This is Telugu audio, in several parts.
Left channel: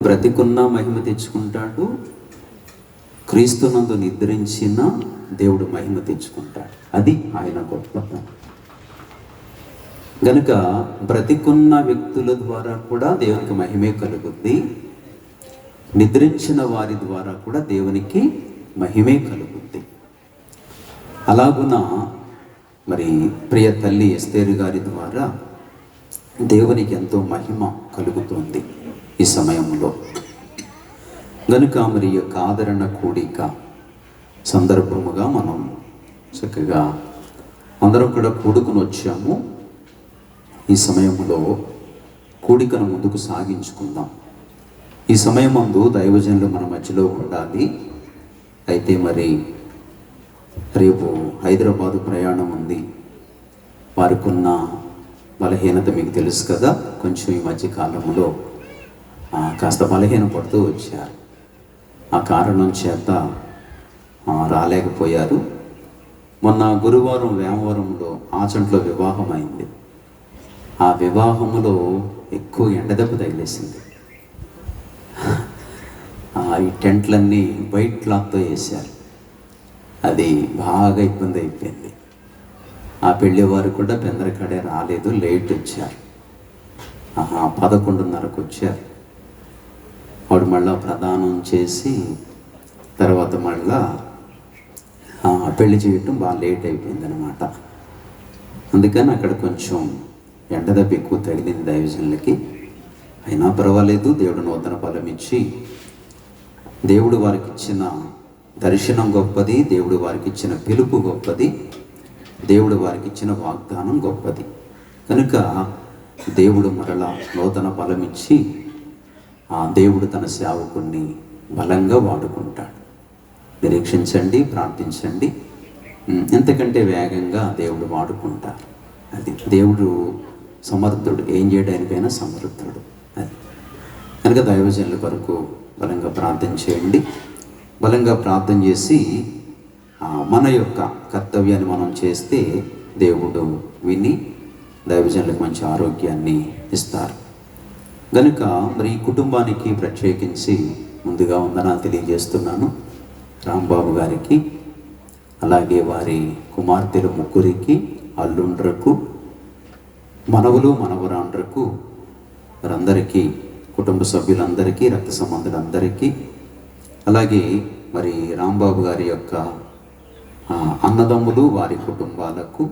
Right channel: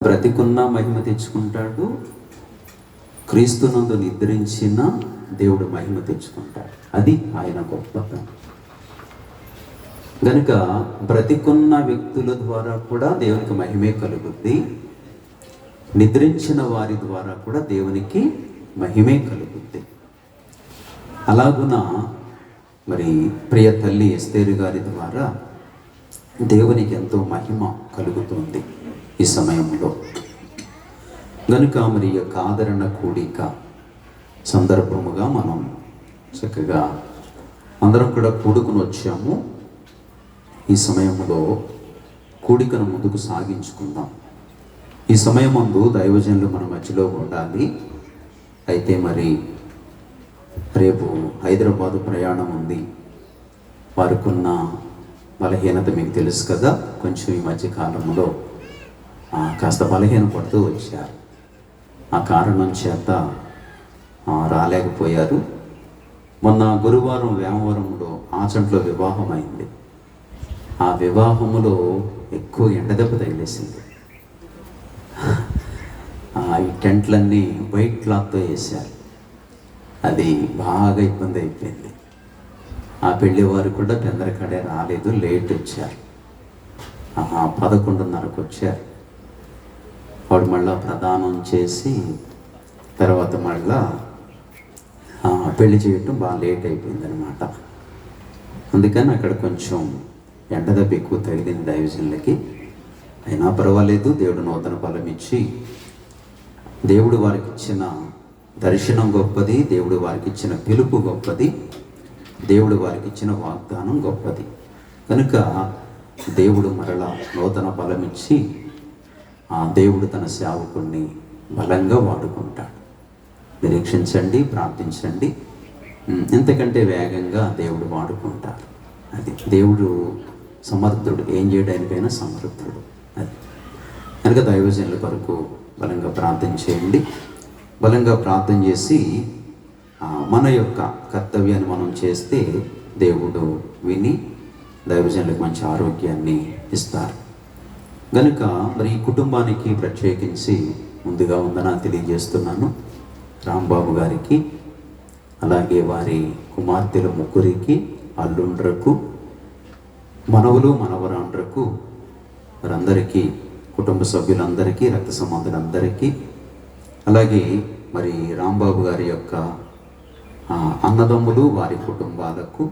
బ్రతికున్న మహిమ తెచ్చుకుంటాడు, క్రీస్తునందు నిద్రించిన దేవుడు మహిమ తెచ్చుకుంటాడు. అది ఆయన గొప్పతనం. గనుక బ్రతికున్న వ్యక్తుల ద్వారా కూడా దేవునికి మహిమే కలుగుద్ది, నిద్రించిన వారి ద్వారా కూడా దేవునికి మహిమే కలుగుద్ది. అలాగున మరి ప్రియ తల్లి ఎస్తేరు గారి ద్వారా దేవునికి ఎంతో మహిమ కలుగుతుంది ఈ సమయంలో. గనుక మరి యొక్క ఆదరణ కూడిక సందర్భముగా మనం చక్కగా అందరం కూడా కూడుకుని వచ్చాము. ఈ సమయంలో కూడికను ముందుకు సాగించుకుందాం. ఈ సమయం ముందు దైవజనులు మన మధ్యలో ఉండాలి. అయితే మరి రేపు హైదరాబాదు ప్రయాణం ఉంది. వారికున్న బలహీనత మీకు తెలుసు కదా. కొంచెం ఈ మధ్య కాలంలో కాస్త బలహీన పడుతూ వచ్చారు. ఆ కారణం చేత రాలేకపోయారు. మొన్న గురువారం వేమవరంలో ఆచంట్లో వివాహం అయింది. ఆ వివాహంలో ఎక్కువ ఎండదెబ్బ తగిలేసింది. ఈ టెంట్లన్నీ వైట్ క్లాత్తో వేశారు. అది బాగా ఇబ్బంది అయిపోయింది. ఆ పెళ్లి వారు కూడా పెందరకాడే రాలేదు, లేట్ వచ్చారు. 11:30కు వచ్చారు. వాడు మళ్ళా ప్రదానం చేసి తర్వాత మళ్ళా పెళ్లి చేయటం బాగా లేట్ అయిపోయింది అనమాట. అందుకని అక్కడ కొంచెం ఎండదెబ్బ ఎక్కువ తగిలింది దైవజనులకి. అయినా పర్వాలేదు, దేవుడు నూతన ఫలం ఇచ్చి దేవుడు వారికి ఇచ్చిన దర్శనం గొప్పది, దేవుడు వారికి ఇచ్చిన పిలుపు గొప్పది, దేవుడు వారికి ఇచ్చిన వాగ్దానం గొప్పది. కనుక దేవుడు మరలా నూతన ఫలం ఇచ్చి దేవుడు తన సేవకుణ్ణి బలంగా వాడుకుంటాడు. నిరీక్షించండి, ప్రార్థించండి. ఎంతకంటే వేగంగా దేవుడు వాడుకుంటారు. అది దేవుడు సమర్థుడు, ఏం చేయడానికైనా సమర్థుడు. అది కనుక దైవజనుల కొరకు బలంగా ప్రార్థన చేయండి. బలంగా ప్రార్థన చేసి మన యొక్క కర్తవ్యాన్ని మనం చేస్తే దేవుడు విని దైవజనులకు మంచి ఆరోగ్యాన్ని ఇస్తారు. గనుక మరి ఈ కుటుంబానికి ప్రత్యేకించి ముందుగా వందనాలు తెలియజేస్తున్నాను. రాంబాబు గారికి, అలాగే వారి కుమార్తెలు ముగ్గురికి, అల్లుండ్రకు, మనవలు మనవరాండ్రకు, వారందరికీ, కుటుంబ సభ్యులందరికీ, రక్త సంబంధులందరికీ, అలాగే మరి రాంబాబు గారి యొక్క అన్నదమ్ములు వారి కుటుంబాలకు,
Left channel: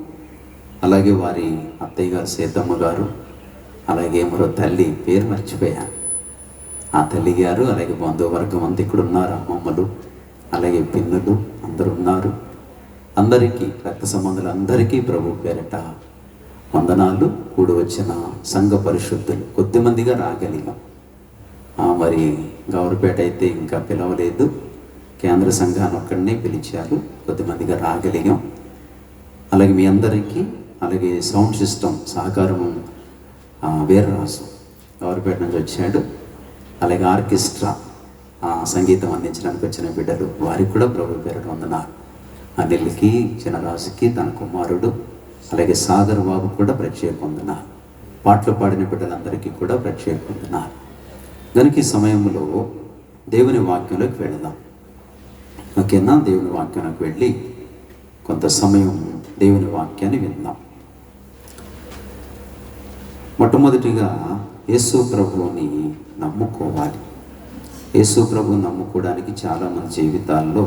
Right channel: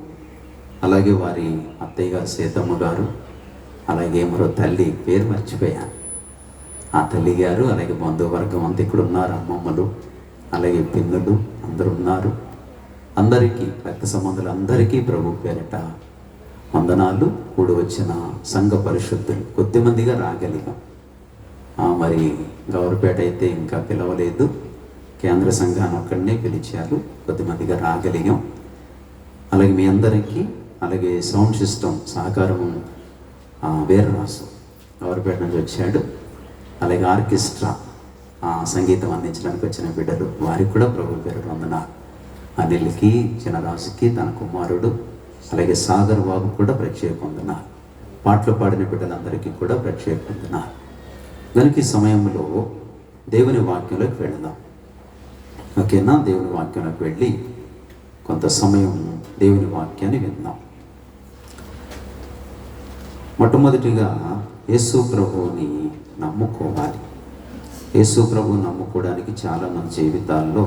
అలాగే వారి అత్తయ్య గారు సీతమ్మ గారు, అలాగే మరో తల్లి పేరు మర్చిపోయాను, ఆ తల్లి గారు, అలాగే బంధువర్గం అంతా ఇక్కడ ఉన్నారు. అమ్మమ్మలు, అలాగే పిన్నులు అందరూ ఉన్నారు. అందరికీ, రక్త సంబంధులందరికీ ప్రభు పేరిట వందనాలు. కూడి వచ్చిన సంఘ పరిశుద్ధులు కొద్దిమందిగా రాగలిగాం. మరి గౌరపేట అయితే ఇంకా పిలవలేదు, కేంద్ర సంఘాన్ని ఒక్కడినే పిలిచారు, కొద్దిమందిగా రాగలిగాం. అలాగే మీ అందరికీ, అలాగే సౌండ్ సిస్టమ్ సహకారము వీరరాజు గౌరపేట నుంచి వచ్చాడు. అలాగే ఆర్కెస్ట్రా సంగీతం అందించడానికి వచ్చిన బిడ్డలు, వారికి కూడా ప్రభు పేరు వందనాలు. అనిల్కి, చిన్నరాజుకి, తన కుమారుడు, అలాగే సాగర్ బాబు కూడా ప్రత్యేక వందనాలు. పాటలు పాడిన బిడ్డలందరికీ కూడా ప్రత్యేక వందనాలు. కనుక ఈ సమయంలో దేవుని వాక్యంలోకి వెళదాం. ఓకేనా? దేవుని వాక్యంలోకి వెళ్ళి కొంత సమయం దేవుని వాక్యాన్ని విందాం. మొట్టమొదటిగా యేసు ప్రభువుని నమ్ముకోవాలి. యేసు ప్రభువుని నమ్ముకోవడానికి చాలామంది జీవితాల్లో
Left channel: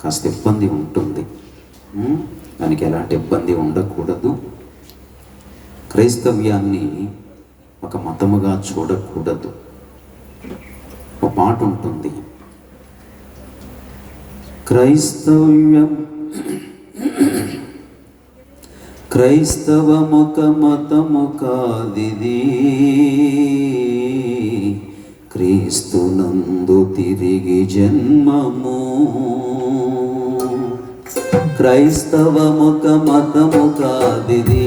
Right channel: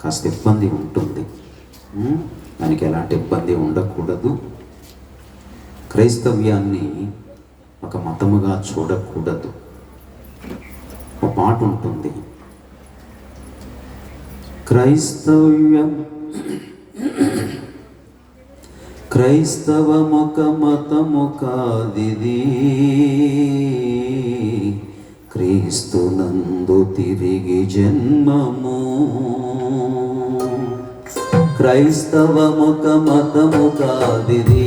కాస్త ఇబ్బంది ఉంటుంది. దానికి ఎలాంటి ఇబ్బంది ఉండకూడదు. క్రైస్తవ్యాన్ని ఒక మతముగా చూడకూడదు. ఒక మాట ఉంటుంది, క్రైస్తవమొక మతము కాదిది, క్రీస్తునందు తిరిగి జన్మము. క్రైస్తవమొక మతము కాదిది,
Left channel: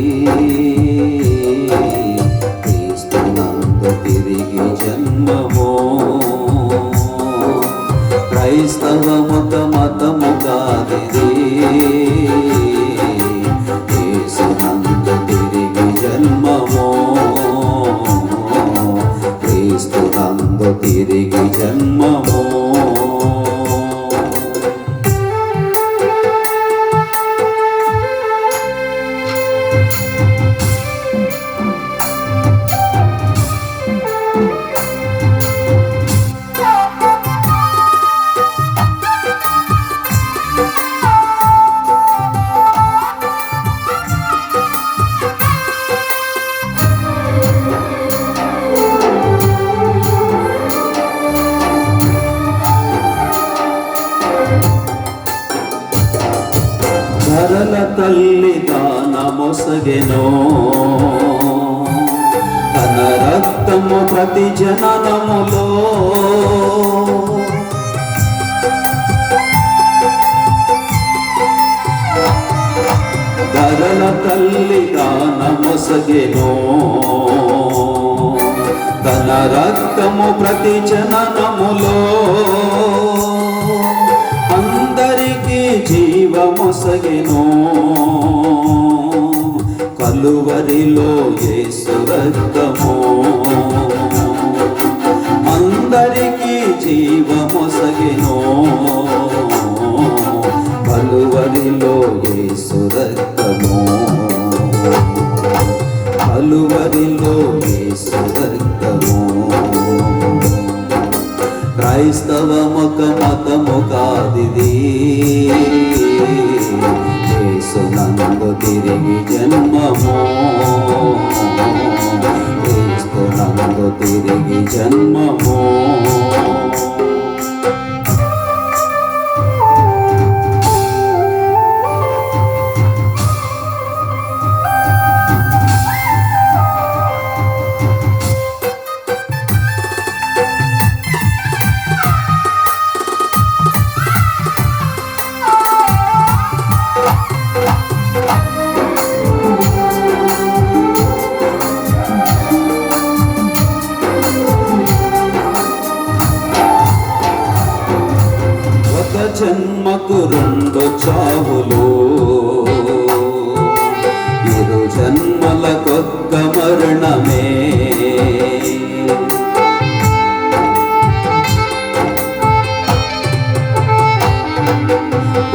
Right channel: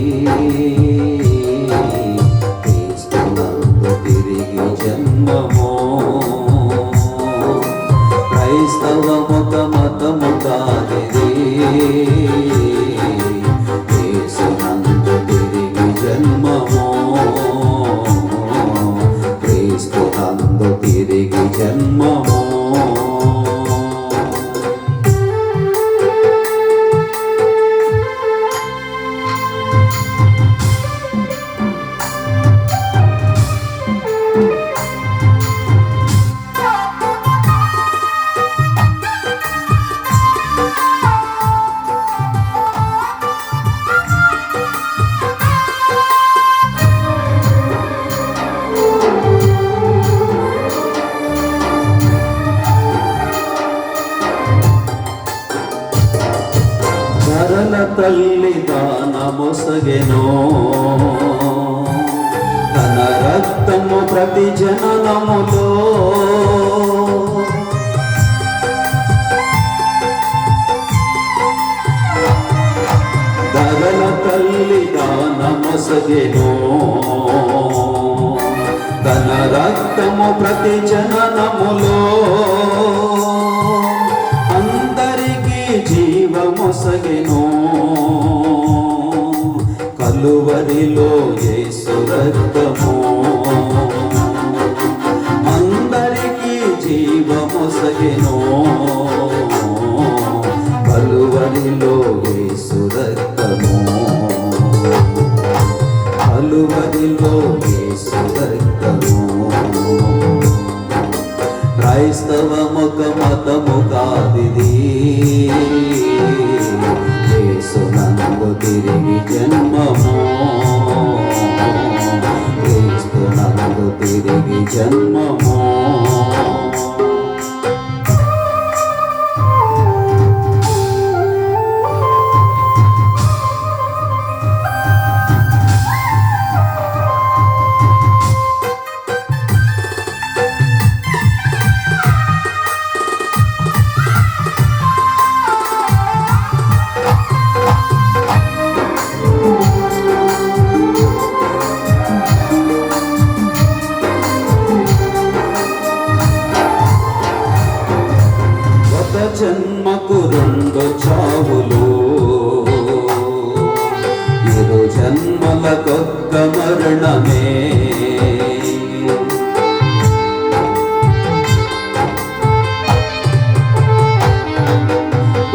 క్రీస్తునందు తిరిగి జన్మము. క్రైస్తవమొక మతము కాదిది, క్రీస్తునందు తిరిగి జన్మము. క్రీస్తునందు తిరిగి జన్మము. ధరల తల్లి దానమొసగెనో, తన రక్తము ప్రతి జననములో. ధరల తల్లి దానమొసగెనో, తన రక్తము ప్రతి జననములో. అందరికీ జీవమొసగెను, కలువరిలో యేసు రక్తము. అందరికీ జీవమొసగెను, కలువరిలో యేసు రక్తము. కలువరిలో యేసు రక్తము. క్రైస్తవ మతము కాదిది, యేసునందు తిరిగి జన్మము. యేసునందు తిరిగి జన్మము. జన్మకు రెండు చావులు, ఇరు జన్మలకొక్క మరణమే.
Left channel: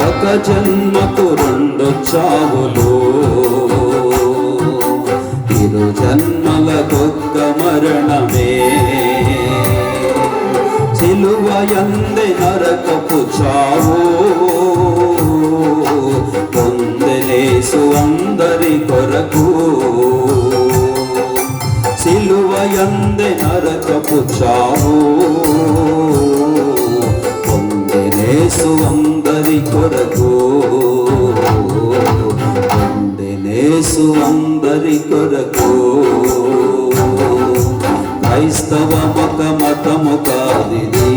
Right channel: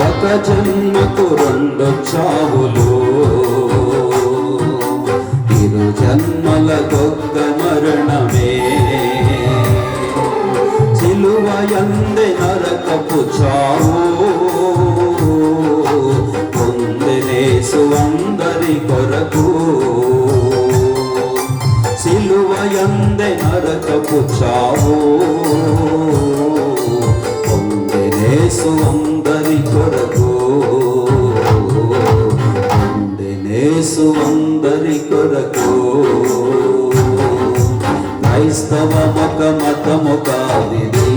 ఒక జన్మకు రెండు చావులు, ఇరు జన్మలకొక్క మరణమే. సిలువయందే నరకపు చావు, పొందెనేసు అందరి కొరకు. సిలువయందే నరకపు చావు, పొందెనేసు అందరి కొరకు. పొందెనేసు అందరి కొరకు. క్రైస్తవ మతము కాదిది,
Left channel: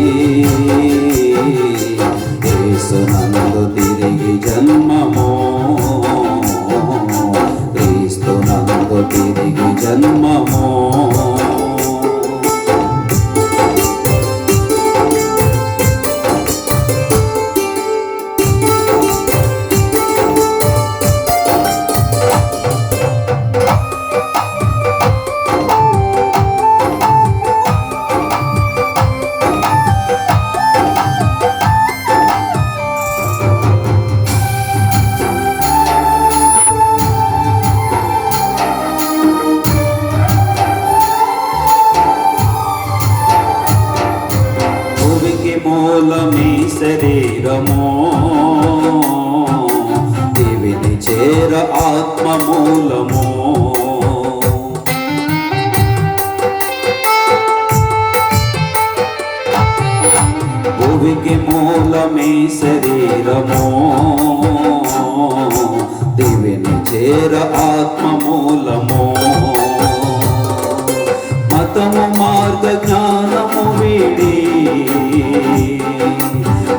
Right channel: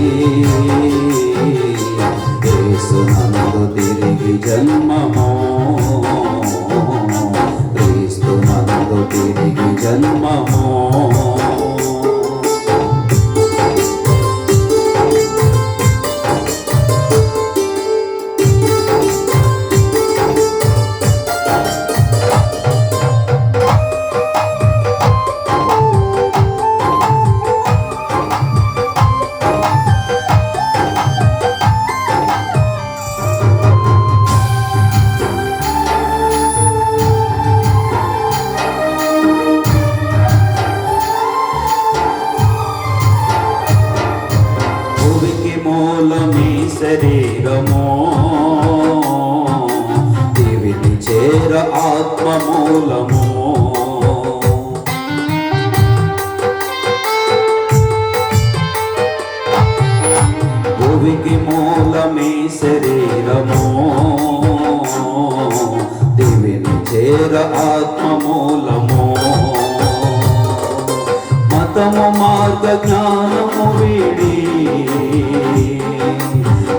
యేసునందు తిరిగి జన్మము. క్రీస్తునందు తిరిగి జన్మము. మూలమీ శరీరము, దివిని చేర ఆత్మ మూలము. భువికి మూలమీ శరీరము, దివిని చేర ఆత్మ మూలము. మతము మార్గ జ్ఞానము వీడి,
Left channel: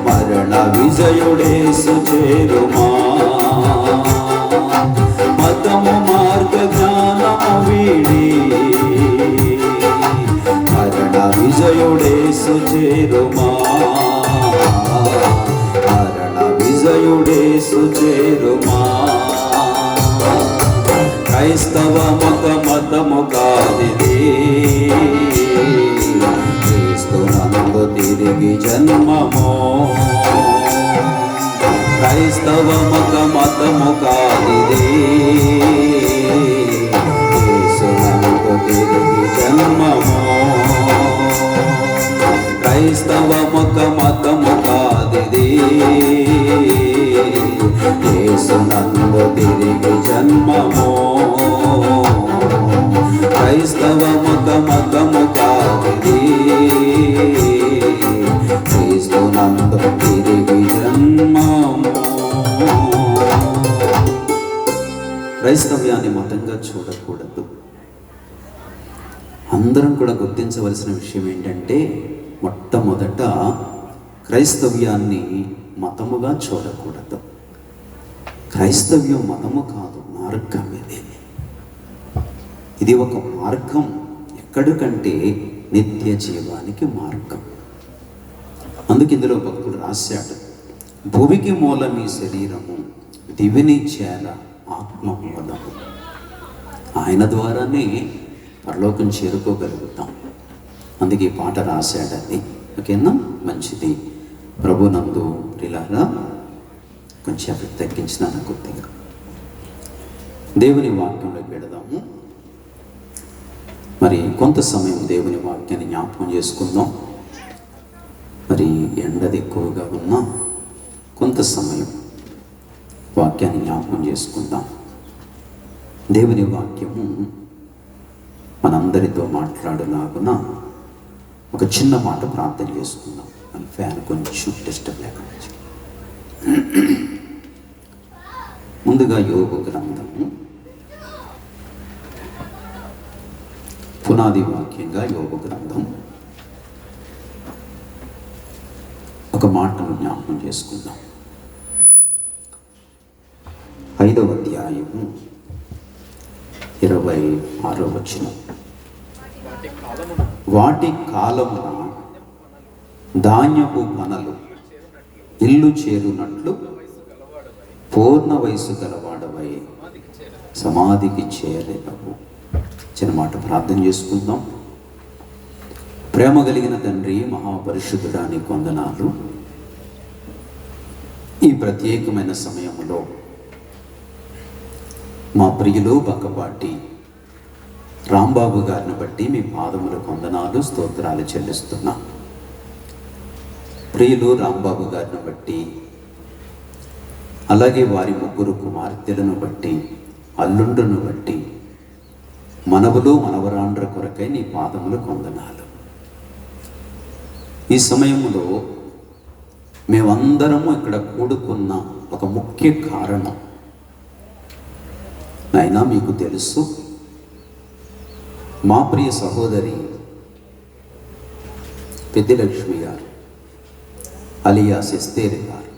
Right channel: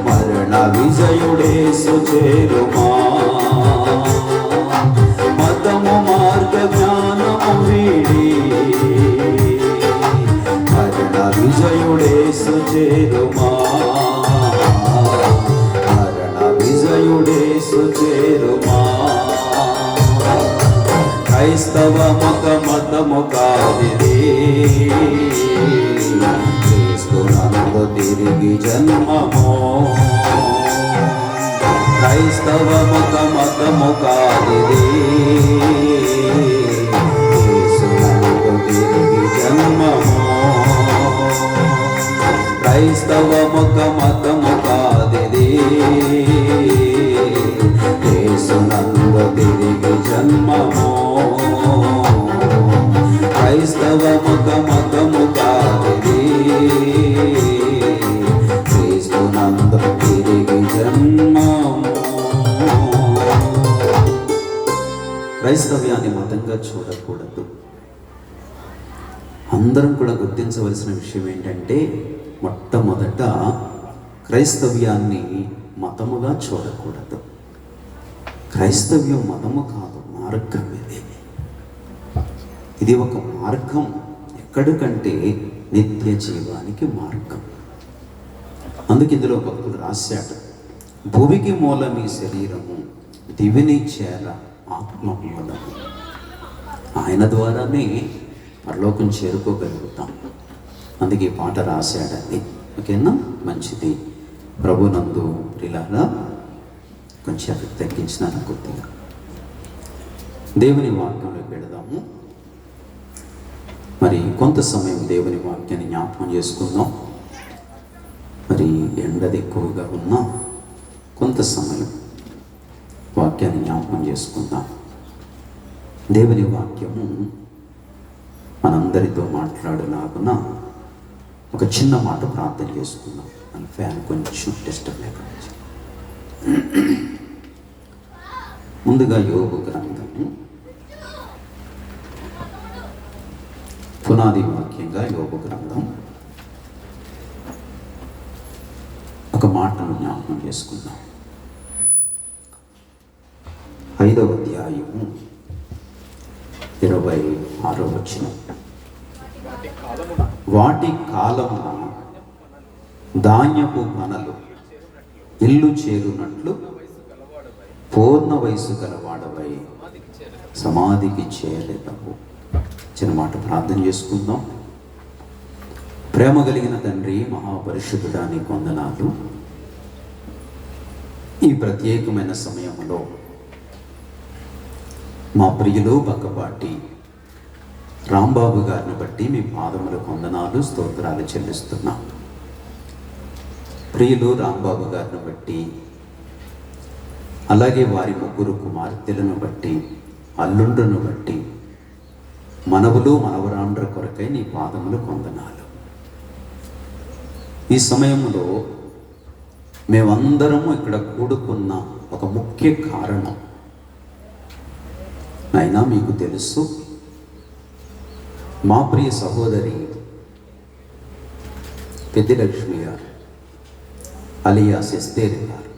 మరణ విజయుడేసు చేరుమా. మతము మార్గ జ్ఞానము వీడి, మరణ విజయుడేసు చేరుమా. మరణ విజయుడేసు చేరుమా. క్రైస్తవ మతము కాదిది, క్రీస్తు తిరిగి జన్మమో. క్రైస్తవముక మతము కాదిది, యేసునందు తిరిగి జన్మమో. క్రైస్తవముక మతము కాదిది, యేసునందు తిరిగి జన్మమో. క్రైస్తవముక మతము కాదిది, క్రీస్తునందు తిరిగి జన్మమో. క్రైస్తవ్యాన్ని మతంగా చూడకూడదు. అందరం కూడా గుర్తించవలసిన విషయం ఏంటంటే, మొట్టమొదట క్రైస్తవ్యాన్ని మతముగా చూడకూడదు. క్రైస్తవ్యం మతము కాదు, మార్గం. ఇది ఒక మార్గం. ఎక్కడికంటే నిత్య జీవానికి మార్గం. అందుకు ఇందులో భక్తుడు రాశాడు, భూమికి మూలం ఈ శరీరము, దివిని చేర ఆత్మ మూలము. ఆయన ద్వారానే పరలోకం చేరుకోగలుగుతాం. అందుకే ఈ పాట రాశాడండి. ఓకేనా, మంచిది. ప్రభునందు ప్రియులారా, కొంచెం తగ్గించిన కొద్దిగా దేవుని వాక్యంలోకి వెళదాము. మరి కొంత సమయం దేవుని వాక్యాన్ని జ్ఞాపకం చేసుకుందాం. మరి ఎండది ఎక్కువగా ఉన్నా కొంత సమయం వాక్యాన్ని జ్ఞాపకం చేసుకుందాం. దేవుని వాక్యము మనందరితో మాట్లాడులాగున ఒక చిన్న మాట ప్రార్థన చేసుకుందాం. మన ఫ్యాన్ కొంచెం డిస్టర్బ్ లేకుండా. ముందుగా యోగ గ్రంథము పునాది వాక్యంగా యోగ గ్రంథం ఒక మాటను జ్ఞాపకం చేసుకుందాం. 5వ అధ్యాయము 26వ వచనం. వాటి కాలమున ధాన్యపు పనలు ఇల్లు చేరునట్లు పూర్ణ వయసు గలవాడవై సమాధికి చేరేటవు. చిన్న మాట ప్రార్థన చేసుకుందాం. ప్రేమ కలిగిన తండ్రి, మహాపరిశుద్ధుడా, నీకు వందనాలు. ఈ ప్రత్యేకమైన సమయంలో మా ప్రియులు బక్కపాటి రాంబాబు గారిని బట్టి మీ పాదములకు వందనాలు, స్తోత్రాలు చెల్లిస్తున్నా. ప్రియులు రాంబాబు గారిని బట్టి, అలాగే వారి ముగ్గురు కుమార్తెలను బట్టి, అల్లుండును బట్టి, మనవులు మనవరాండ్ర కొరకై నీ పాదములకు వందనాలు. ఈ సమయంలో మేమందరము ఇక్కడ కూడుకున్న ఒక ముఖ్య కారణం నాయనా మీకు తెలుసు. మా ప్రియ సహోదరి పెద్దిలక్ష్మి గారు అలియాస్ ఎస్తేరి గారు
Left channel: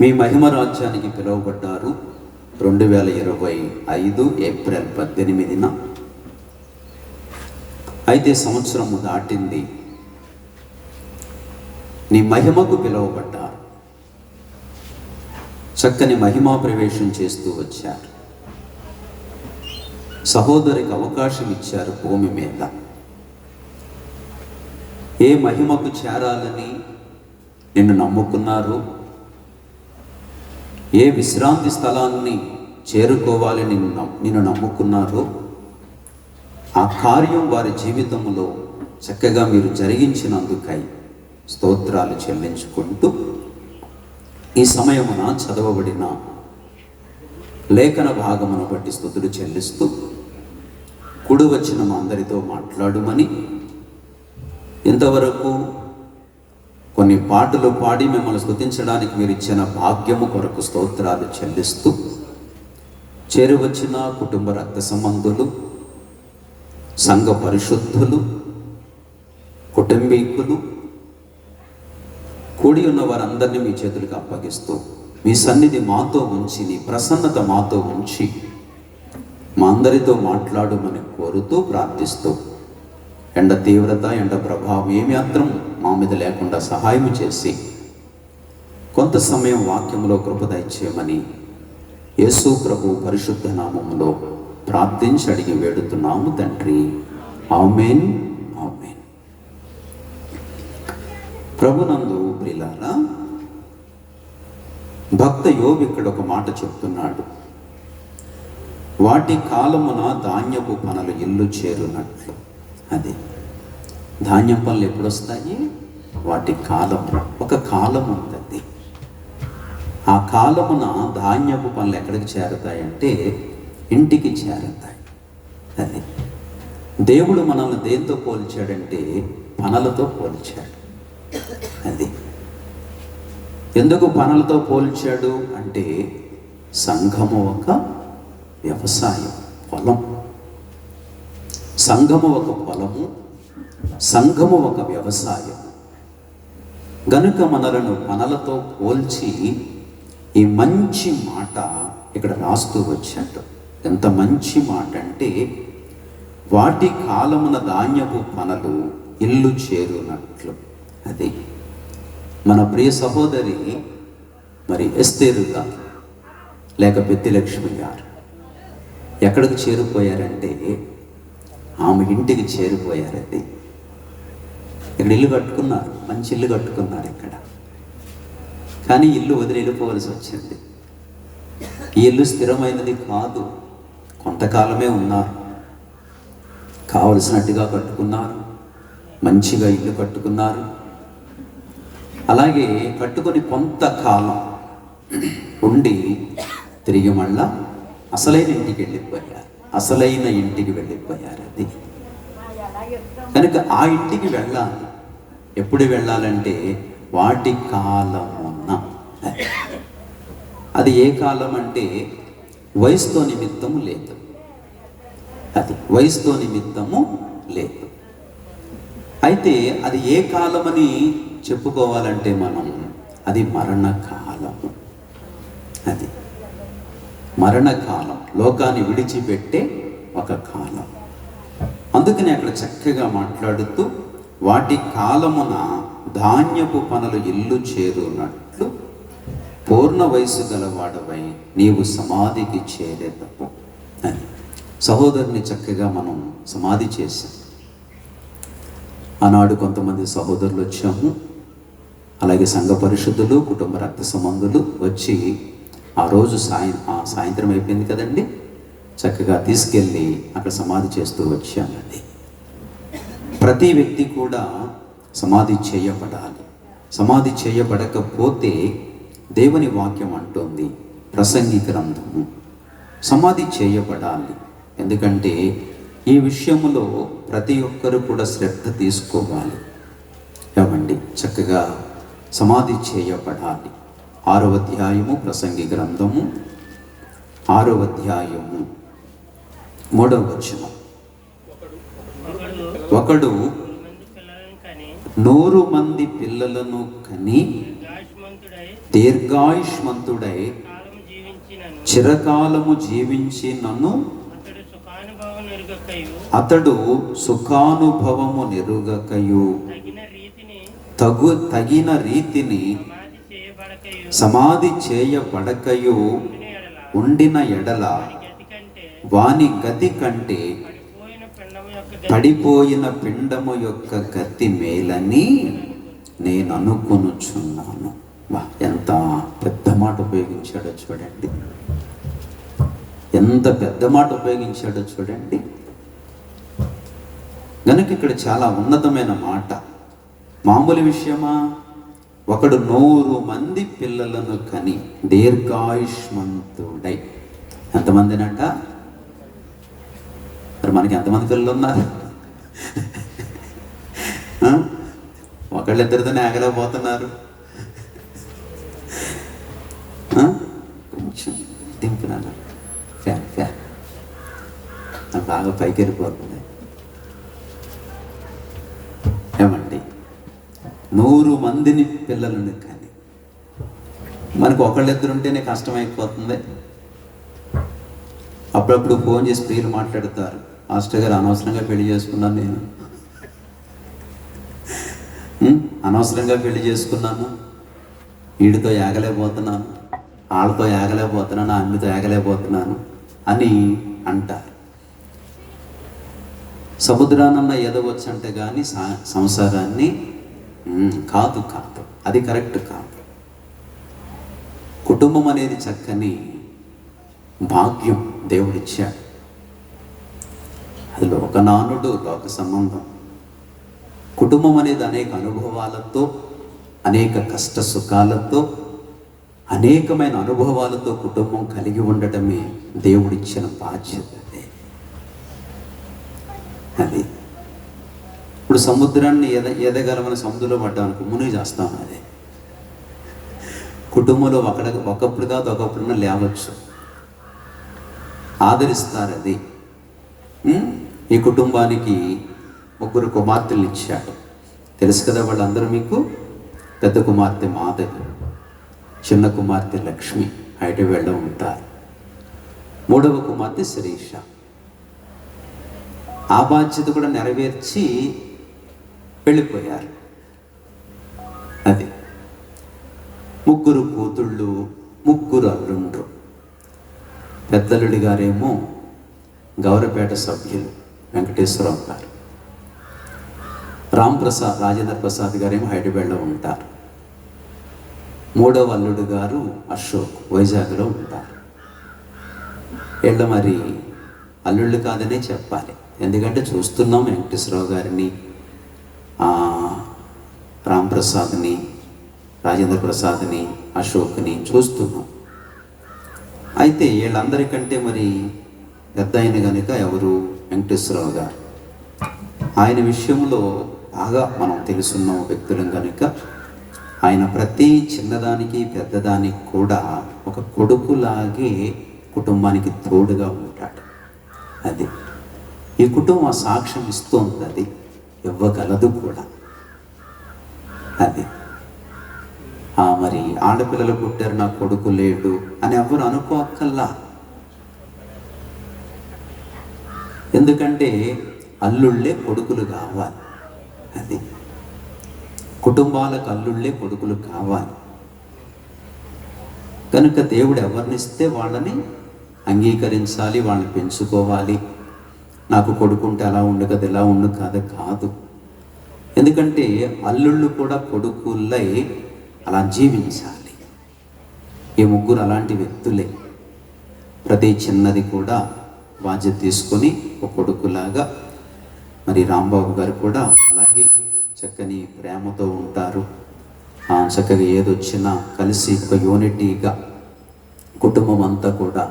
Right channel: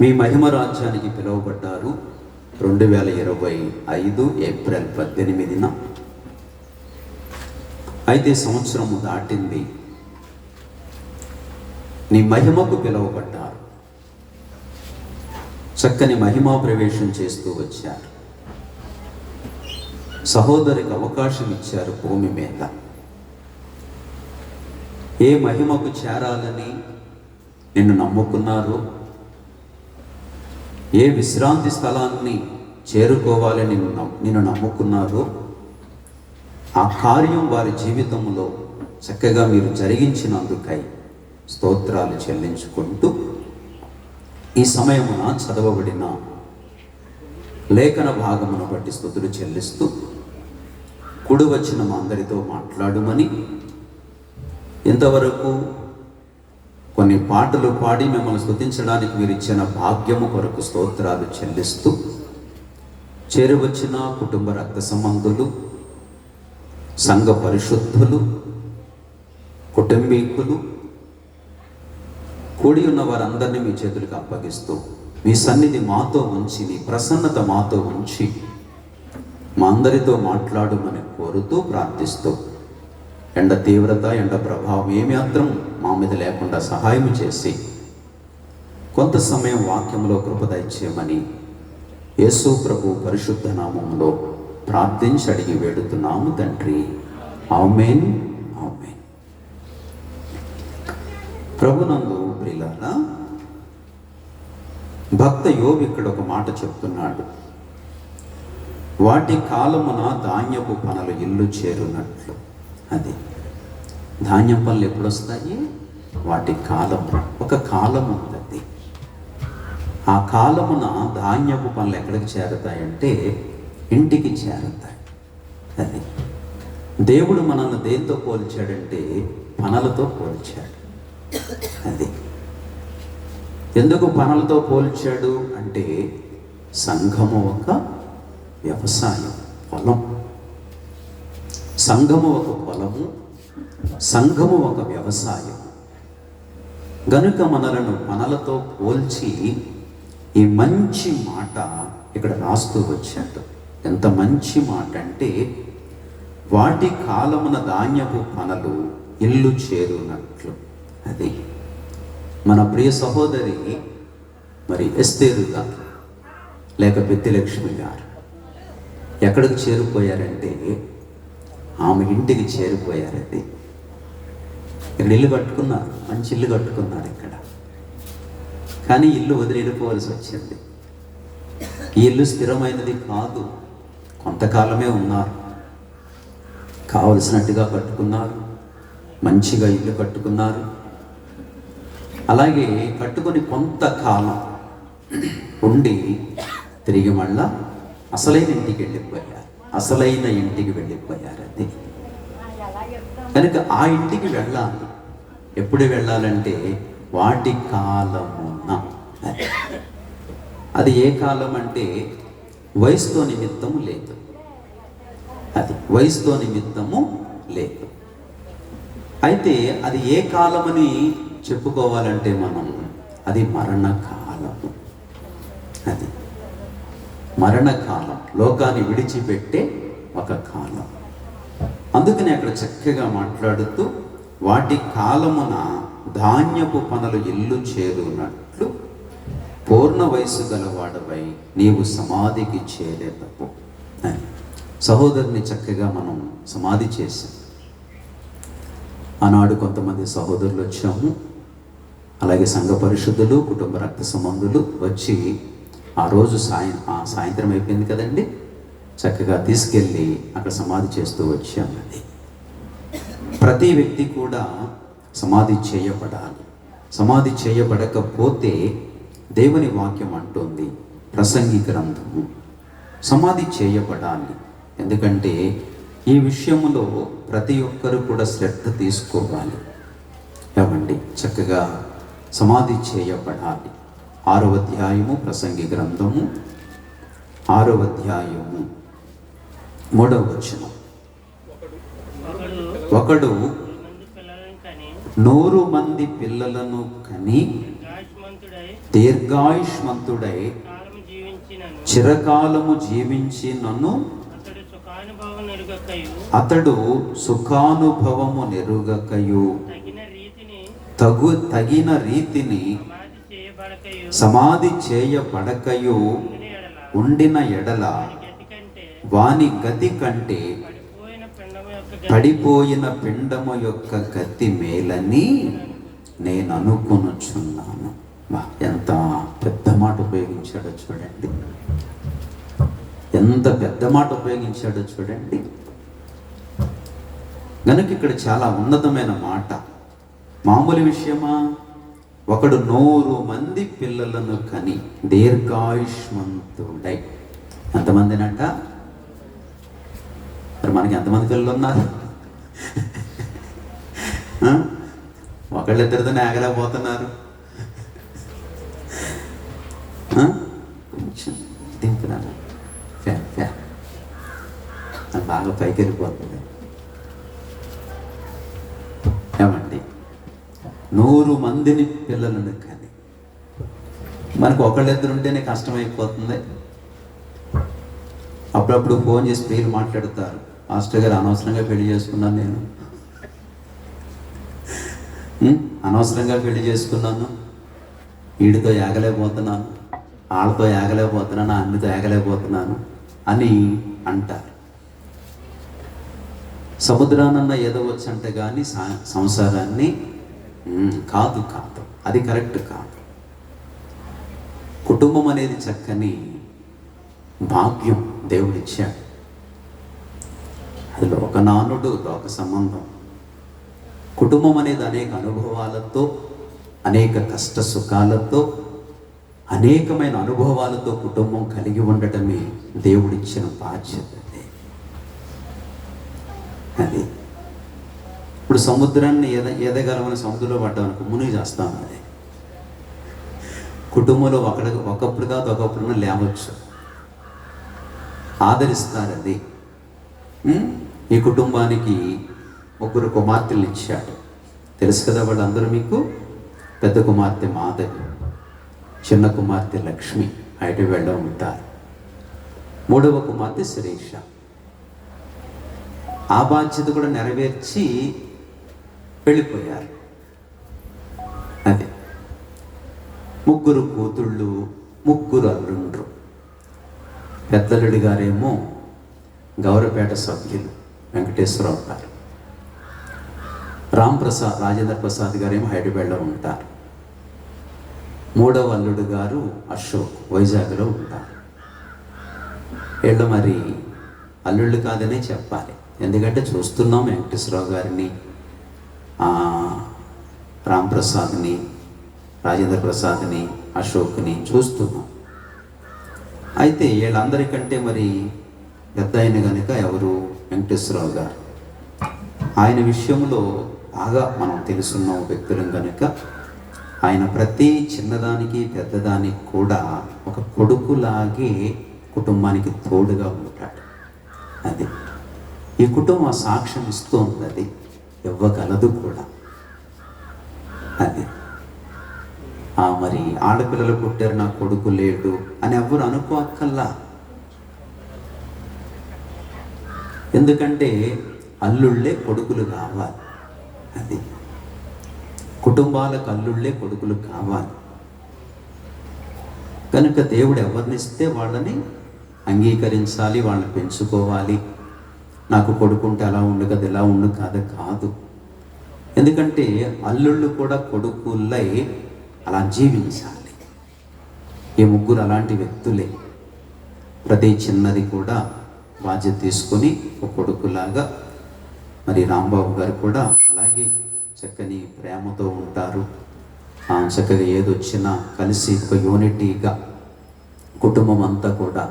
మీ మహిమ రాజ్యానికి పిలువబడ్డారు 2025 ఏప్రిల్ 18న. అయితే సంవత్సరము దాటింది. నీ మహిమకు పిలువబడ్డారు. చక్కని మహిమా ప్రవేశం చేస్తూ వచ్చారు. సహోదరికి అవకాశం ఇచ్చారు భూమి మీద. ఏ మహిమకు చేరాలని నిన్ను నమ్ముకున్నారు, ఏ విశ్రాంతి స్థలాన్ని చేరుకోవాలని నిన్ను నమ్ముకున్నారో ఆ కార్యం వారి జీవితంలో చక్కగా మీరు జరిగించినందుకై స్తోత్రాలు చెల్లించుకుంటూ, ఈ సమయమున చదవబడిన లేఖన భాగమును బట్టి స్తుతులు చెల్లిస్తూ, కుడి వచ్చిన మా అందరితో మాట్లాడుమని, ఇంతవరకు కొన్ని పాటలు పాడి మిమ్మల్ని స్తుతించడానికి మీరు ఇచ్చిన భాగ్యము కొరకు స్తోత్రాలు చెల్లిస్తూ, చేరువచ్చిన కుటుంబ రక్త సంబంధులు, సంఘ పరిశుద్ధులు, కుటుంబీకులు, కూడి ఉన్న వారందరినీ మీ చేతులకు అప్పగిస్తూ, మీ సన్నిధి మాతో ఉంచి, నీ ప్రసన్నత మాతో ఉంచి మా అందరితో మాట్లాడుమని కోరుతూ ప్రార్థిస్తూ, ఎండ తీవ్రత, ఎండ ప్రభావం ఏమాత్రం మా మీద లేకుండా సహాయం చేసి కొంత సమయం వాక్యంలో కృప దయచేయమని యేసు ప్రభు పరిశుద్ధ నామములో ప్రార్థించి అడిగి వేడుతున్నాము తండ్రి. ఆమేన్, ఆమేన్. ప్రభునందు ప్రియులారా, భక్త యోబు ఇక్కడ ఒక మాట చెప్తున్నాడు. వాటి కాలమున ధాన్యపు పనులు ఇల్లు చేరునట్లు. అది ధాన్యం పనులు ఎప్పుడు వస్తాయి? వాటి కాలము, ఒక కాలం ఉంటుంది. ఆ కాలమున ధాన్యపు పనులు ఎక్కడికి చేరతాయంటే ఇంటికి చేరతాయి. అది దేవుడు మనల్ని దేంతో పోల్చాడంటే పనులతో పోల్చాడు. అది ఎందుకు పనులతో పోల్చాడు అంటే సంఘము ఒక వ్యవసాయం, పొలం. సంఘము ఒక పొలము, సంఘము ఒక వ్యవసాయం. గనుక మనలను పనులతో పోల్చి ఈ మంచి మాట ఇక్కడ రాస్తూ వచ్చాడు. ఎంత మంచి మాట అంటే, వాటి కాలమున ధాన్యపు పనులు ఇల్లు చేరునట్లు. అది మన ప్రియ సహోదరి మరి ఎస్తేరు గారు లేక పెద్దిలక్ష్మి గారు ఎక్కడికి చేరిపోయారంటే ఆమె ఇంటికి చేరిపోయారండి. ఇక్కడ ఇల్లు కట్టుకున్నారు, మంచి ఇల్లు కట్టుకున్నారు ఇక్కడ. కానీ ఇల్లు వదిలి వెళ్ళిపోవలసి వచ్చింది. ఈ ఇల్లు స్థిరమైనది కాదు, కొంతకాలమే ఉన్నారు. కావలసినట్టుగా కట్టుకున్నారు, మంచిగా ఇల్లు కట్టుకున్నారు. అలాగే కట్టుకొని కొంతకాలం ఉండి తిరిగి మళ్ళా అసలైన ఇంటికి వెళ్ళిపోయారు, అసలైన ఇంటికి వెళ్ళిపోయారు. అది కనుక ఆ ఇంటికి వెళ్ళాలి. ఎప్పుడు వెళ్ళాలంటే వాటి కాలమున. అది ఏ కాలం అంటే వయసుతో నిమిత్తము లేదు. అది వయసుతో నిమిత్తము లేదు. అయితే అది ఏ కాలమని చెప్పుకోవాలంటే మనం అది మరణకాలము. అది మరణకాలం, లోకాన్ని విడిచిపెట్టే ఒక కాలం. అందుకని అక్కడ చక్కగా మాట్లాడుతూ వాటి కాలమున ధాన్యపు పనులు ఇల్లు చేరునట్లు పూర్ణ వయసు గలవాడవై నీవు సమాధికి చేరేటప్పు అని సహోదరుని చక్కగా మనం సమాధి చేశాం. ఆనాడు కొంతమంది సహోదరులు వచ్చాము, అలాగే సంఘ పరిశుద్ధులు, కుటుంబ రక్త సంబంధులు వచ్చి ఆ రోజు సాయంత్రం అయిపోయింది కదండి, చక్కగా తీసుకెళ్ళి అక్కడ సమాధి చేస్తూ వచ్చాము. అది ప్రతి వ్యక్తి కూడా సమాధి చేయబడాలి. సమాధి చేయబడకపోతే దేవుని వాక్యం అంటోంది, ప్రసంగి గ్రంథము, సమాధి చేయబడాలి. ఎందుకంటే ఈ విషయంలో ప్రతి ఒక్కరు కూడా శ్రద్ధ తీసుకోవాలి. ఏమండి, చక్కగా సమాధి చేయబడాలి. 6వ అధ్యాయము ప్రసంగి గ్రంథము 6వ అధ్యాయము 3వ వచనం. ఒకడు 100 మంది పిల్లలను కని దీర్ఘాయుష్మంతుడై చిరకాలము జీవించి నన్ను అతడు సుఖానుభవము నెరుగకయు తగిన రీతిని సమాధి చేయబడకయు ఉండిన ఎడల వాని గతి కంటే పడిపోయిన పిండము యొక్క గతి మేలని నేను అనుకొనుచున్నాను. ఎంత పెద్ద మాట ఉపయోగించాడో చూడండి, ఎంత పెద్ద మాట ఉపయోగించాడో చూడండి. గనుక ఇక్కడ చాలా ఉన్నతమైన మాట, మామూలు విషయమా? ఒకడు 100 మంది పిల్లలను కని దీర్ఘాయుష్మంతుడై. ఎంతమందినంట? మరి మనకి ఎంతమంది పిల్లలు ఉన్నారు? ఒకళ్ళిద్దరితోనే ఆగలేకపోతున్నారు. కొంచెం దింపునాను, ఫ్యాన్ ఫ్యాన్ నాకు బాగా పైకి వెళ్ళిపోతుంది. ఏమండి, 100 మందిని పిల్లలను కానీ మనకు ఒకళ్ళిద్దరు ఉంటేనే కష్టమైపోతుంది. అప్పుడప్పుడు ఫోన్ చేసి ప్రియులు మాట్లాడతారు, మాస్టర్ గారు అనవసరంగా పెళ్లి చేసుకున్నాను, నేను అనవసరంగా పెళ్లి చేసుకున్నాను, వీడితో ఏగలేకపోతున్నాను, వాళ్ళతో ఏగలేకపోతున్నాను, అన్నితో ఏగలేకపోతున్నాను అని అంటారు. సముద్రానన్నా ఎదవచ్చు అంటే కానీ సంసారాన్ని కాదు కాదు, అది కరెక్ట్ కాదు. కుటుంబం అనేది చక్కని భాగ్యం దేవుడిచ్చాడు. అది లోకనానుడు, లోక సంబంధం. కుటుంబం అనేది అనేక అనుభవాలతో, అనేక కష్ట సుఖాలతో, అనేకమైన అనుభవాలతో కుటుంబం కలిగి ఉండటమే దేవుడిచ్చిన బాధ్యత. అది ఇప్పుడు సముద్రాన్ని ఎదగలమని సముద్రంలో పడ్డామనుకో, మునిగి చేస్తాం. అదే కుటుంబంలో ఒకప్పుడు కాదు ఒకప్పుడున్న లేవచ్చు, ఆదరిస్తారు. అది ఈ కుటుంబానికి 3 కుమార్తెలు ఇచ్చాడు. తెలుసు కదా వాళ్ళందరూ మీకు. పెద్ద కుమార్తె మాధవి, చిన్న కుమార్తె లక్ష్మి హైదరాబాద్లో ఉంటారు. 3వ కుమార్తె శిరీష. ఆ బాధ్యత కూడా నెరవేర్చి వెళ్ళిపోయారు. అది 3 కూతుళ్ళు, 3 అల్లుండ్రు. పెద్దలుడి గారేమో గౌరపేట సభ్యులు వెంకటేశ్వరరావు గారు. రాంప్రసాద్, రాజేంద్ర ప్రసాద్ గారేమో హైదరాబాద్లో ఉంటారు. 3వ అల్లుడు గారు అశోక్ వైజాగ్లో ఉంటారు. వీళ్ళు మరి అల్లుళ్ళు కాదనే చెప్పాలి, ఎందుకంటే చూస్తున్నాం వెంకటేశ్వరరావు గారిని, రాంప్రసాద్ని, రాజేంద్ర ప్రసాద్ని, అశోక్ని చూస్తున్నాం. అయితే వీళ్ళందరికంటే మరి పెద్ద ఆయన కనుక ఎవరు? వెంకటేశ్వరరావు గారు. ఆయన విషయంలో బాగా మనం తెలుసున్న వ్యక్తులం కనుక ఆయన ప్రతి చిన్నదానికి పెద్దదానికి కూడా ఒక కొడుకులాగే కుటుంబానికి తోడుగా ఉంటాడు. అది ఈ కుటుంబం సాక్ష్యం ఇస్తోంది, అది ఇవ్వగలదు కూడా. అది మరి ఆడపిల్లలు పుట్టారు, నా కొడుకు లేడు అని ఎవరు అనుకోక్కల్లా. ఎందుకంటే అల్లుళ్ళే కొడుకులు కావాలి. అది కుటుంబాలకు అల్లుళ్ళే కొడుకులు కావాలి. కనుక దేవుడు ఎవరినిస్తే వాళ్ళని అంగీకరించాలి, వాళ్ళని పెంచుకోవాలి. నాకు కొడుకుంటే అలా ఉండు కదా, ఇలా ఉండు కాదు. ఎందుకంటే అల్లుళ్ళు కూడా కొడుకులై అలా జీవించాలి. ఈ 3 అలాంటి వ్యక్తులే. ప్రతి చిన్నది కూడా బాధ్యత తీసుకొని ఒక కొడుకులాగా, మరి రాంబాబు గారు కూడా అలాగే చక్కని ప్రేమతో ఉంటారు. చక్కగా ఏదొచ్చినా కలిసి ఒక యూనిటీగా కుటుంబం అంతా కూడా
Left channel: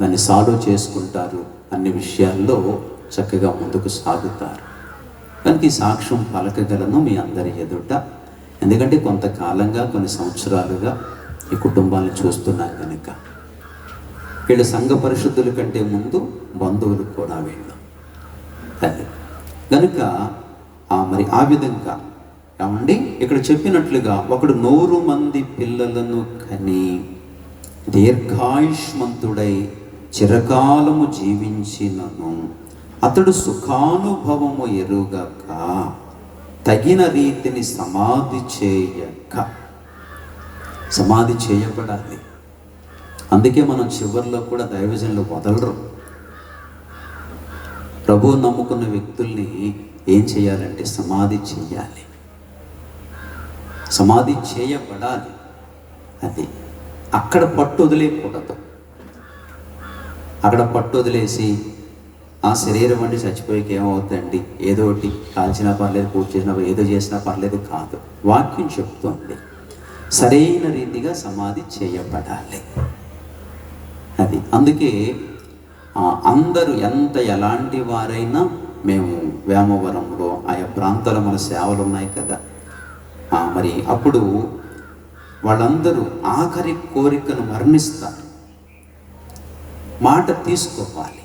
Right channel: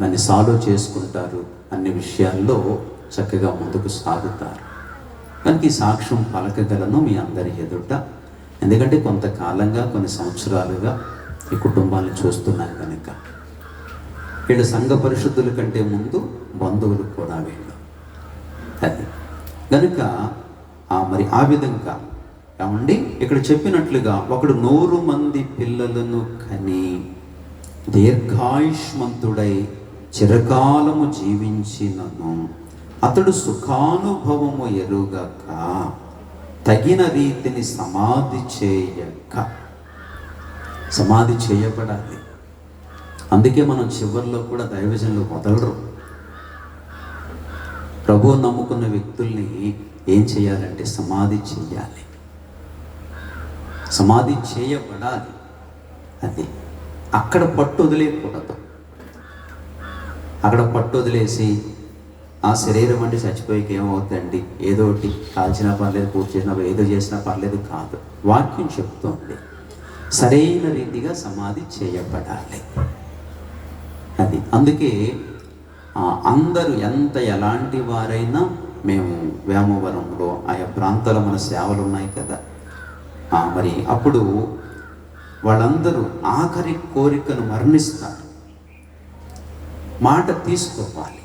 దాన్ని సాల్వ్ చేసుకుంటారు. అన్ని విషయాల్లో చక్కగా ముందుకు సాగుతారు. కనుక ఈ సాక్ష్యం పలకగలను మీ అందరి ఎదుట. ఎందుకంటే కొంతకాలంగా, కొన్ని సంవత్సరాలుగా ఈ కుటుంబాన్ని చూస్తున్నాం కనుక. వీళ్ళు సంఘ పరిశుద్ధుల కంటే ముందు బంధువులు కూడా వీళ్ళు. అది కనుక మరి ఆ విధంగా ఏమండి ఇక్కడ చెప్పినట్లుగా ఒకడు 100 మంది పిల్లలను కని దీర్ఘాయుష్మంతుడై చిరకాలము జీవించినను అతడు సుఖానుభవము ఎరుగక తగిన రీతిని సమాధి చేయబడాలి. అందుకే మనం చివరిలో కూడా దైవజనులు వదలరు. ప్రభువు నమ్ముకున్న వ్యక్తుల్ని ఏం చేయాలంటే సమాధి చేయాలి, సమాధి చేయబడాలి. అది అక్కడ పట్టు వదిలేయకూడదు. అక్కడ పట్టు వదిలేసి ఆ శరీరం అంటే చచ్చిపోయికి ఏమవుతుందండి, ఏదో ఒకటి కాల్చినా పర్లేదు, పూజ చేసినా ఏదో చేసినా పర్లేదు కాదు. వాక్యం చెప్తోంది సరైన రీతిగా సమాధి చేయబడాలి. అది అందుకే అందరూ ఎలాంటి వారైనా, మేము వేమవరంలో ఆయా ప్రాంతాల్లో మన సేవలు ఉన్నాయి కదా, మరి అప్పుడు వాళ్ళందరూ ఆఖరి కోరికను మరణిస్తారు. మాట తీసుకోవాలి.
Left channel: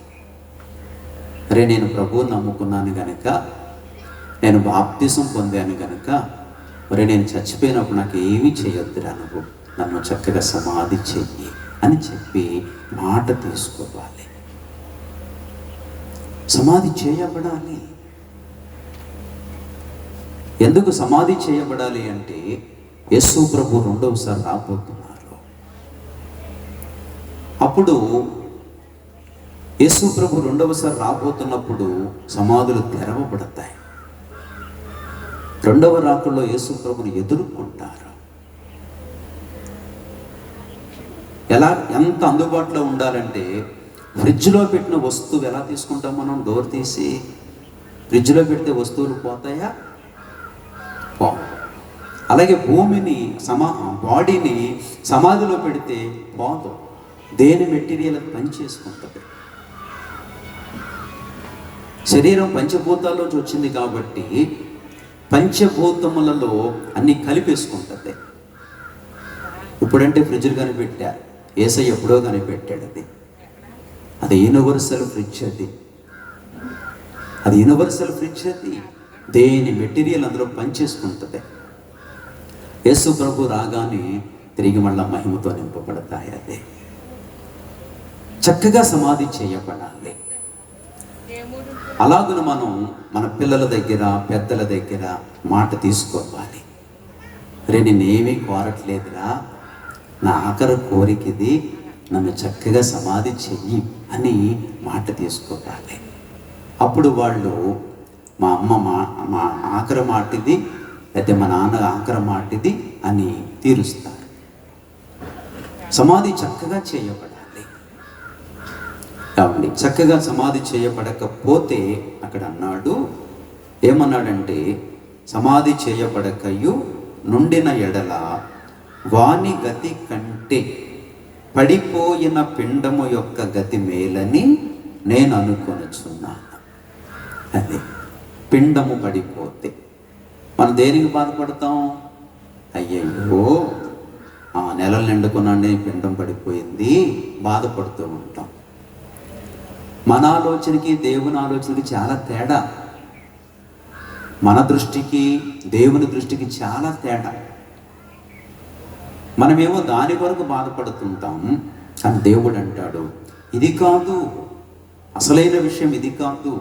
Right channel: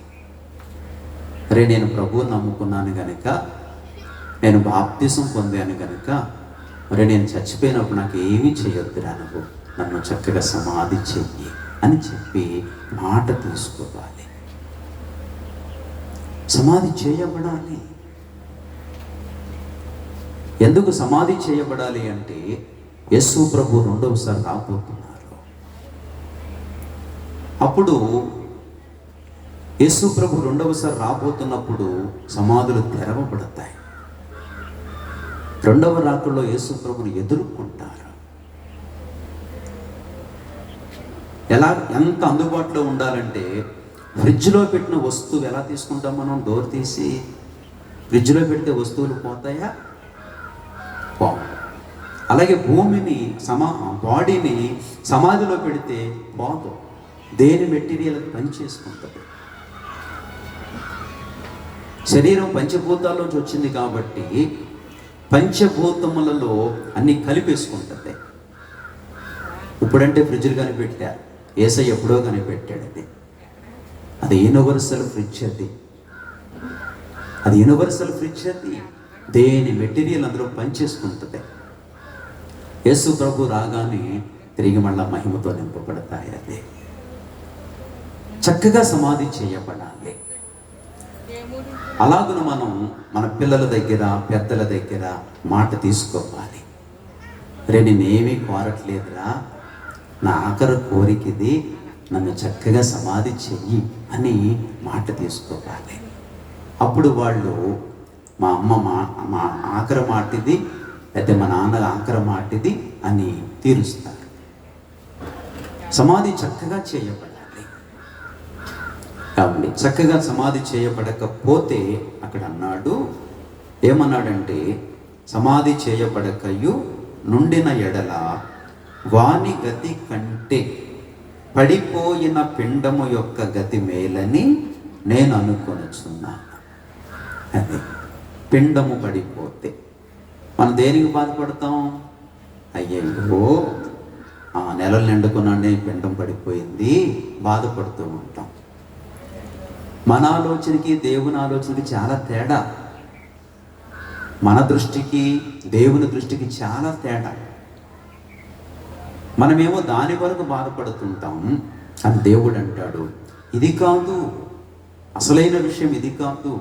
అరే నేను ప్రభువుని నమ్ముకున్నాను కనుక, నేను బాప్తిసం పొందాను కనుక, మరి నేను చచ్చిపోయినప్పుడు నాకు ఏమీ చేయొద్దురా, నన్ను చక్కగా సమాధి చెయ్యి అని చెప్పి మాట తీసుకోవాలి. సమాధి చేయబడాలి. ఎందుకు సమాధి చేయబడాలి అంటే యేసు ప్రభు 2వసారి రాబోతున్నారు. అప్పుడు యేసు ప్రభు 2వసారి రాబోతున్నప్పుడు సమాధులు తెరవబడతాయి. రెండవ రాకడలో యేసు ప్రభువుని ఎదుర్కొంటారు. ఎంత అందుబాటులో ఉండాలంటే, ఫ్రిడ్జ్లో పెట్టిన వస్తువు ఎలా తీసుకుంటాం మనం? డోర్ తీసి ఫ్రిడ్జ్లో పెడితే వస్తువులు పోతాయా? అలాగే భూమిని బాడీని సమాధిలో పెడితే పోదు. దేని మెటీరియల్ పని చేసుకుంటుంది. శరీరం పంచభూతాల్లోంచి వచ్చింది కాబట్టి పంచభూతములలో అన్ని కలిపేసుకుంటుంది. ఇప్పుడంటే ఫ్రిడ్జ్లు కనిపెట్టారు, యేసయ్య ఎప్పుడో కనిపెట్టాడు. అది యూనివర్సల్ ఫ్రిడ్జ్. అది యూనివర్సల్ ఫ్రిడ్జ్. దేని మెటీరియల్ అందులో పనిచేసుకుంటుంది. యేసు ప్రభు రాగానే తిరిగి మళ్ళా మహిమతో నింపబడతాయి. అదే చక్కగా సమాధి చేయబడాలి. అలాగున మనం మన పిల్లల దగ్గర, పెద్దల దగ్గర మాట తీసుకోవాలి. నేనేమీ కోరట్లేదురా, నా ఆఖరి కోరికది, నన్ను చక్కగా సమాధి చెయ్యి అని మాట తీసుకోవాలి. అప్పుడు వాళ్ళు మా అమ్మ మా ఆఖరి మాటిది, లేకపోతే మా నాన్న ఆఖరి మాటిది అని తీరుస్తారు. సమాధి చక్కగా చేయబడాలి. కాబట్టి చక్కగా సమాధి చేయబడకపోతే అక్కడ అన్నాడు, ఏమన్నాడంటే, సమాధి చేయబడకయు నుండిన ఎడల వాని గతి కంటే పడిపోయిన పిండము యొక్క గతి మేలని నేను అనుకొనుచున్నాను. అదే పిండము పడిపోతే మనం దేనికి బాధపడతాం? అయ్యయ్యో నెలలు నిండుకున్నానే పిండం పడిపోయింది, బాధపడుతూ ఉంటాం. మన ఆలోచనకి దేవుని ఆలోచనకి చాలా తేడా. మన దృష్టికి దేవుని దృష్టికి చాలా తేడా. మనమేమో దాని వరకు బాధపడుతుంటాం, అని దేవుడు అంటాడు, ఇది కాదు, అసలైన విషయం ఇది కాదు.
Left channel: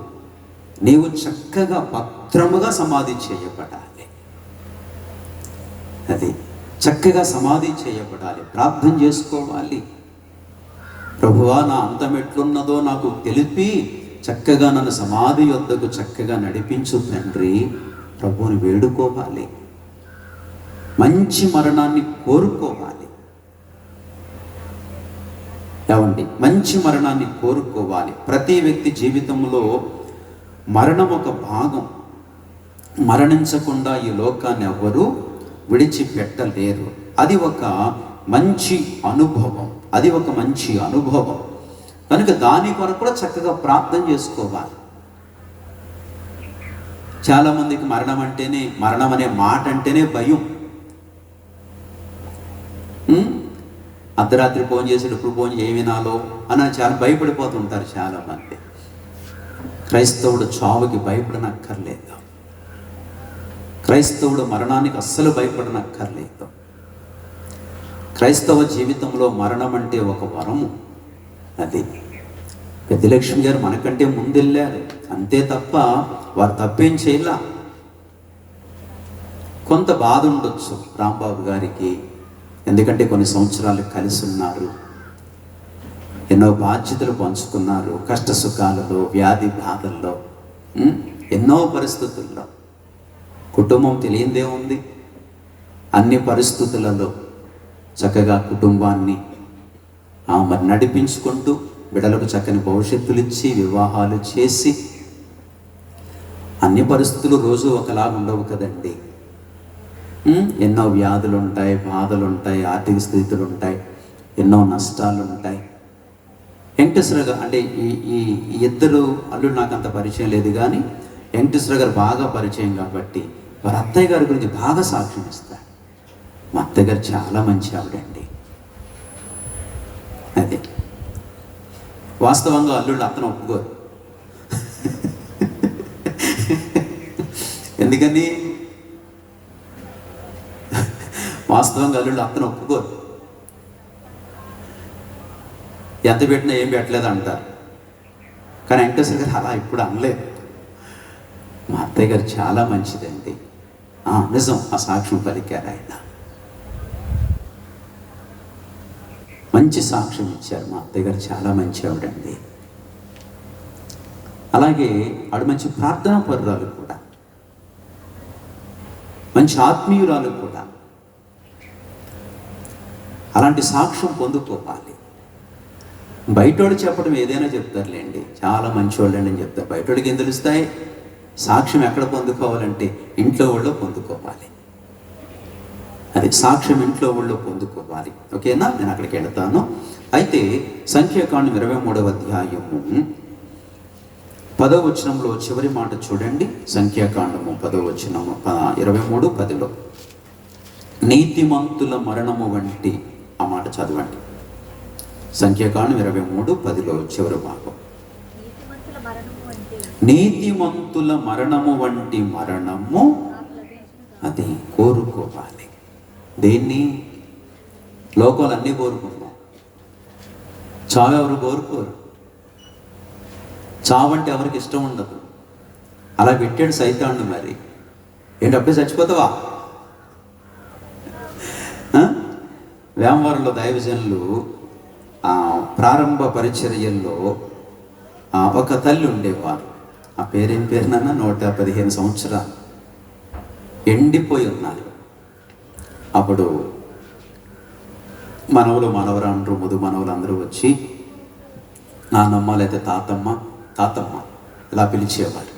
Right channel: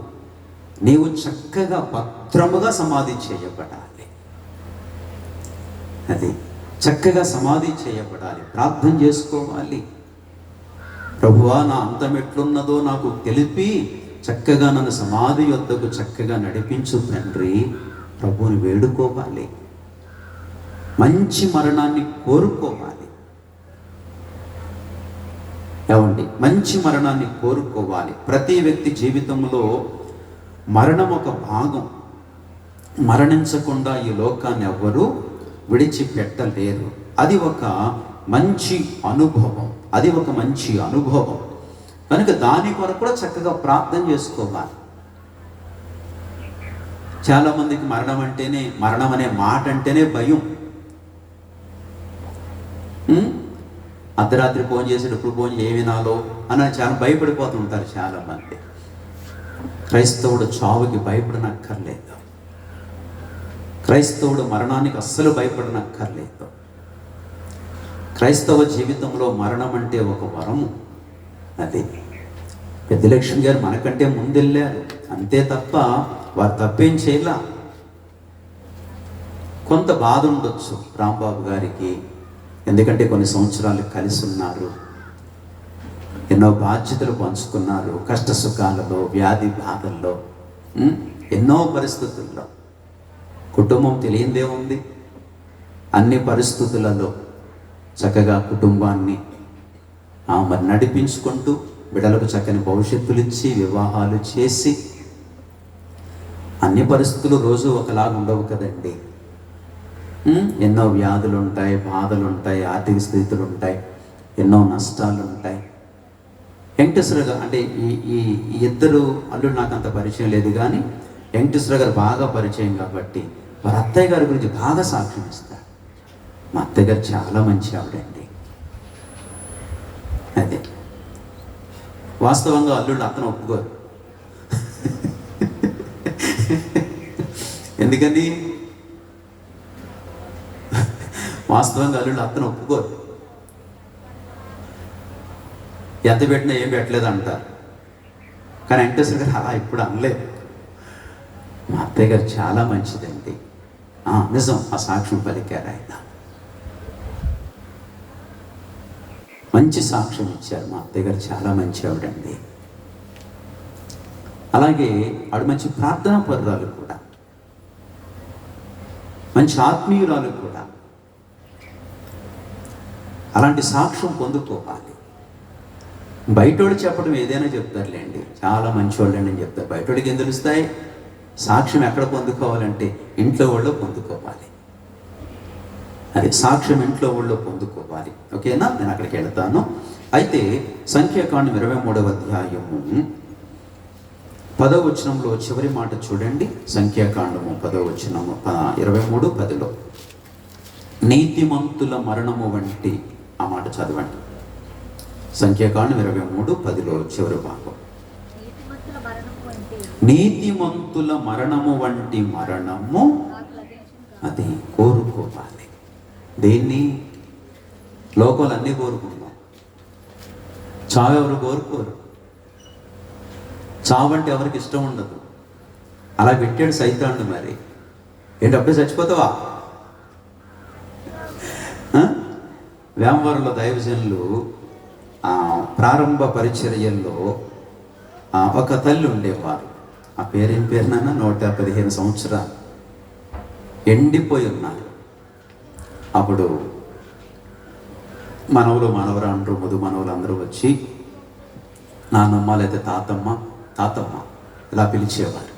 నీవు చక్కగా భద్రముగా సమాధి చేయబడాలి. అది చక్కగా సమాధి చేయబడాలి. ప్రార్థన చేసుకోవాలి. ప్రభువా, నా అంతం ఎట్లున్నదో నాకు తెలిపి చక్కగా నన్ను సమాధి యొద్దకు చక్కగా నడిపించు తండ్రి. ప్రభువుని వేడుకోవాలి. మంచి మరణాన్ని కోరుకోవాలి. ఏమండి? మంచి మరణాన్ని కోరుకోవాలి. ప్రతి వ్యక్తి జీవితంలో మరణం ఒక భాగం. మరణించకుండా ఈ లోకాన్ని ఎవ్వరూ విడిచిపెట్టలేరు. అది ఒక మంచి అనుభవం. అది ఒక మంచి అనుభవం కనుక దాని కొరకు కూడా చక్కగా ప్రార్థన చేసుకోవాలి. చాలామందికి మరణం అనే మాట అంటేనే భయం. అర్ధరాత్రి ఫోన్ చేసేటప్పుడు ఫోన్ ఏ వినాలో అని చాలా భయపడిపోతుంటారు చాలామంది. క్రైస్తవుడు చావుకి భయపడనక్కర్లేదు. క్రైస్తవుడు మరణానికి అస్సలు భయపడనక్కర్లేదు. క్రైస్తవ జీవితంలో మరణం అంటే ఒక వరము. అది పెద్దలక్ష్మి గారు మనకంటే ముందెళ్ళారు, అంతే తప్ప వారు తప్పేం చేయలా. కొంత బాధ ఉండొచ్చు రాంబాబు గారికి, ఎందుకంటే కొన్ని సంవత్సరాలు కలిసి ఉన్నారు, ఎన్నో బాధ్యతలు పంచుకున్నారు, కష్ట సుఖాలలో, వ్యాధి బాధల్లో, ఎన్నో పరిస్థితుల్లో. కుటుంబం తెలియందేముంది, అన్ని పరిస్థితులలో చక్కగా కుటుంబాన్ని మరి నడిపించుకుంటూ బిడ్డలకు చక్కని భవిష్యత్తులు ఇచ్చి వివాహాలు చేసి, అన్ని పరిస్థితులు రోజు ఒకలాగా ఉండవు కదండి. ఎన్నో వ్యాధులు ఉంటాయి, బాధలు ఉంటాయి, ఆర్థిక స్థితులు ఉంటాయి, ఎన్నో నష్టాలు ఉంటాయి. వెంకటేశ్వర గారు అంటే ఈ ఇద్దరు అల్లుడు నాకు అంత పరిచయం లేదు, కానీ వెంకటేశ్వర గారు బాగా పరిచయం కాబట్టి వారి అత్తయ్య గారి గురించి బాగా సాక్ష్యం ఇస్తారు. మా అత్తయ్య గారు చాలా మంచి ఆవిడండి. అదే వాస్తవంగా అల్లుళ్ళు అతను ఒప్పుకోరు. ఎందుకని? వాస్తవంగా అల్లుళ్ళు అతను ఒప్పుకోరు. ఎంత పెట్టినా ఏం పెట్టలేదు అంటారు. కానీ వెంకటేశ్వర గారు అలా ఇప్పుడు అనలేదు. మా అత్తయ్య గారు చాలా మంచిదండి. నిజం, ఆ సాక్ష్యం పలికారు ఆయన. మంచి సాక్ష్యం ఇచ్చారు. మా అత్తయ్య గారు చాలా మంచి ఆవిడండి. అలాగే ఆవిడ మంచి ప్రార్థనా పరురాలు కూడా. మంచి ఆత్మీయురాలు కూడా. అలాంటి సాక్ష్యం పొందుకోవాలి. బయటోడు చెప్పడం ఏదైనా చెప్తారులేండి, చాలా మంచివాళ్ళండి అని చెప్తారు. బయటోడికి ఏం తెలుస్తాయి? సాక్ష్యం ఎక్కడ పొందుకోవాలంటే ఇంట్లో వాళ్ళు పొందుకోవాలి. అది సాక్ష్యం ఇంట్లో వాళ్ళు పొందుకోవాలి. ఓకేనా? నేను అక్కడికి వెళ్తాను. అయితే సంఖ్యాకాండం 23వ అధ్యాయము 10వ వచనంలో చివరి మాట చూడండి. సంఖ్యాకాండము 10వ వచనము 23:10లో నీతిమంతుల మరణము వంటి, ఆ మాట చదవండి. సంఖ్యాకాండం 23:10లో చివరి భాగం. నీతిమంతుల మరణము వంటి మరణము అది కోరుకోవాలి. దేన్ని? లోకాలు అన్నీ కోరుకుందాం, చావు ఎవరు కోరుకోరు. చావు అంటే ఎవరికి ఇష్టం ఉండదు. అలా పెట్టాడు సైతాన్ని. మరి ఏంటి, అప్పుడే చచ్చిపోతావా? వేమవరంలో దైవజనులు ప్రారంభ పరిచర్యల్లో ఒక తల్లి ఉండేవారు. ఆ పేరేం పేరునన్నా 115 సంవత్సరాలు ఎండిపోయి ఉన్నారు. అప్పుడు మనవలు, మనవరాండ్రు, ముదు మనవలు అందరూ వచ్చి నాన్నమ్మ లేదా తాతమ్మ ఇలా పిలిచేవారు.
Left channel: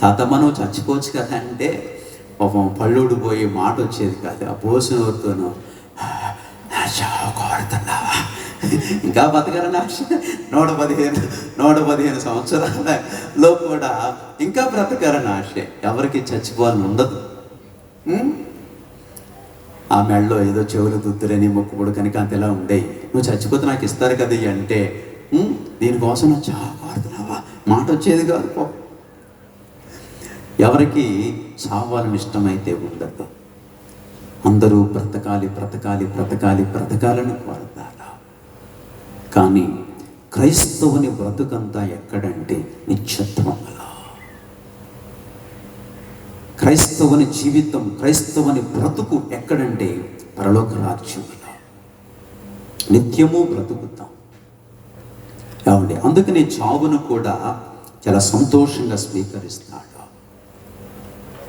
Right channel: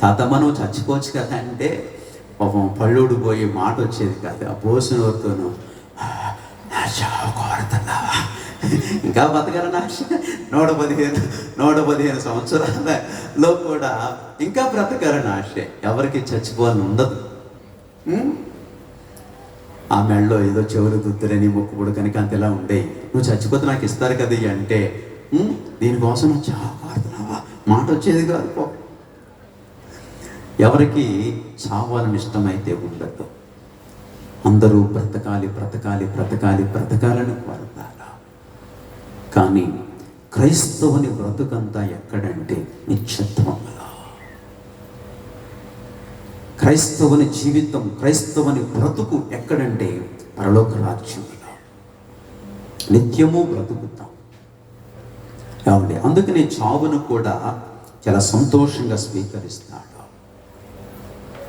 తాతమ్మ నువ్వు చచ్చిపోవచ్చు కదా అంటే పాపం పళ్ళుడు పోయి మాట వచ్చేది కాదు. ఆ పోసినతోనూ కోరుతున్నావా, ఇంకా బతకాలని ఆశ. 115 సంవత్సరాలలో కూడా ఇంకా బ్రతకాలని ఆశ. ఎవరికి చచ్చిపోవాలని ఉండదు. ఆ మెళ్ళలో ఏదో చెవులు దుద్దురని మొక్కుబడు కనుక అంతలా ఉండేవి. నువ్వు చచ్చిపోతే నాకు ఇస్తారు కదా అంటే దీనికోసం నువ్వు చావాడుతున్నావా, మాట వచ్చేది కాదు. ఎవరికి చావాలని ఇష్టమైతే ఉండదు. అందరూ బ్రతకాలని కోరతారు. కానీ క్రైస్తవుని బ్రతుకంతా ఎక్కడంటే నిత్యత్వంలో. క్రైస్తవుని జీవితం, క్రైస్తవుని బ్రతుకు ఎక్కడంటే పరలోక రాజ్యంలో నిత్యము బ్రతుకుతాం. కాబట్టి అందుకని చావును కూడా చాలా సంతోషంగా స్వీకరిస్తాడు.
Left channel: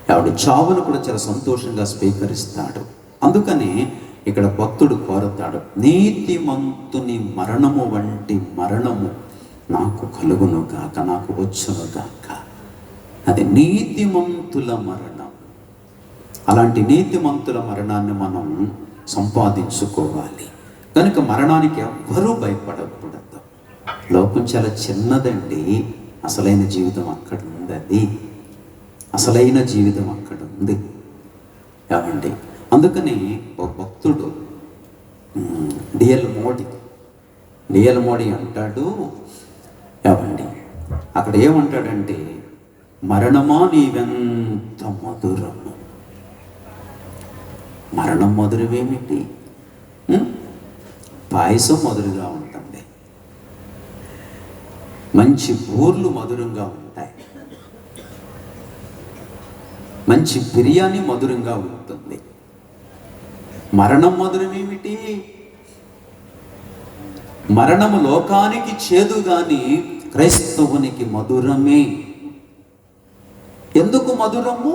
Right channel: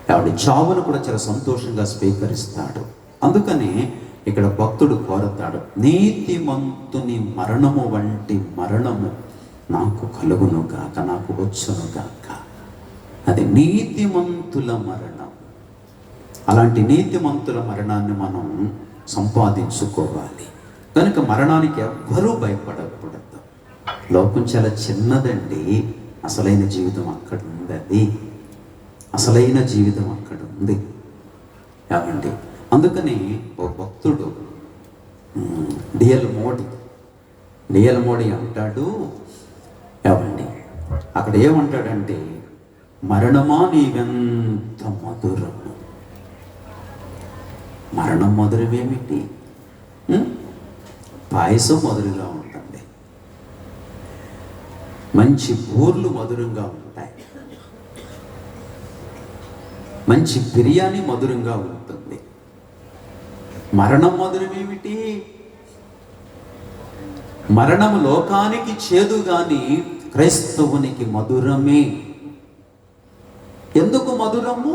కాబట్టి చావును కూడా చాలా సంతోషంగా స్వీకరిస్తాడు. అందుకని ఇక్కడ భక్తుడు కోరతాడు, నీతిమంతుని మరణము వంటి మరణము నాకు కలుగును గాక, నాకు వచ్చును గాక. అది నీతిమంతుల మరణం. అలాంటి నీతిమంతుల మరణాన్ని మనం సంపాదించుకోవాలి. కనుక మరణానికి ఎవ్వరూ భయపడకూడదు. లోకం చాలా చిన్నదండి. అసలైన జీవితం అక్కడ ఉంది. అసలైన జీవితం అక్కడ ఉంది. ఏమండి, అందుకని ఒక భక్తుడు డిఎల్ మోడీ అంటాడు, ఏమండి అక్కడ ఏమంటాడంటే, మరణమా నీవెంత మధురము. మరణం మధురమేమిటి? పాయసం మధురంగా ఉంటుంది, మంచి బూర్లు మధురంగా ఉంటాయి, మంచి బిర్యానీ మధురంగా ఉంటుంది. మరణం మధురమేమిటి? మరణము లోకానికి చేదు గాని క్రైస్తవునికి మధురమే. ఎందుకు మధురము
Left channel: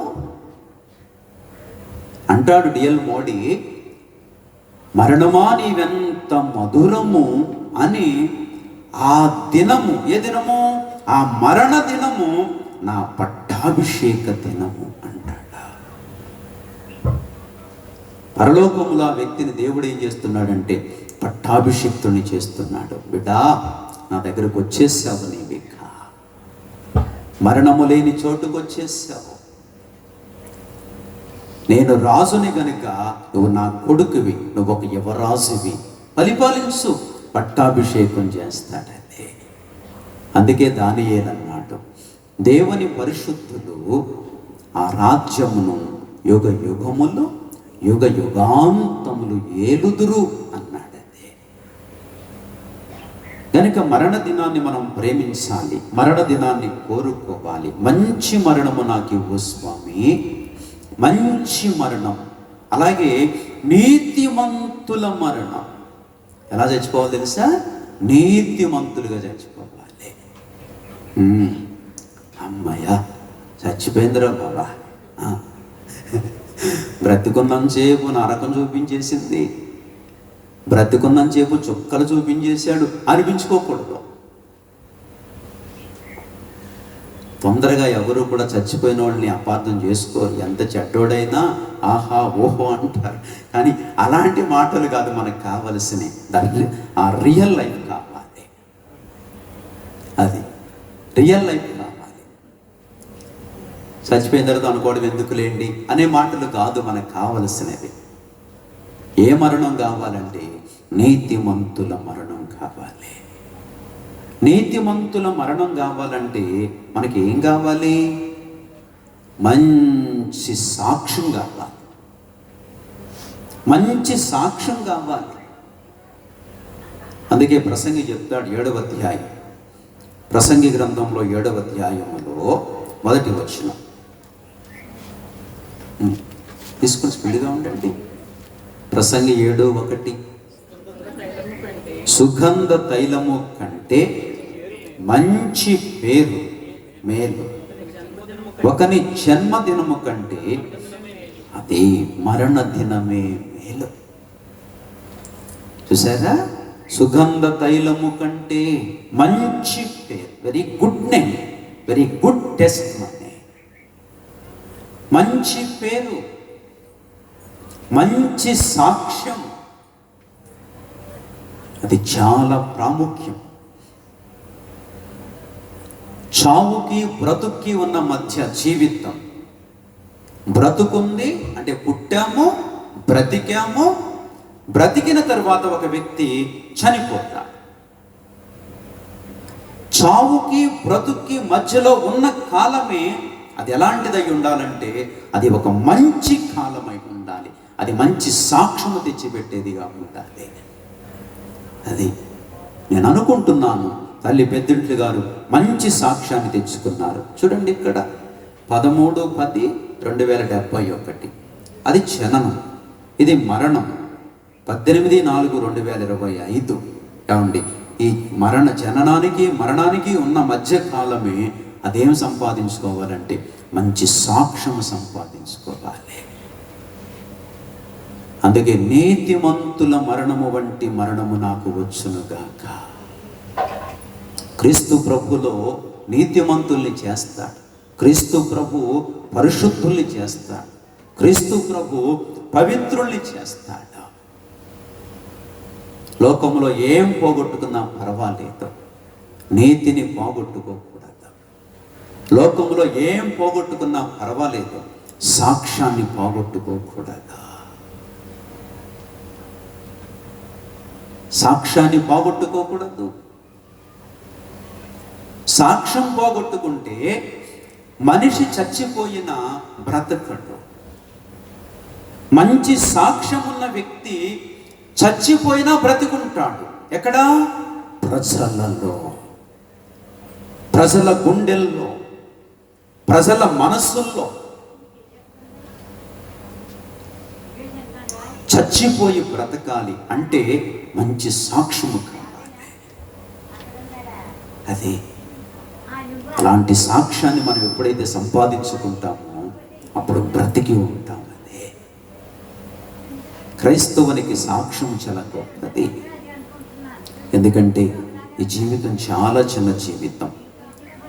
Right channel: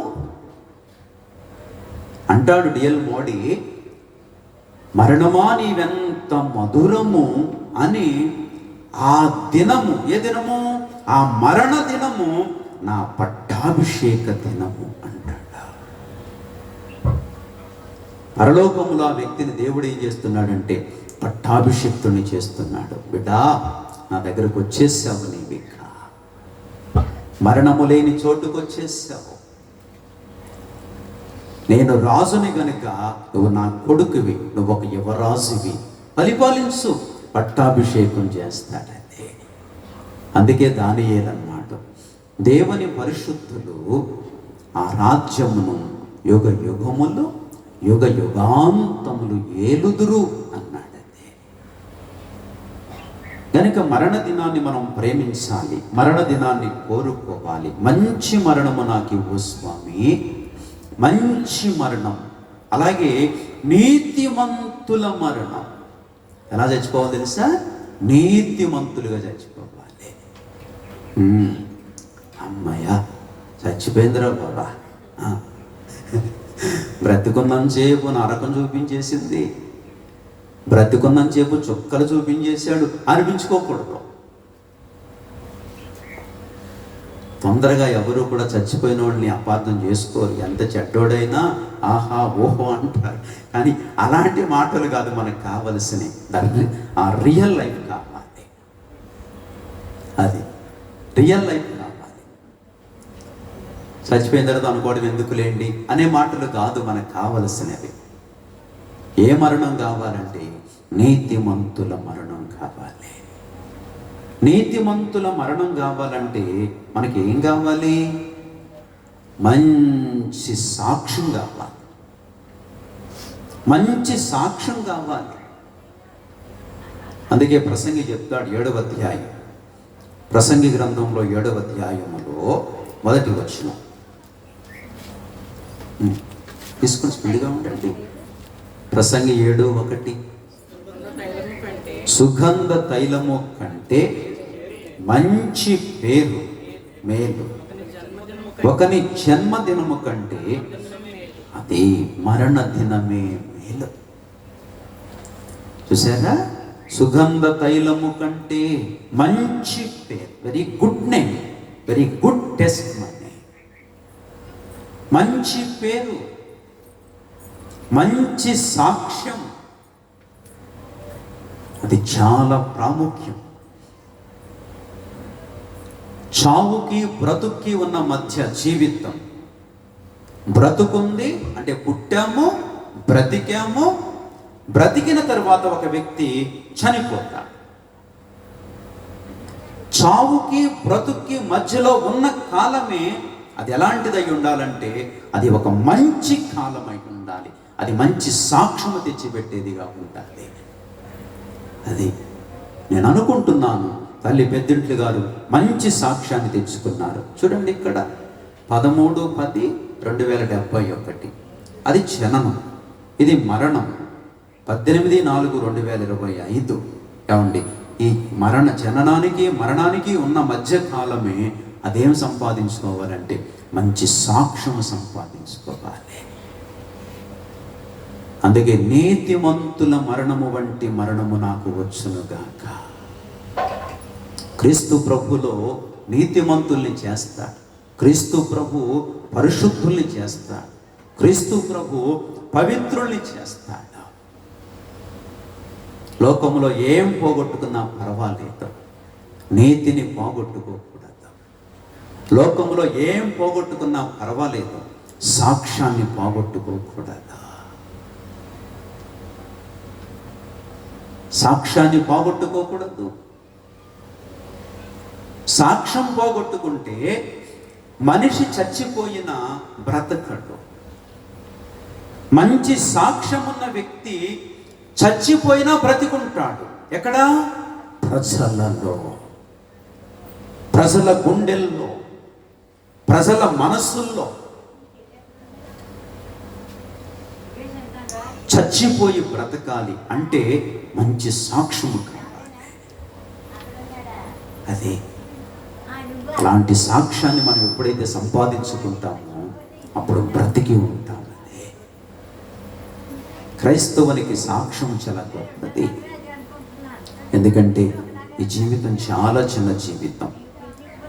అంటాడు డిఎల్ మోడీ, మరణమా నీవెంత మధురము అని. ఆ దినము, ఏ దినము? ఆ మరణ దినము నా పట్టాభిషేక దినము అంటాడు. పరలోకములో ఆ వ్యక్తిని దేవుడు ఏం చేస్తున్నాడంటే పట్టాభిషిక్తుని చేస్తున్నాడు. బిడ్డా, నా దగ్గరకు వచ్చేసావు, నీవిక మరణము లేని చోటుకు వచ్చేసావు. నేను రాజుని గనుక నువ్వు నా కొడుకువి, నువ్వు ఒక యువరాజువి, పరిపాలించు, పట్టాభిషేకం చేస్తాడండి. అందుకే దానియేలు అన్నాడు, దేవుని పరిశుద్ధులు ఆ రాజ్యమును యుగ యుగములు యుగ యుగాంతములు ఏలుదురు అన్నాడండి. కనుక మరణ దినాన్ని మనం ప్రేమించాలి, మరణ దినాన్ని కోరుకోవాలి. మంచి మరణము నాకు ఇవ్వు స్వామి, మంచి మరణం. అలాగే నీతిమంతుల మరణం. ఎలా చచ్చిపోవాలి తెలుసా? నీతిమంతులుగా చచ్చిపోవాలి. అమ్మయ్య చచ్చిపోయిందిరా బాబా, బ్రతికున్నంతసేపు నరకం చూపించేసింది, బ్రతికున్నంతసేపు చుక్కలు చూపించేశాడు అనిపించుకోకూడదు. తొందరగా ఎవరు కూడా చచ్చిపోయిన వాళ్ళని అపార్థం చేసుకోరు. ఎంత చెడ్డోడైనా ఆహా ఓహో అంటారు. కానీ అలాంటి మాటలు కాదు మనకు కావలసినవి. ఆ రియల్ లైఫ్ కావాలి, అది రియల్ లైఫ్ కావాలి. చచ్చిపోయిన తర్వాత అనుకోవడం ఎందుకులేండి అనే మాటలు కాదు మనకు కావలసినవి. ఏ మరణం కావాలంటే నీతిమంతుల మరణం కావాలి. నీతిమంతుల మరణం కావాలంటే మనకి ఏం కావాలి? మంచి సాక్ష్యం కావాలి, మంచి సాక్ష్యం కావాలి. అందుకే ప్రసంగి చెప్తాడు 7వ అధ్యాయం, ప్రసంగి గ్రంథంలో 7వ అధ్యాయంలో 1వ వచనం తీసుకొని స్పీడ్గా ఉండండి. ప్రసంగి 7:1 సుగంధ తైలము కంటే మంచి పేరు మేలు, ఒకని జన్మదినము కంటే అది మరణ దినమే మేలు. చూసారా? సుగంధ తైలము కంటే మంచి పేరు, very good name, very good test money, మంచి పేరు, మంచి సాక్ష్యం, అది చాలా ప్రాముఖ్యం. చావుకి బ్రతుక్కి ఉన్న మధ్య జీవితం. బ్రతుకుంది అంటే పుట్టాము, బ్రతికాము, బ్రతికిన తర్వాత ఒక వ్యక్తి చనిపోతాడు. చావుకి బ్రతుక్కి మధ్యలో ఉన్న కాలమే అది ఎలాంటిదై ఉండాలంటే అది ఒక మంచి కాలమై ఉండాలి, అది మంచి సాక్ష్యము తెచ్చిపెట్టేదిగా ఉండాలి. అది నేను అనుకుంటున్నాను. తల్లి పెద్దింట్లు గారు మంచి సాక్ష్యాన్ని తెచ్చుకున్నారు. చూడండి ఇక్కడ 13/10/2071 అది జననం, ఇది మరణం 18/4/2025. ఏమండి, ఈ జననానికి మరణానికి ఉన్న మధ్య కాలమే అదేం సంపాదించుకోవాలంటే మంచి సాక్ష్యం సంపాదించుకోవాలి. అందుకే నీతిమంతుల మరణము వంటి మరణము నాకు వచ్చునుగాక. క్రీస్తు ప్రభులో నీతిమంతుల్ని చేస్తాడు, క్రీస్తు ప్రభు పరిశుద్ధుల్ని చేస్తాడు, క్రీస్తు ప్రభు పవిత్రుల్ని చేస్తాడు. లోకంలో ఏం పోగొట్టుకున్నా పర్వాలేదు, నీతిని పోగొట్టుకోకూడదు. లోకంలో ఏం పోగొట్టుకున్నా పర్వాలేదు, సాక్ష్యాన్ని పోగొట్టుకోకూడదు. సాక్ష్యాన్ని పోగొట్టుకోకూడదు. సాక్ష్యం పోగొట్టుకుంటే మనిషి చచ్చిపోయినా బ్రతకడు. మంచి సాక్ష్యం ఉన్న వ్యక్తి చచ్చిపోయినా బ్రతికుంటాడు. ఎక్కడ? ప్రజలలో, ప్రజల గుండెల్లో, ప్రజల మనస్సుల్లో. చచ్చిపోయి బ్రతకాలి అంటే మంచి సాక్ష్యము కావాలి. అది అలాంటి సాక్ష్యాన్ని మనం ఎప్పుడైతే సంపాదించుకుంటామో అప్పుడు బ్రతికి ఉంటాం. అదే క్రైస్తవునికి సాక్ష్యం చాలా గొప్పది. ఎందుకంటే ఈ జీవితం చాలా చిన్న జీవితం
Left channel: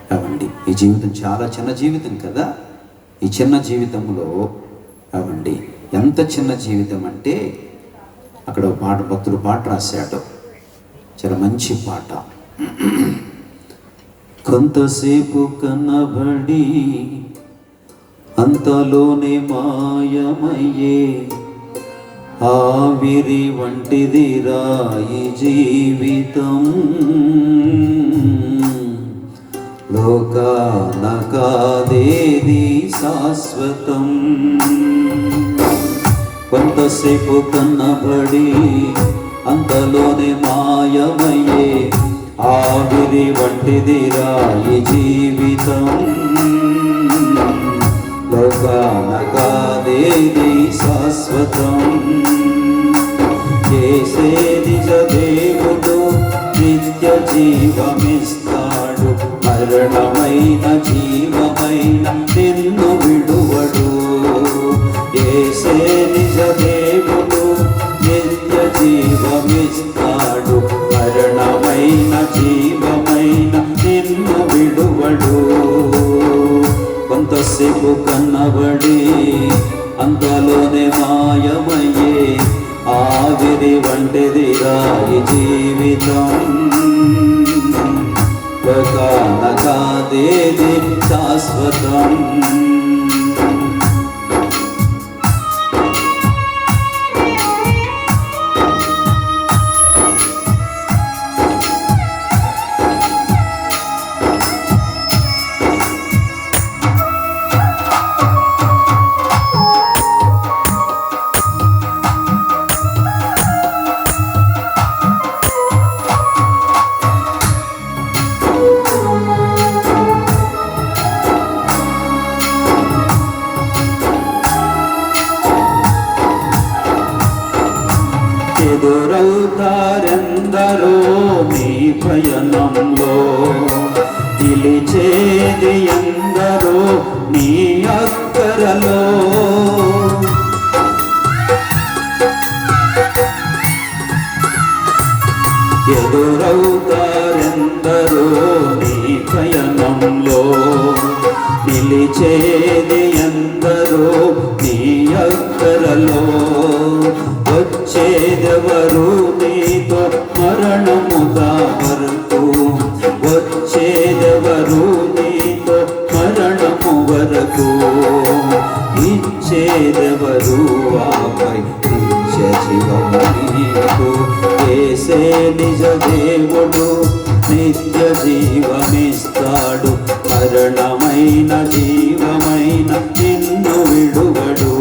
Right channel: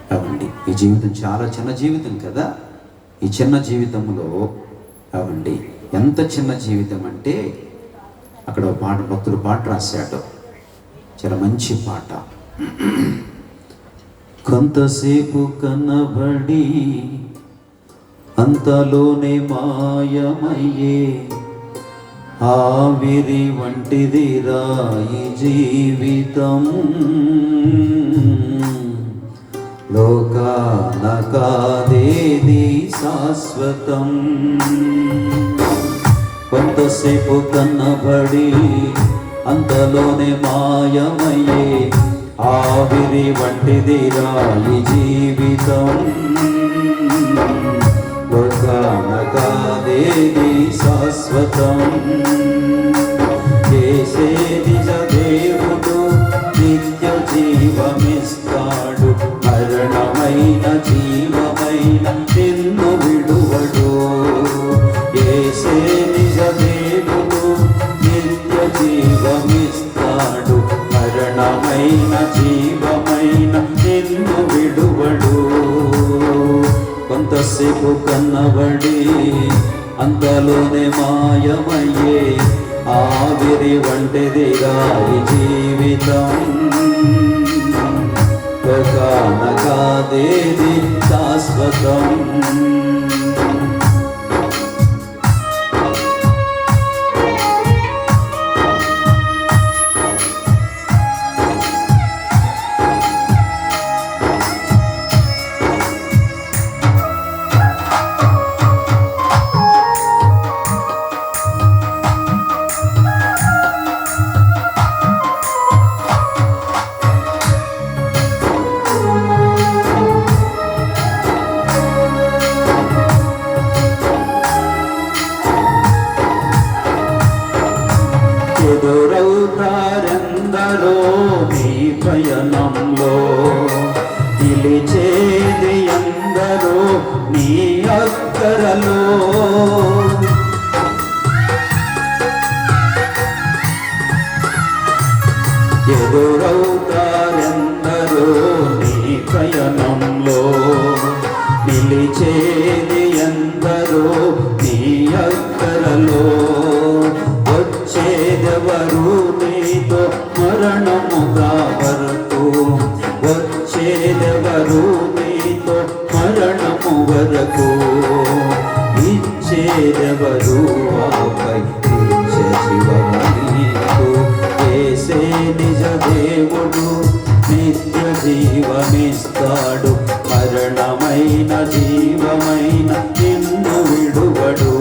కావండి. ఈ జీవితం చాలా చిన్న జీవితం కదా. ఈ చిన్న జీవితంలో కావండి ఎంత చిన్న జీవితం అంటే అక్కడ పాట, భక్తుడు పాట రాశాడు, చాలా మంచి పాట. కొంతసేపు కనబడి అంతలోనే మాయమయ్యే ఆవిరి వంటిది రాయి జీవితం, లోకాన కాదేది శాశ్వతం. కొంతసేపు కనబడి అంతలోనే మాయమయ్యే ఆవిరి వంటిది రాయి జీవితం, లోకాన కాదేది శాశ్వతం. చేసే నిజ దేవుడు నిత్య జీవమిస్తాడు, మరణమైన జీవమైన నిన్ను విడువడు. చేసే అంతలోనే మాయమయ్యే ఆవిరి వంటిది రాయి జీవితం. ఒకనకాదేది శాశ్వతం. ఎదురవుతారెందరో మీ పయనంలో, నిలిచేది ఎందరో నీ అక్కరలో. ఎదురవుతారెందరో నీ పయనంలో, నిలిచేది ఎందరో నీ అక్కరలో. వచ్చేదెవరు నీతో మరణముగా వరకు, వచ్చేదెవరు నీతో మరణము వరకు. ఇచ్చేదెవరు ఆపై నిత్య జీవము నీకు. యేసే నిజ దేవుడు, నిత్య జీవమిస్తాడు. మరణమైన జీవమైన నిన్ను విడువడు.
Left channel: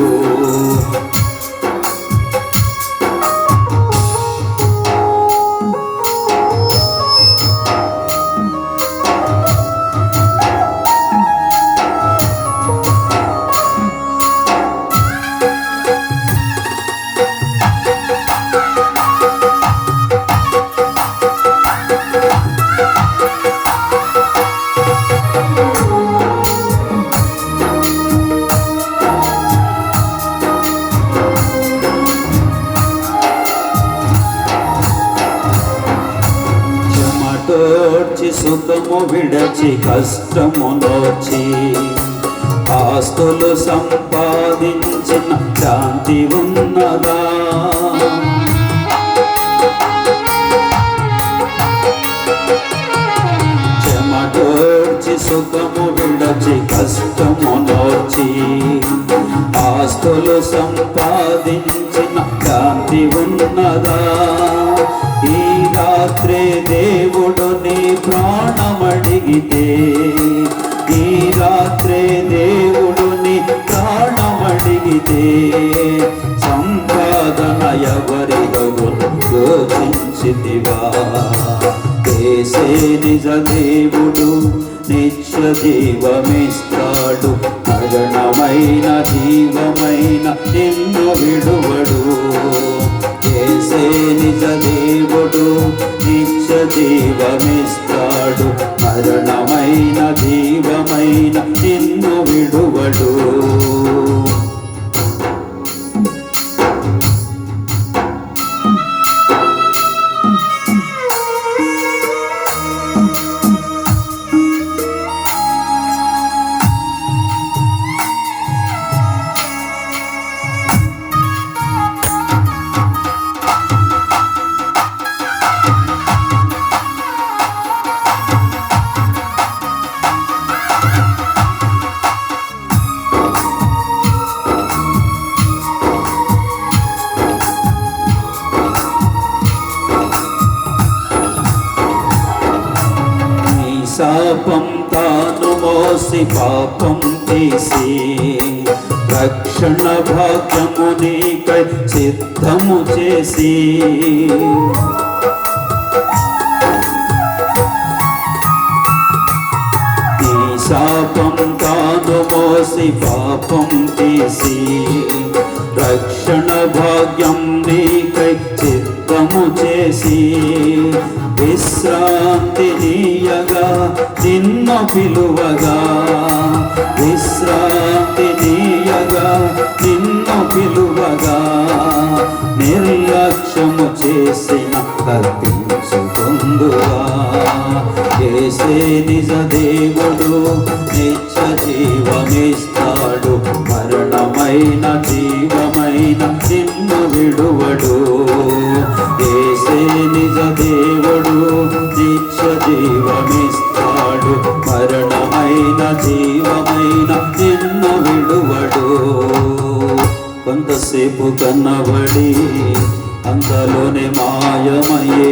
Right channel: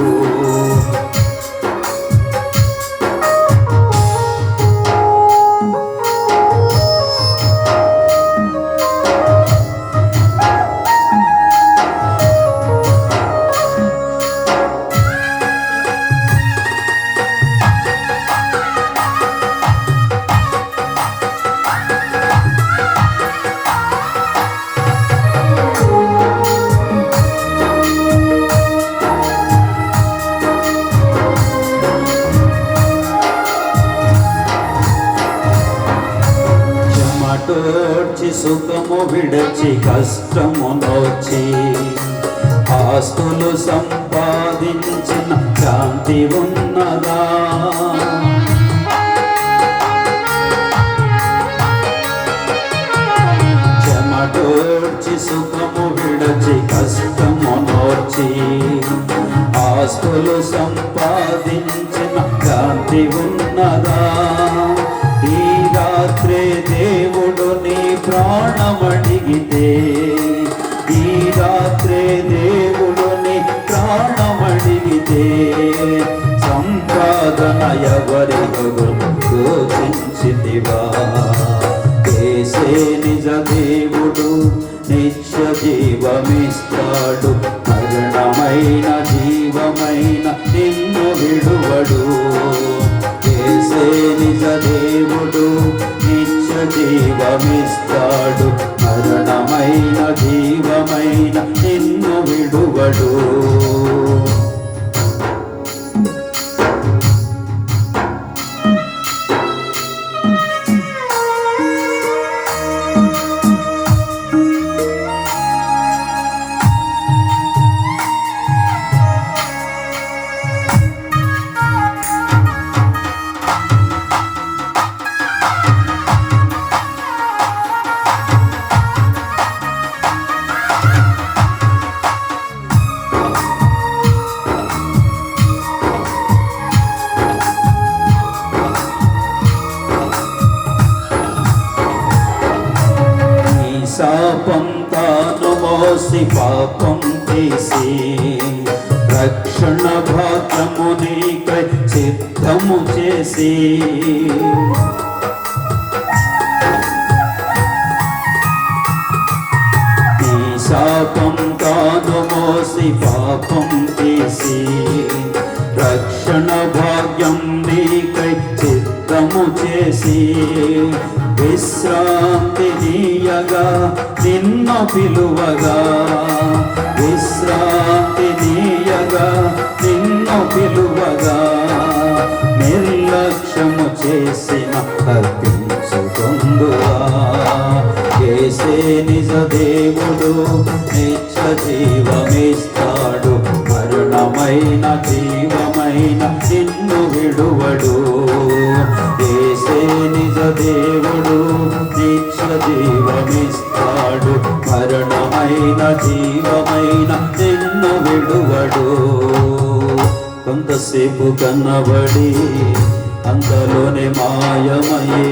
తోడ్చి సుఖము విడచి కష్టము నోచి, ఆస్తులు సంపాదించిన శాంతి ఉన్నదా. చెమటోడ్చి సుఖము విడచి కష్టము నోచి, ఆస్తులు సంపాదించిన శాంతి ఉన్నదా. ఈ రాత్రే దేవుడు నీ ప్రాణమడిగితే, ఈ రాత్రే దేవుడు నీ ప్రాణమడిగితే, సంపాదన ఎవరిగో యోచించితివా. యేసే నిజ దేవుడు, నిత్య జీవమిస్తాడు. మరణమైన జీవమైన నిన్ను విడువడు. యేసే నిజ దేవుడు, నిత్య జీవమిస్తాడు. మరణమైన జీవమైన నిన్ను విడువడు. శాపం తాను మోసి పాపం తీసి, రక్షణ భాగ్యము నీకై సిద్ధము చేసి. ఈ శాపం తాను మోసి పాపం తీసి, రక్షణ భాగ్యం నీకై సిద్ధము చేసి. విశ్రాంతి నీయగా నిన్ను పిలువగా, విశ్రాంతి నీయగా నిన్ను పిలువగా. నిర్లక్ష్యము చేసిన తప్పించుకొందువా. యేసే నిజ దేవుడు, నిత్య జీవమిస్తాడు. మరణమై మరణమైన జీవమైన నిన్ను విడువడు. యేసే నిజ దేవుడు, నిత్య జీవమిస్తాడు. మరణమైన జీవమైన నిన్ను విడువడు. కొంతసేపు కన్నబడి అంతలోనే మాయమయ్యే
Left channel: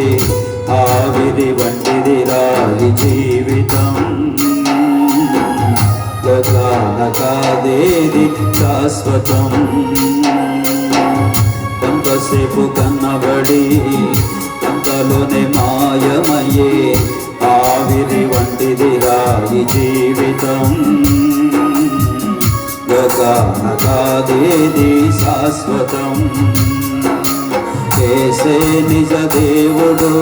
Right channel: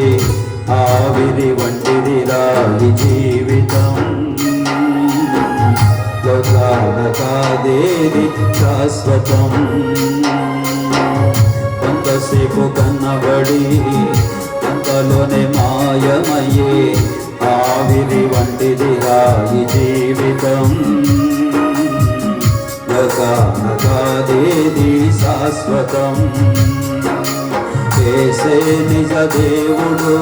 ఆవిరి వంటిది రాయి జీవితం. లోకాన కాదేది శాశ్వతం. కొంతసేపు కన్నబడి అంతలోనే మాయమయ్యే ఆవిరి వంటిది రాయి జీవితం. లోకాన కాదేది శాశ్వతం. యేసే నిజ దేవుడు,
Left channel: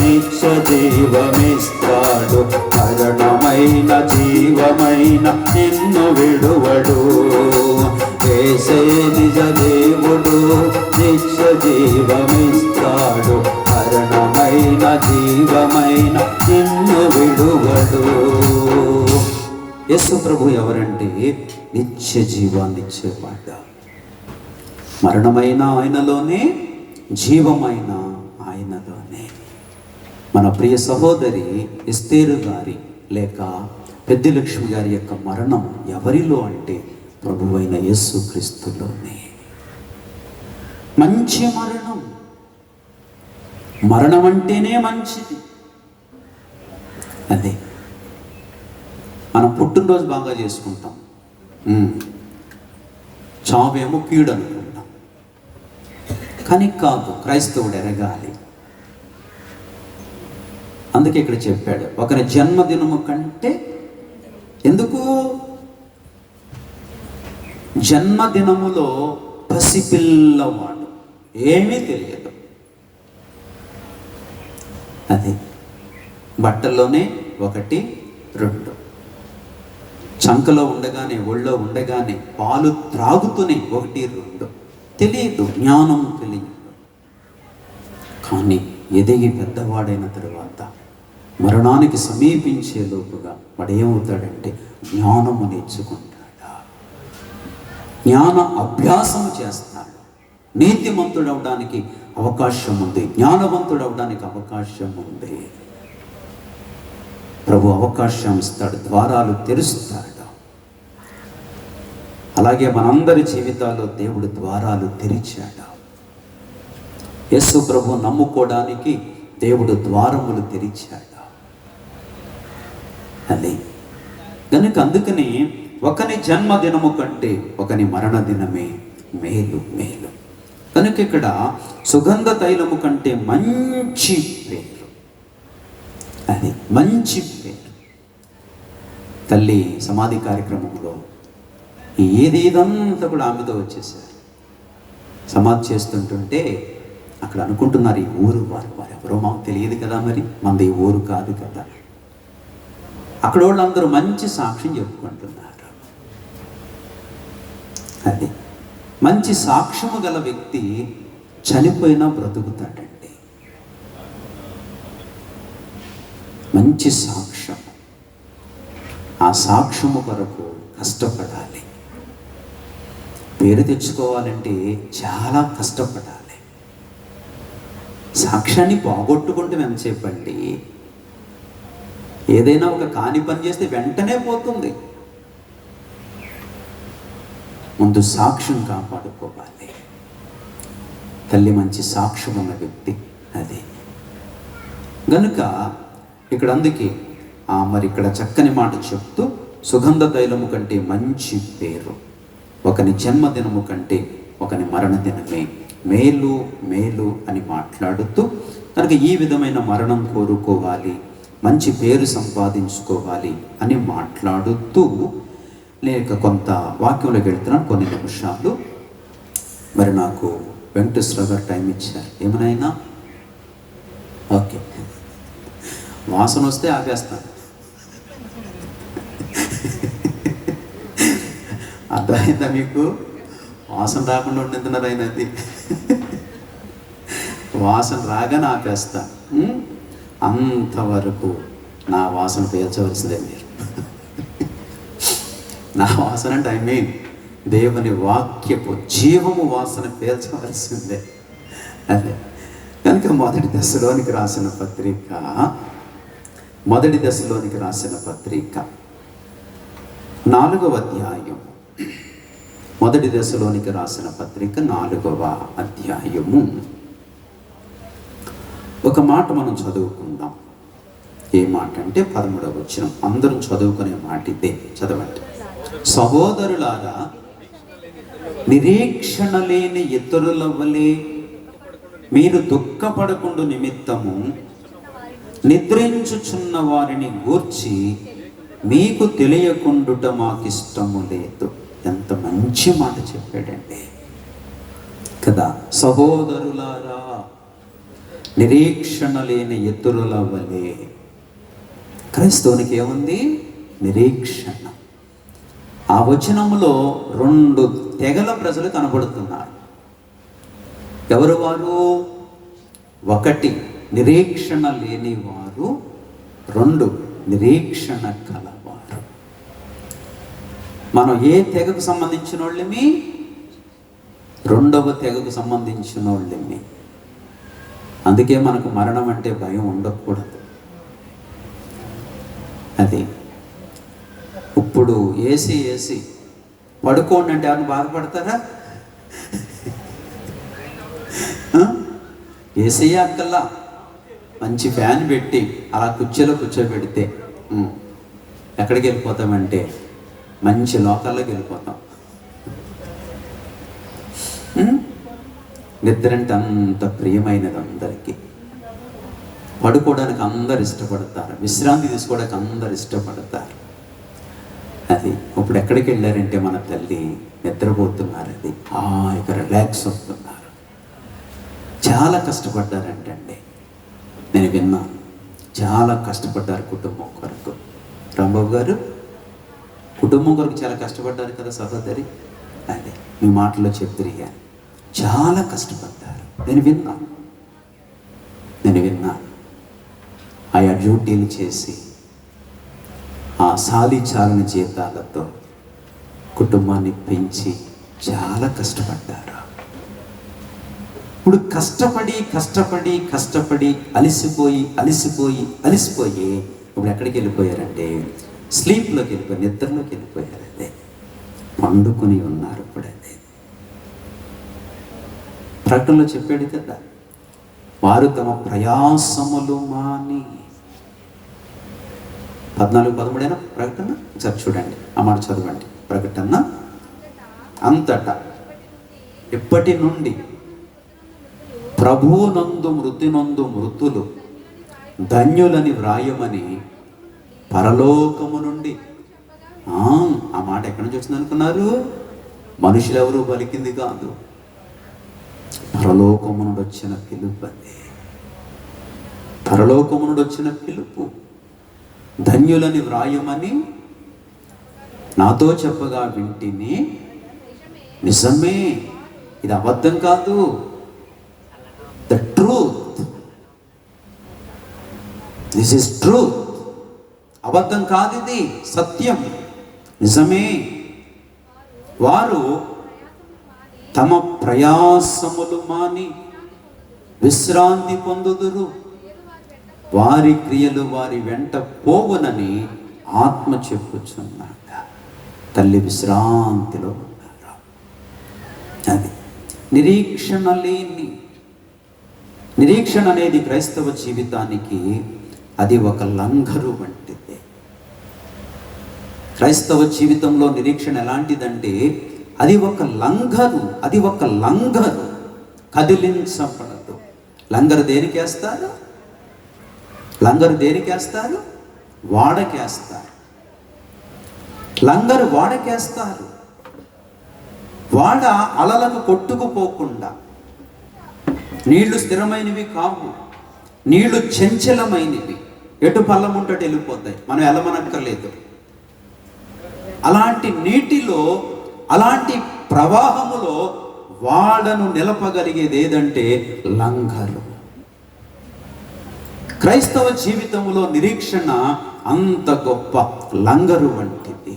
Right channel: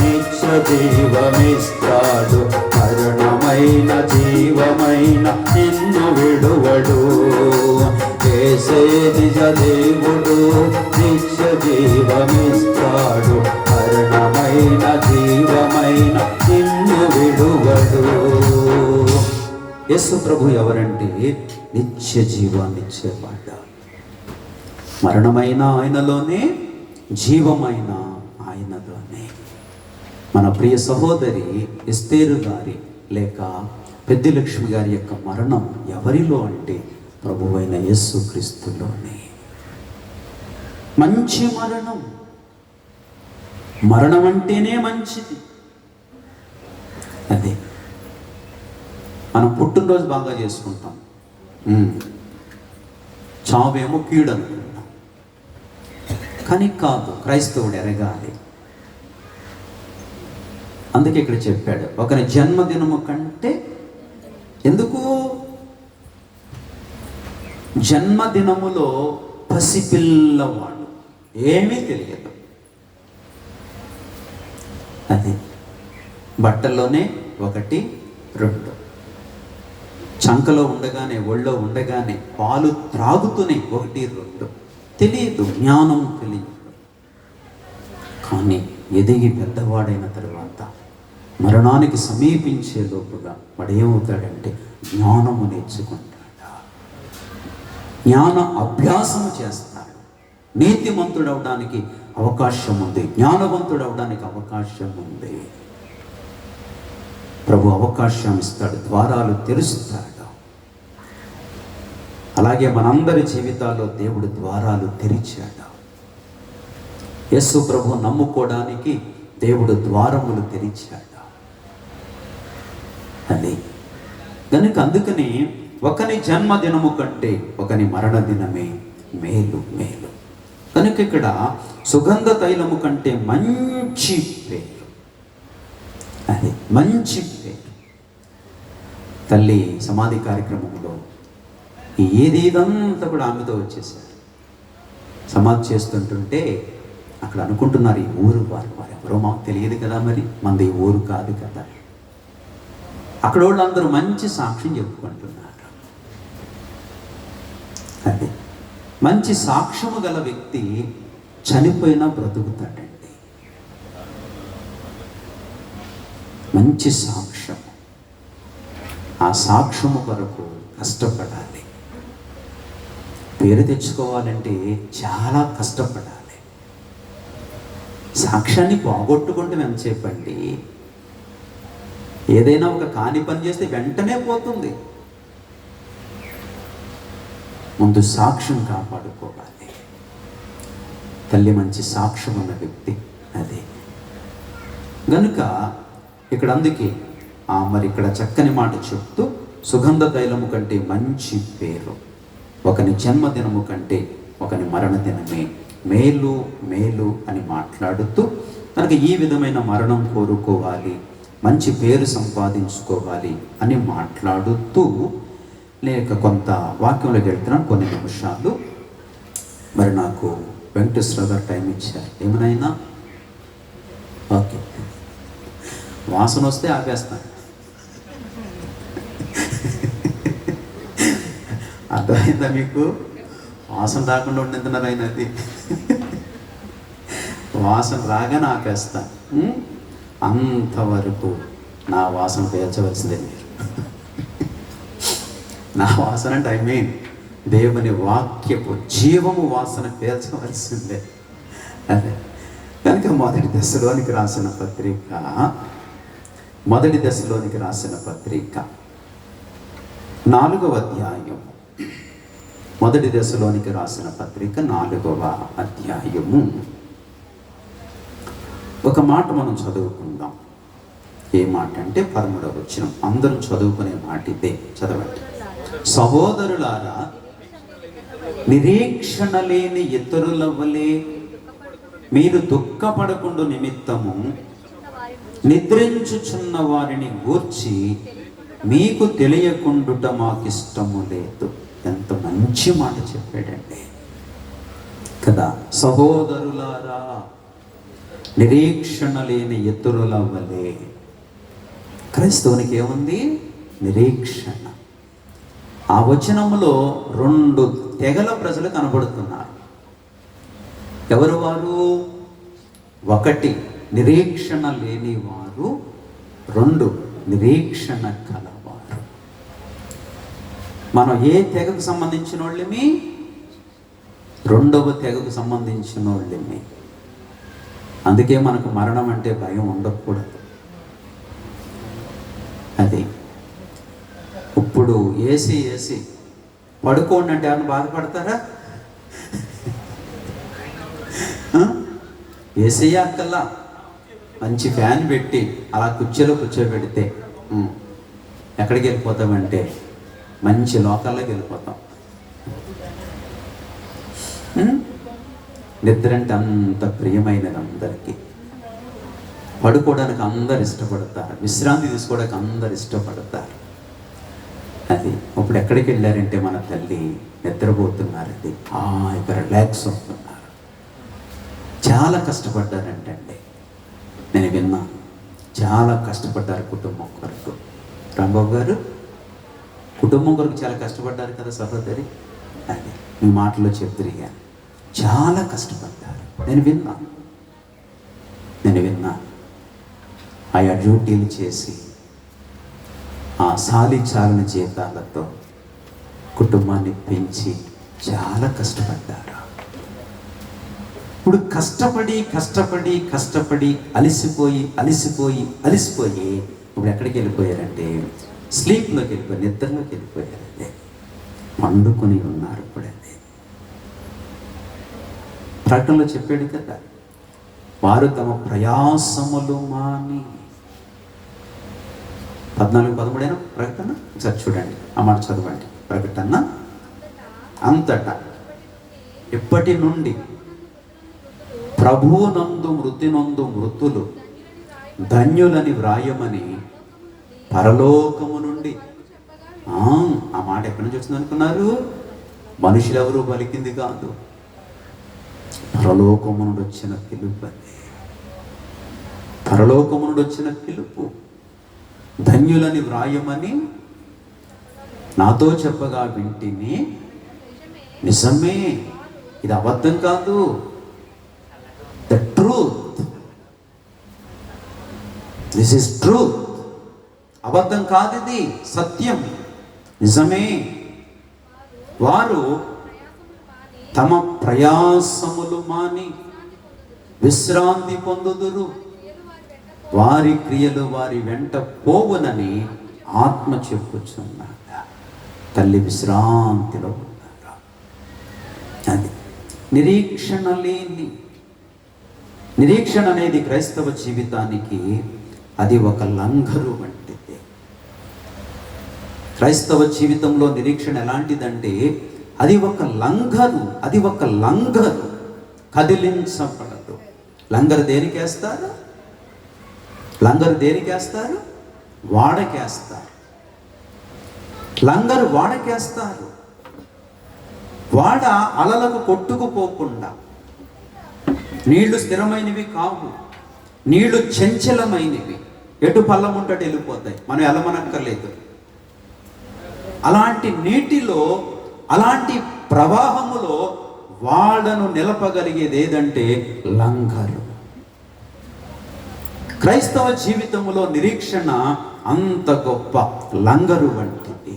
నిత్య జీవమిస్తాడు. మరణమైన జీవమైన నిన్ను విడువడు. యేసే నిజ దేవుడు, నిత్య జీవమిస్తాడు. మరణమైన జీవమైన నిన్ను విడువడు. యేసు ప్రభు ఎవరంటే నిత్య జీవాన్ని ఇచ్చేవాడు. మరణమైన ఆయనలోనే, జీవమైన ఆయనలోనే. మన ప్రియ సహోదరి ఎస్తేరు గారి లేక పెద్దిలక్ష్మి గారి యొక్క మరణం ఎవరిలో అంటే ప్రభువైన యేసు క్రీస్తులోనే. మంచి మరణం. మరణం అంటేనే మంచిది. అదే మనం పుట్టినరోజు బాగా చేసుకుంటాం, చావేమో కీడు అనుకుంటాం. కానీ కాదు, క్రైస్తవుడు ఎరగాలి. అందుకే ఇక్కడ చెప్పాడు, ఒకరి జన్మదినము కంటే. ఎందుకు? జన్మదినములో పసిపిల్లవాడు, ఏమీ తెలియదు. అది బట్టల్లోనే 1, 2, చంకలో ఉండగానే, ఒళ్ళో ఉండగానే, పాలు త్రాగుతూనే 1, 2 తెలియదు, జ్ఞానం తెలియదు. కానీ ఎదిగి పెద్దవాడైన తరువాత మరణానికి సమీపించే లోపుగా వాడు ఏమవుతాడంటే జ్ఞానము నేర్చుకుంటాడు, జ్ఞాన అభ్యాసము చేస్తాడు. నీతిమంతుడు అవడానికి అవకాశం ఉంది, జ్ఞానవంతుడు అవడానికి అవకాశం ఉంది. ప్రభు అవకాశం ఇస్తాడు, ద్వారాలు తెరుస్తాడు. అలాగే మనందరి జీవితాల్లో దేవుడు ద్వారాలు తెరిచాడు. యేసు ప్రభు నమ్ముకోవడానికి దేవుడు ద్వారములు తెరిచాడు. అది కనుక అందుకని ఒకని జన్మదినము కంటే ఒకని మరణ దినమే మేలు మేలు. కనుక ఇక్కడ సుగంధ తైలము కంటే మంచి పేరు, అది మంచి పేరు. తల్లి సమాధి కార్యక్రమంలో ఇదంతా కూడా ఆమెతో వచ్చేసారు. సమాధి చేస్తుంటుంటే అక్కడ అనుకుంటున్నారు, ఈ ఊరు వారు ఎవరో మాకు తెలియదు కదా, మరి మనది ఈ ఊరు కాదు కదా. అక్కడ వాళ్ళందరూ మంచి సాక్ష్యం చెప్పుకుంటున్నారు. అది మంచి సాక్ష్యము గల వ్యక్తి చనిపోయినా బ్రతుకుతాడండి. మంచి సాక్ష్యం. ఆ సాక్ష్యము కొరకు కష్టపడాలి. పేరు తెచ్చుకోవాలంటే చాలా కష్టపడాలి. సాక్ష్యాన్ని పోగొట్టుకుంటే ఎంతసేపండి? ఏదైనా ఒక కాని పని చేస్తే వెంటనే పోతుంది. ముందు సాక్ష్యం కాపాడుకోవాలి. తల్లి మంచి సాక్ష్యం ఉన్న వ్యక్తి. అదే గనుక ఇక్కడ అందుకే మరి ఇక్కడ చక్కని మాట చెప్తూ సుగంధ తైలము కంటే మంచి పేరు, ఒకని జన్మదినము కంటే ఒకని మరణ దినమే మేలు మేలు అని మాట్లాడుతూ, కనుక ఈ విధమైన మరణం కోరుకోవాలి, మంచి పేరు సంపాదించుకోవాలి అని మాట్లాడుతూ లేక కొంత వాక్యంలోకి వెళ్తున్నాం కొన్ని నిమిషాలు. మరి నాకు వెంకటేశ్వర గారు టైం ఇచ్చారు. ఏమనైనా ఓకే, వాసన వస్తే ఆపేస్తాను. అర్థమైందా మీకు? వాసన రాకుండా ఉండేస్తున్నారు ఆయన. అది వాసన రాగానే ఆపేస్తా. అంతవరకు నా వాసన పేర్చవలసిందే మీరు. నా వాసన అంటే ఐ మీన్ దేవుని వాక్యపు జీవము వాసన పీల్చవలసిందే. అదే కనుక మొదటి దశలోనికి రాసిన పత్రిక 4వ అధ్యాయం. మొదటి దశలోనికి రాసిన పత్రిక 4వ అధ్యాయము. ఒక మాట మనం చదువుకుందాం. ఏ మాట అంటే 13వ వచనం. అందరం చదువుకునే మాట ఇదే. చదవండి. సహోదరులారా, నిరీక్షణ లేని ఇతరుల వలె మీరు దుఃఖపడకుండా నిమిత్తము నిద్రించుచున్న వారిని గూర్చి మీకు తెలియకుండుట మాకిష్టము లేదు. ఎంత మంచి మాట చెప్పాడండి కదా. సహోదరులారా, నిరీక్షణ లేని ఇతరుల వలె. క్రైస్తవునికి ఏముంది? నిరీక్షణ. ఆ వచనంలో 2 తెగల ప్రజలు కనబడుతున్నారు. ఎవరు వారు? 1 నిరీక్షణ లేని వారు, 2 నిరీక్షణ కలవారు. మనం ఏ తెగకు సంబంధించిన వాళ్ళమి? 2వ తెగకు సంబంధించిన వాళ్ళమి. అందుకే మనకు మరణం అంటే భయం ఉండకూడదు. అది ఇప్పుడు ఏసీ పడుకోండి అంటే అని బాధపడతారా? ఏసీ అక్కల్లా మంచి ఫ్యాన్ పెట్టి అలా కుర్చీలో కూర్చోబెడితే ఎక్కడికి వెళ్ళిపోతామంటే మంచి లోకాల్లోకి వెళ్ళిపోతాం. నిద్ర అంటే అంత ప్రియమైనది అందరికీ. పడుకోవడానికి అందరు ఇష్టపడతారు, విశ్రాంతి తీసుకోవడానికి అందరు ఇష్టపడతారు. అది ఇప్పుడు ఎక్కడికి వెళ్ళారంటే మన తల్లి నిద్రపోతున్నారు. అది ఇక రిలాక్స్ అవుతున్నారు. చాలా కష్టపడ్డారంటండి. నేను విన్నాను, చాలా కష్టపడ్డారు కుటుంబం కొరకు. రాంబాబు గారు కుటుంబం కొరకు చాలా కష్టపడ్డారు కదా సహోదరి. అది మీ మాటలో చెప్తురిగాను. చాలా కష్టపడ్డారు. నేను విన్నా ఆయా డ్యూటీలు చేసి ఆ చాలని జీతాలతో కుటుంబాన్ని పెంచి చాలా కష్టపడ్డారు. ఇప్పుడు కష్టపడి అలసిపోయి ఇప్పుడు ఎక్కడికి వెళ్ళిపోయారంటే స్లీప్లోకి వెళ్ళిపోయారు, నిద్రలోకి వెళ్ళిపోయారంటే పండుకొని ఉన్నారు. ఇప్పుడు అదే ప్రకటనలో చెప్పాడు కదా, వారు తమ ప్రయాసములు మాని. 14:13 ప్రకటన చూడండి, ఆ మాట చదవండి. ప్రకటన అంతటా ఇప్పటి నుండి ప్రభువునందు మృతినందు మృతులు ధన్యులని వ్రాయమని పరలోకము నుండి. ఆ మాట ఎక్కడి నుంచి వచ్చింది అనుకున్నారు? మనుషులు ఎవరు పలికింది కాదు, పరలోకము నుండి వచ్చిన పిలుపు. పరలోకము నుండి వచ్చిన పిలుపు. ధన్యులని వ్రాయమని నాతో చెప్పగా వింటిని. నిజమే, ఇది అబద్ధం కాదు. The truth, this is truth. అబద్ధం కాదు, ఇది సత్యం, నిజమే. వారు తమ ప్రయాసములు మాని విశ్రాంతి పొందుదురు, వారి క్రియలు వారి వెంట పోవునని ఆత్మ చెప్పుచున్నాడు. తల్లి విశ్రాంతిలో ఉన్నారు. అది నిరీక్షణ అనేది క్రైస్తవ జీవితానికి అది ఒక లంగరు వంటిది. క్రైస్తవ జీవితంలో నిరీక్షణ ఎలాంటిదంటే అది ఒక లంగరు, కదిలించబడదు. లంగరు దేనికేస్తారు? వాడకేస్తారు. లంగరు వాడకేస్తారు. వాడ అలలకు కొట్టుకుపోకుండా. నీళ్లు స్థిరమైనవి కావు, నీళ్లు చంచలమైనవి, ఎటు పల్లం ఉంటట్టు వెళ్ళిపోతాయి, మనం వెళ్ళమనక్కర్లేదు. అలాంటి నీటిలో, అలాంటి ప్రవాహములో వాడను నిలపగలిగేది ఏదంటే లంగరు. క్రైస్తవ జీవితంలో నిరీక్షణ అంత గొప్ప లంగరు వంటిది.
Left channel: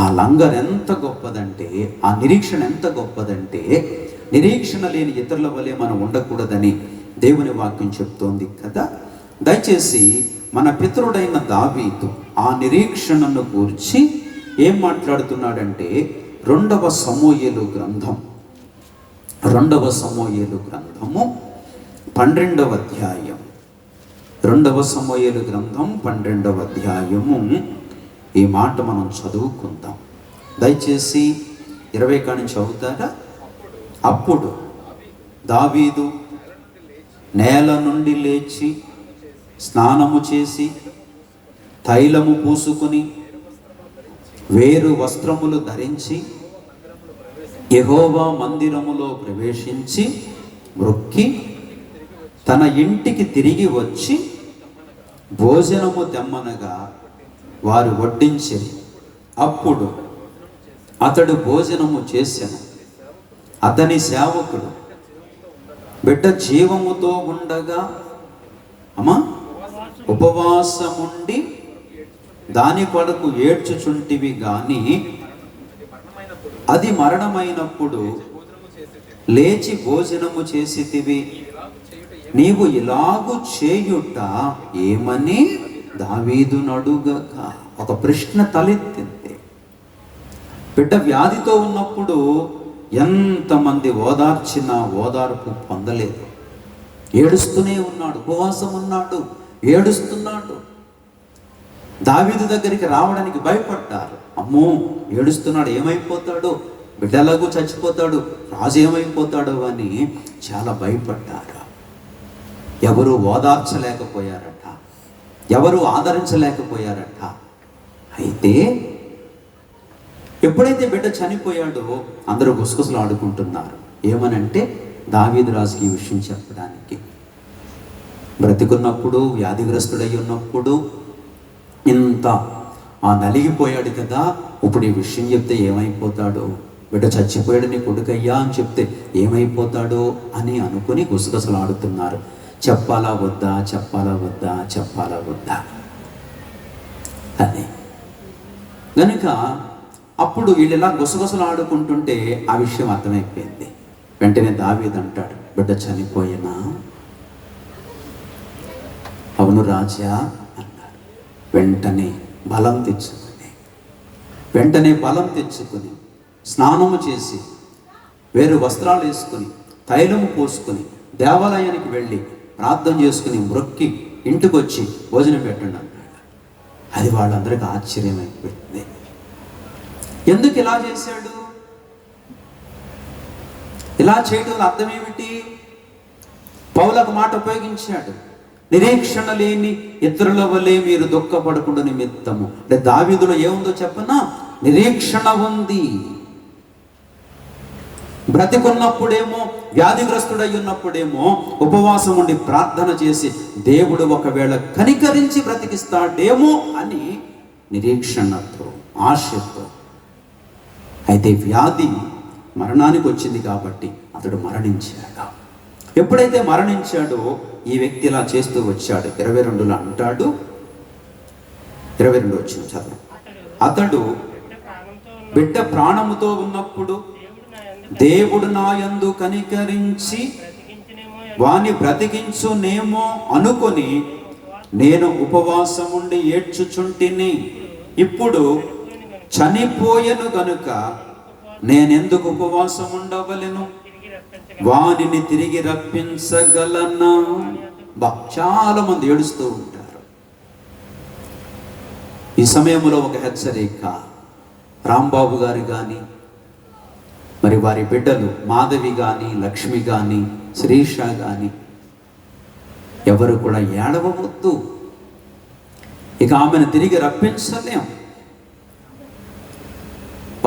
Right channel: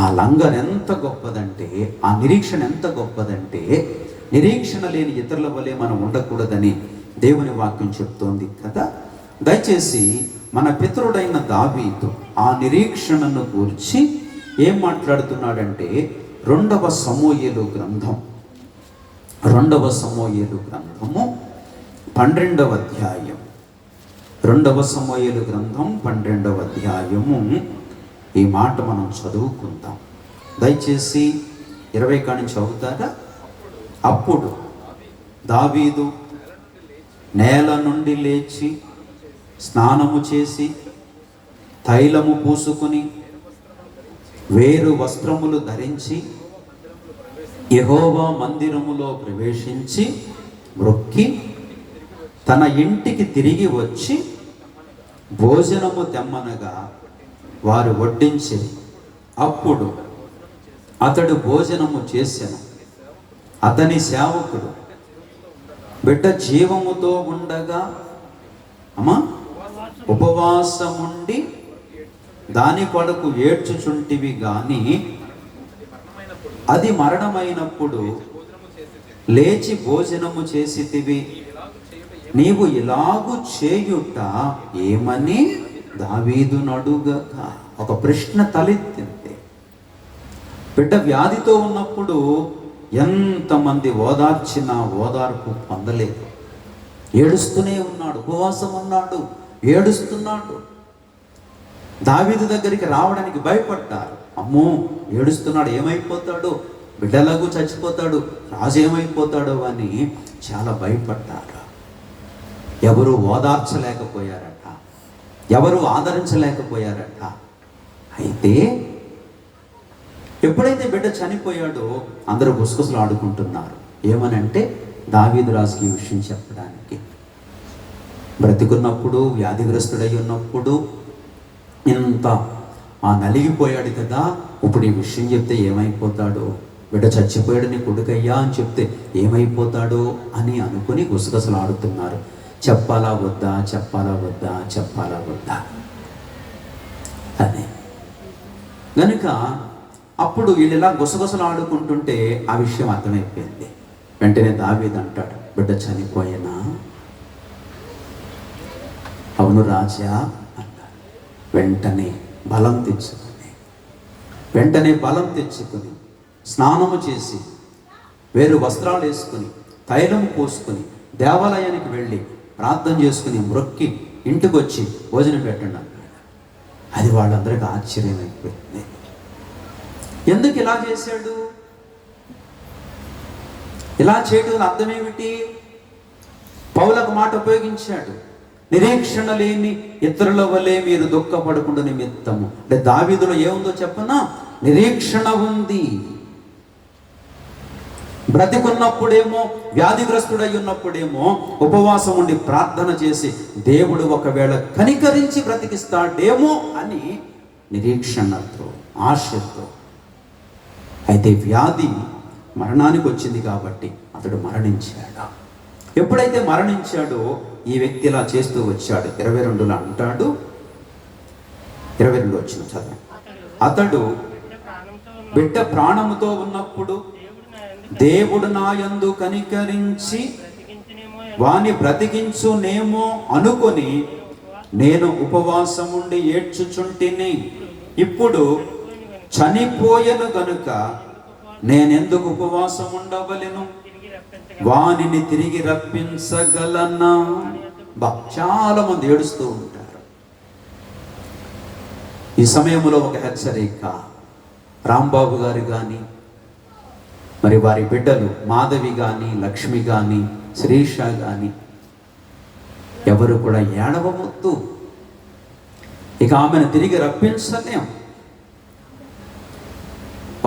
ఆ లంగర్ ఎంత గొప్పదంటే, ఆ నిరీక్షణ ఎంత గొప్పదంటే, నిరీక్షణ లేని ఇతరుల వలె మనం ఉండకూడదని దేవుని వాక్యం చెప్తోంది కదా. దయచేసి మన పితరుడైన దావీదు ఆ నిరీక్షణను గూర్చి ఏం మాట్లాడుతున్నాడంటే, 2వ సమూయేలు గ్రంథము 12వ అధ్యాయం 2వ సమూయేలు గ్రంథం 12వ అధ్యాయము ఈ మాట మనం చదువుకుందాం. దయచేసి 20 కాడి నుంచి చదువుతారా? అప్పుడు దావీదు నేల నుండి లేచి స్నానము చేసి తైలము పూసుకుని వేరు వస్త్రములు ధరించి యెహోవా మందిరములో ప్రవేశించి మ్రొక్కి తన ఇంటికి తిరిగి వచ్చి భోజనము తెమ్మనగా వారు వడ్డించిరి. అప్పుడు అతడు భోజనము చేసెను. అతని సేవకుడు, బిడ్డ జీవముతో ఉండగా ఉపవాసముండి దాని కొరకు ఏడ్చుచుంటివి గాని అది మరణమైనప్పుడు లేచి భోజనము చేసితివి. నీవు ఇలాగు చేయుట ఏమని దావీదు నడుగగా ఒక ప్రశ్న తలెత్తింది. బిడ్డ వ్యాధితో ఉన్నప్పుడు ఎంతమంది ఓదార్చినా ఓదార్పు పొందలేదు. ఏడుస్తూనే ఉన్నాడు, ఉపవాసం ఉన్నాడు, ఏడుస్తున్నాడు. దావీదు దగ్గరికి రావడానికి భయపడ్డారు. అమ్మో, ఏడుస్తున్నాడు, ఏమైపోతాడు, బిడ్డలాగు చచ్చిపోతాడు, రాజు ఏమైపోతాడో అని చాలా భయపడ్డారు. ఎవరు ఓదార్చలేకపోయారట, ఎవరు ఆదరించలేకపోయారట. అయితే ఎప్పుడైతే బిడ్డ చనిపోయాడో అందరూ గుసగుసలు ఆడుకుంటున్నారు. ఏమనంటే దావీదు రాజుకి ఈ విషయం చెప్పడానికి. బ్రతికున్నప్పుడు, వ్యాధిగ్రస్తుడై ఉన్నప్పుడు ఇంత నలిగిపోయాడు కదా, ఇప్పుడు ఈ విషయం చెప్తే ఏమైపోతాడో, బిడ్డ చచ్చిపోయాడు నీ కొడుకయ్యా అని చెప్తే ఏమైపోతాడో అని అనుకుని గుసగుసలు ఆడుతున్నారు. చెప్పాలా వద్దా, చెప్పాలా వద్దా, చెప్పాలా వద్దా అని. కనుక అప్పుడు వీళ్ళు ఇలా గుసగుసలు ఆడుకుంటుంటే ఆ విషయం అర్థమైపోయింది. వెంటనే దావీదు అంటాడు, బిడ్డ చనిపోయినా? అవును రాజా అన్నాడు. వెంటనే బలం తెచ్చుకుని స్నానము చేసి వేరు వస్త్రాలు వేసుకుని తైలము పోసుకుని దేవాలయానికి వెళ్ళి ప్రార్థన చేసుకుని మ్రొక్కి ఇంటికి వచ్చి భోజనం పెట్టండి అన్నాడు. అది వాళ్ళందరికీ ఆశ్చర్యం అయిపోయింది. ఎందుకు ఇలా చేశాడు? ఇలా చేయడం అర్థం ఏమిటి? పౌలకు మాట ఉపయోగించాడు, నిరీక్షణ లేని ఇతరుల వలె మీరు దుఃఖపడకుండా నిమిత్తము. అంటే దావీదులో ఏముందో చెప్పనా? నిరీక్షణ ఉంది. బ్రతికున్నప్పుడేమో, వ్యాధిగ్రస్తుడై ఉన్నప్పుడేమో ఉపవాసం ఉండి ప్రార్థన చేసి దేవుడు ఒకవేళ కనికరించి బ్రతికిస్తాడేమో అని నిరీక్షణతో, ఆశతో. అయితే వ్యాధి మరణానికి వచ్చింది కాబట్టి అతడు మరణించాడు. ఎప్పుడైతే మరణించాడో ఈ వ్యక్తి ఇలా చేస్తూ వచ్చాడు. 22లో అంటాడు, 22 వచ్చిన చదువు. అతడు బిడ్డ ప్రాణముతో ఉన్నప్పుడు దేవుడు నా యందు కనికరించి వాని బ్రతికించునేమో అనుకొని నేను ఉపవాసముండి ఏడ్చుచుంటిని. ఇప్పుడు చనిపోయెను గనుక నేనెందుకు ఉపవాసం ఉండవలెను? వానిని తిరిగి రప్పించగలనా? చాలా మంది ఏడుస్తూ ఉంటారు. ఈ సమయంలో ఒక హెచ్చరిక. రాంబాబు గారు కానీ, మరి వారి బిడ్డలు మాధవి కానీ, లక్ష్మి కానీ, శ్రీష కానీ ఎవరు కూడా ఏడవవద్దు. ఇక ఆమెను తిరిగి రప్పించలేం.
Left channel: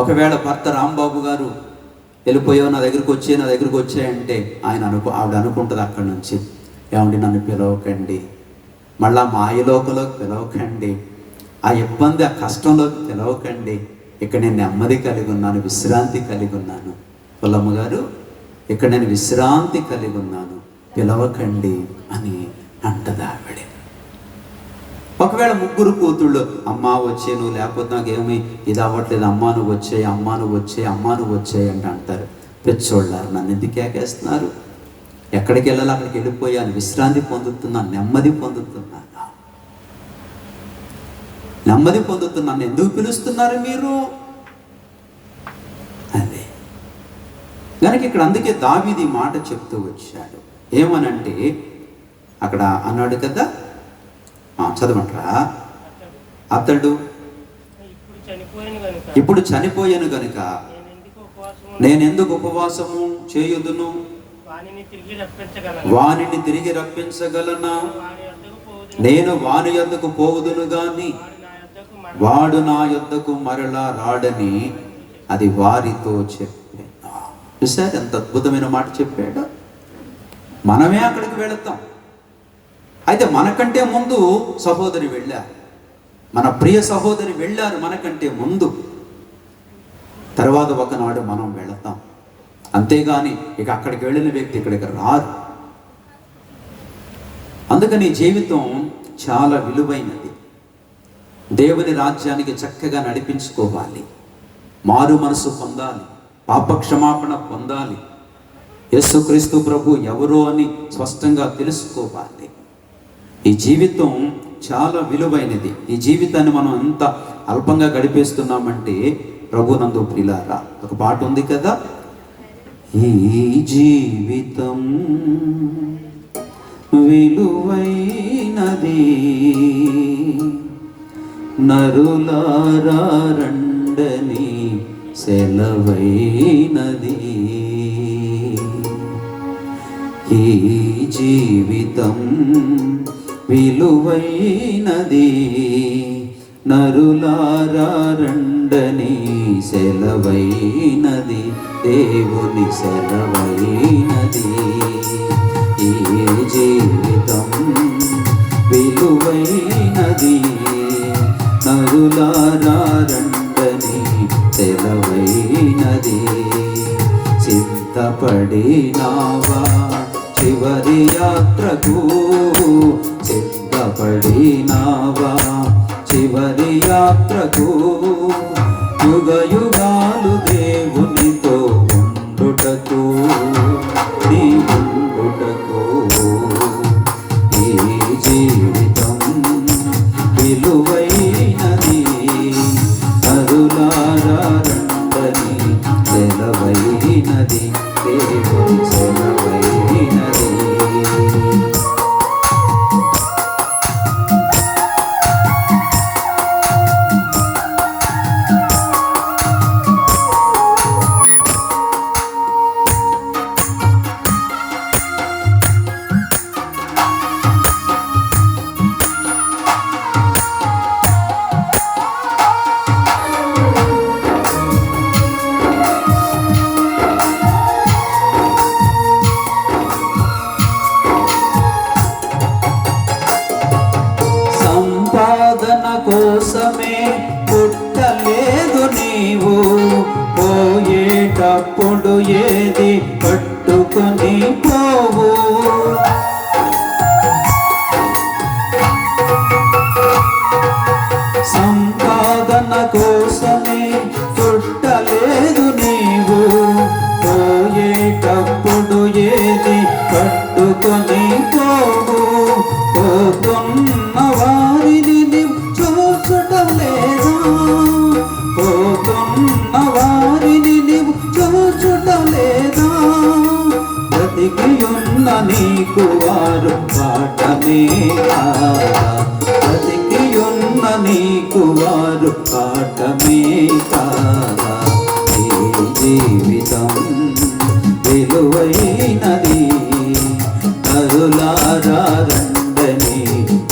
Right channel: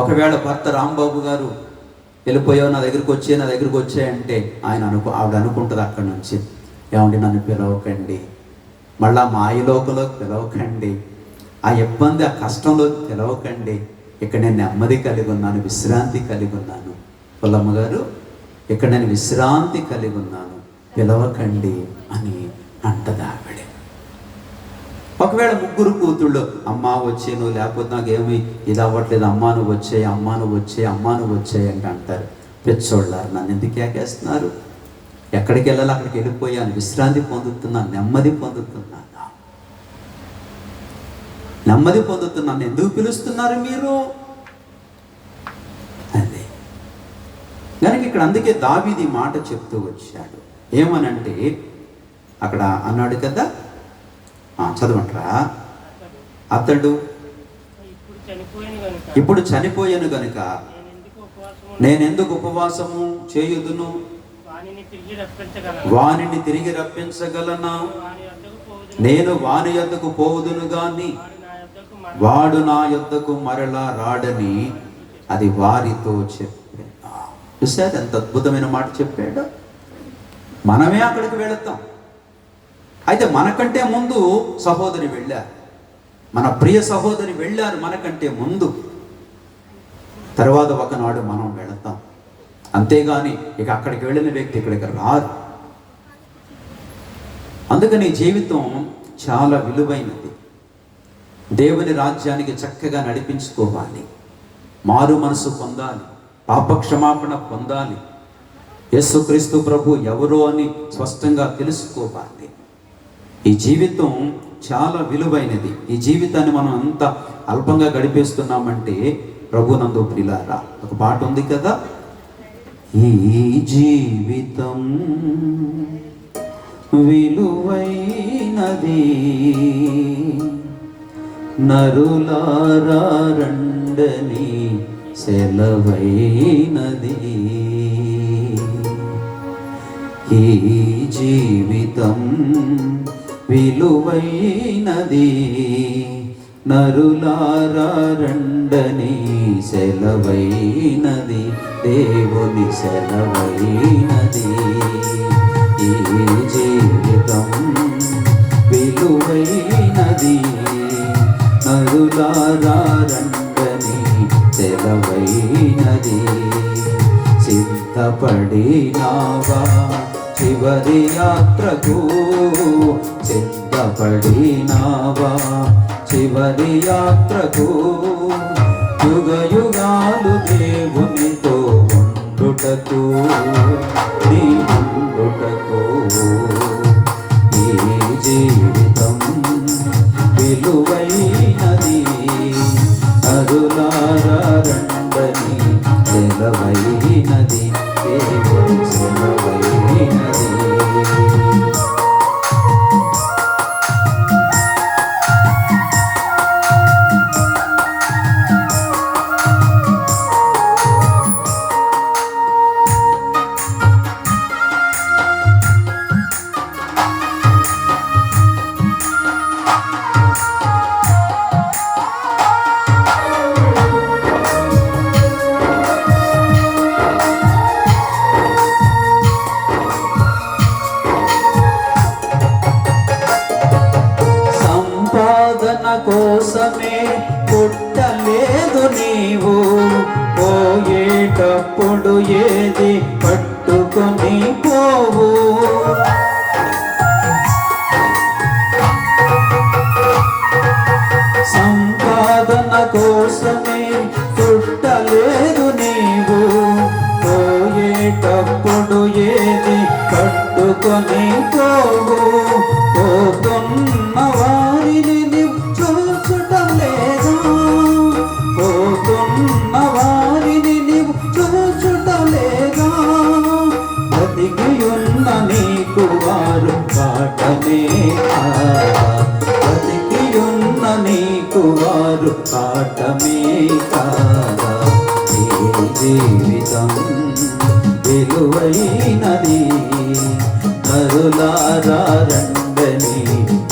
ఒకవేళ భర్త రాంబాబు గారు వెళ్ళిపోయావు, నా దగ్గరికి వచ్చాయంటే ఆవిడ అనుకుంటుంది అక్కడి నుంచి, ఏమండి నన్ను పిలవకండి, మళ్ళా మా ఆయలోకలోకి పిలవకండి, ఆ ఇబ్బంది ఆ కష్టంలోకి పిలవకండి, ఇక్కడ నేను నెమ్మది కలిగి ఉన్నాను, విశ్రాంతి కలిగి ఉన్నాను. పుల్లమ్మ గారు, ఇక్కడ నేను విశ్రాంతి కలిగి ఉన్నాను, పిలవకండి అని అంటది ఆవిడ. ఒకవేళ ముగ్గురు కూతుళ్ళు, అమ్మ వచ్చే నువ్వు, లేకపోతే నాకేమి ఇది అవ్వట్లేదు, అమ్మా నువ్వు వచ్చాయి, అమ్మా నువ్వు వచ్చాయి, అమ్మా నువ్వు వచ్చాయి అంటే అంటారు. పెచ్చోళ్ళారు, నన్ను ఎందుకు కేకేస్తున్నారు? ఎక్కడికి వెళ్ళాలి అక్కడికి వెళ్ళిపోయాను, విశ్రాంతి పొందుతున్నాను, నెమ్మది పొందుతున్నాను, నెమ్మది పొందుతున్నాను, ఎందుకు పిలుస్తున్నారు మీరు? అదే కనుక ఇక్కడ అందుకే దావీదు ఈ మాట చెప్తూ వచ్చాడు. ఏమనంటే అక్కడ అన్నాడు కదా, చదవట్రా, అతడు ఇప్పుడు చనిపోయాను గనుక నేనెందుకు ఉపవాసము చేయుదును, వానిని తిరిగి రప్పించగలనా, నేను వాని యొద్దకు పోవుదును గాని వాడు నా యొద్దకు మరలా రాడని అది వారితో చెప్పాను. చూసారు ఎంత అద్భుతమైన మాట చెప్పాడు. మనమే అక్కడికి వెళతాం. అయితే మనకంటే ముందు సహోదరి వెళ్ళారు, మన ప్రియ సహోదరి వెళ్ళారు మనకంటే ముందు. తర్వాత ఒకనాడు మనం వెళతాం. అంతేగాని ఇక అక్కడికి వెళ్ళిన వ్యక్తి ఇక్కడికి రాదు. అందుకని జీవితం చాలా విలువైనది. దేవుని రాజ్యానికి చక్కగా నడిపించుకోవాలి, మారు మనసు పొందాలి, పాపక్షమాపణ పొందాలి, యేసుక్రీస్తు ప్రభు ఎవరో అని స్పష్టంగా తెలుసుకోవాలి. ఈ జీవితం చాలా విలువైనది. ఈ జీవితాన్ని మనం అంత అల్పంగా గడిపేస్తున్నామంటే ప్రభునందు ప్రియులారా, ఒక పాట ఉంది కదా, ఈ జీవితం విలువైనది నరులారా రండని సెలవైనది. ఈ జీవితం విలువైనది నరులారా రండని సెలవైనది, దేవుని సెలవైనది. ఈ జీవితం విలువైనది నరులారా రండని సెలవైనది. సిద్ధపడినావా చివరి యాత్రకు, సిద్ధపడినావా చివరి యాత్రకు, యుగ యుగాలు దేవునితో ఉండుటకు, నీ ఉండుటకు. ఈ జీవితం విలువైనది నరులారా రండని సెలవైనది, దేవుని సెలవైనది. కోసమే పుట్టలేదు నీవు, పోయేటప్పుడు ఏది పట్టుకొని పోవు. సంపాదన కోసమే పుట్టలేదు నీవు, పోయేటప్పుడు ఏది పట్టుకొని పోవు. పోతున్న వారిని చూచటం లేదా, పోతున్న వారిని నీవు చూచటం లేదా, బ్రతికి ఉన్న నీకు వారు పాఠమే కాదా, బ్రతికి ఉన్న నీకు వారు పాఠమే కాదా. ఈ జీవితం విలువైనది నరులారా రండని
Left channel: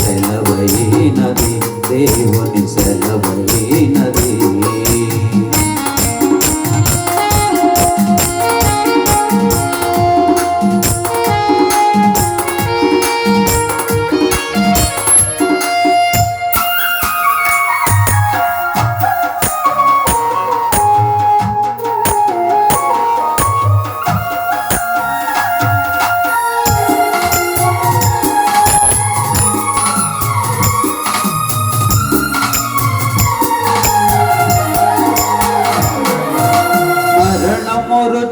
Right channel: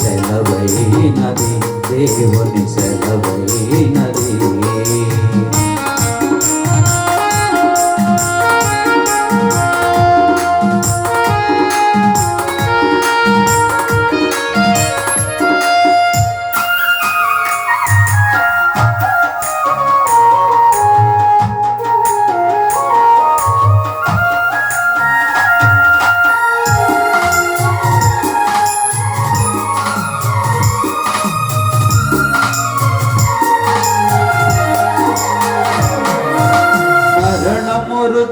సెలవైనది, దేవుని సెలవైనది.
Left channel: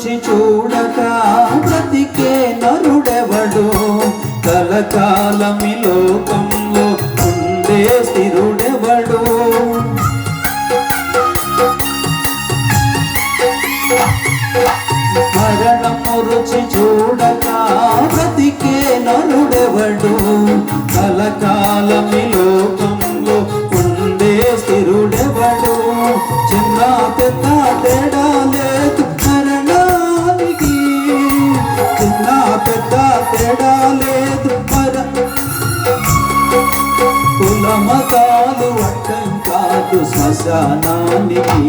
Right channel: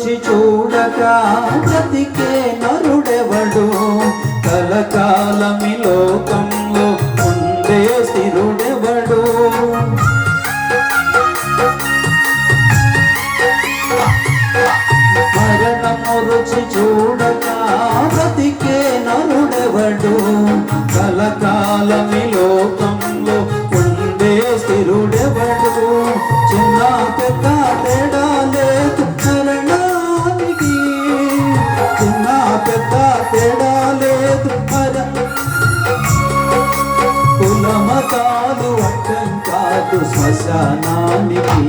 రుచి చూడక బ్రతికే నరుడెవడు, కలకాలమి లోకంలో ఉండే స్థిరుడెవడు. మరణము రుచి చూడక బ్రతికే నరుడెవడు, కలకాలమి లోకంలో ఉండే స్థిరుడెవడు. చిన్న పెద్ద తేడా లేదు మరణానికి, చిన్న పెద్ద తేడా లేదు కుల మతాలు అడ్డం కాదు శ్మశానానికి,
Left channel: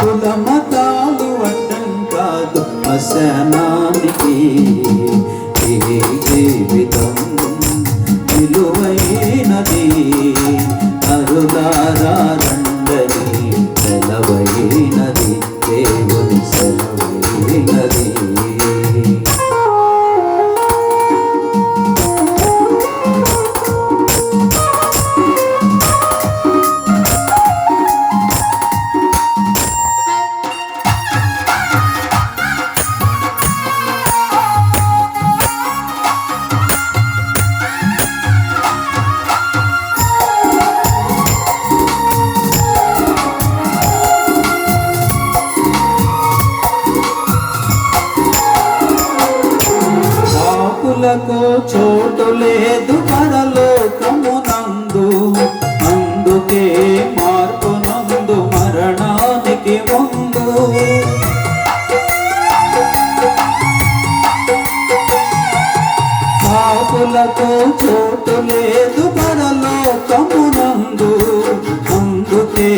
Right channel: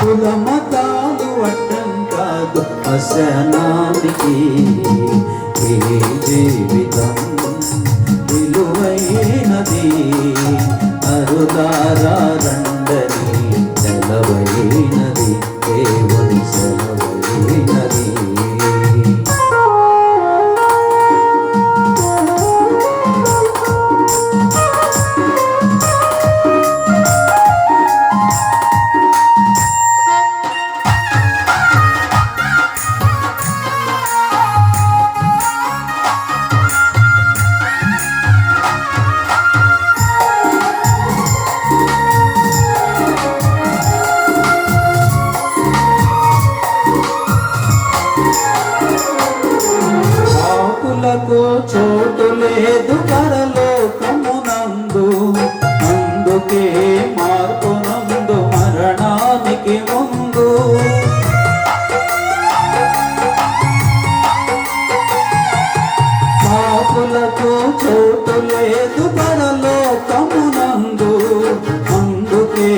కుల మతాలు అడ్డం కాదు శ్మశానానికి. ఈ జీవితం విలువైనది, అరులారా రండని సెలవైనది, దేవుని సెలవైనది. చోటు లేదు పరలోకమునందు, అందుకే మార్పునందు మరణానికి ముందు. పాపులకు చోటు లేదు పరలోకమునందు, అందుకే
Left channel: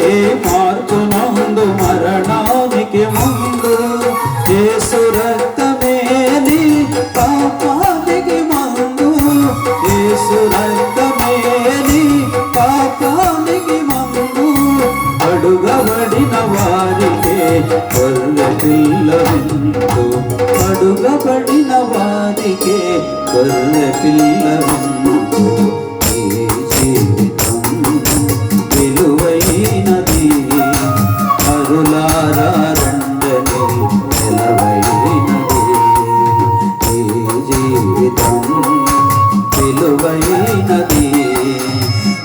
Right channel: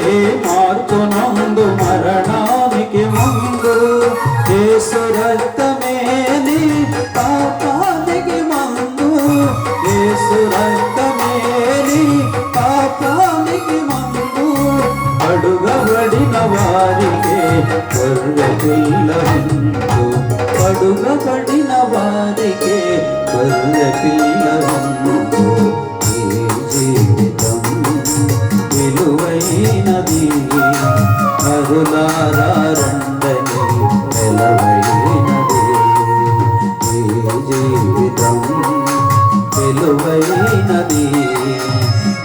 మార్పునందు మరణానికి ముందు. యేసు రక్తమేని పాపానికి మందు, యేసు రక్తమేని పాపానికి మందు. అడుగబడిన వారికే గొర్రె పిల్ల విందు, అడుగబడిన వారికే గొర్రె పిల్ల విందు. ఈ జీవితం విలువైనది, అరులారా రండని సెలవైనది. ఈ జీవితం విలువైనది,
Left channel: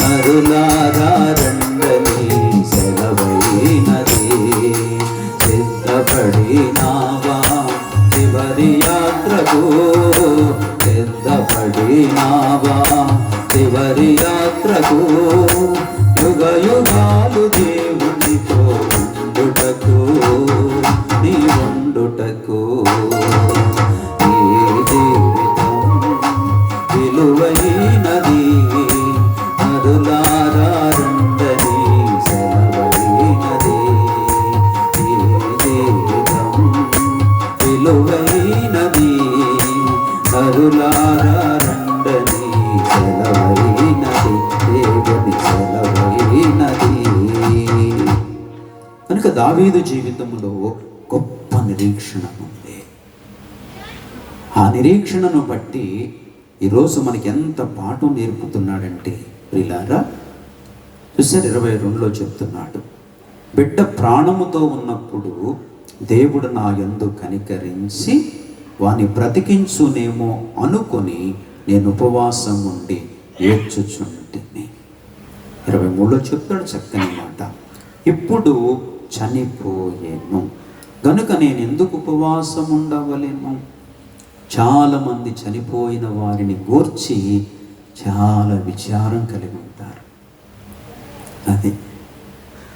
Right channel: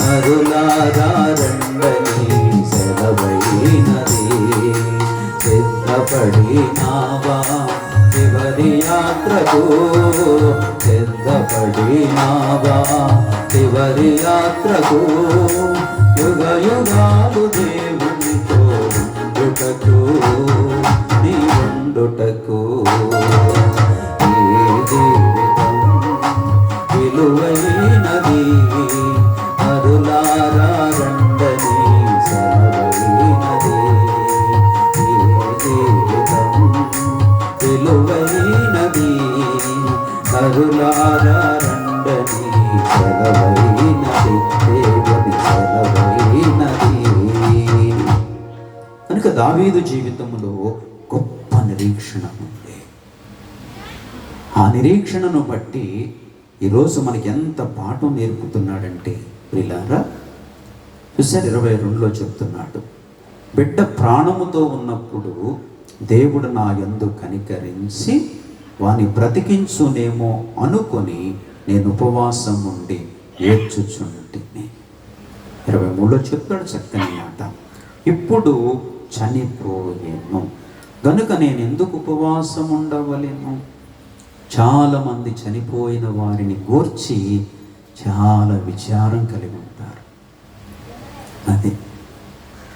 అరులారా రండని సెలవైనది. సిద్ధపడినావా చివరి యాత్రకు, సిద్ధపడినావా చివరి యాత్రకు. యుగ యుగాలు దేవునితో ఉండుటకు, నీ ఉండుటకు. ఈ జీవితం విలువైనది, అరులారా రండని సెలవైనది. ఈ జీవితం విలువైనది, అరులారా రండని సెలవైనది, దేవుని సెలవైనది. కనుక దావీదు జీవితంలో గొప్ప నిరీక్షణ ఉంది. ఆ నిరీక్షణను బట్టి ఈరోజు మనకి ఎంత పాఠం నేర్పుతున్నాడంటే ప్రియులారా, చూసారు 22లో చెప్తున్నాడు, బిడ్డ ప్రాణముతో ఉన్నప్పుడు దేవుడు నా యందు కనికరించి వాని బ్రతికించునేమో అనుకొని నేను ఉపవాసం ఉండి ఏడ్చుచుంటిని. 23లో చెప్తాడు చక్కని మాట, ఇప్పుడు చనిపోయేను గనుక నేను ఎందుకు ఉపవాసం ఉండవలేను. చాలామంది చనిపోయిన వారిని గూర్చి చాలా విచారం కలిగి ఉంటారు. అది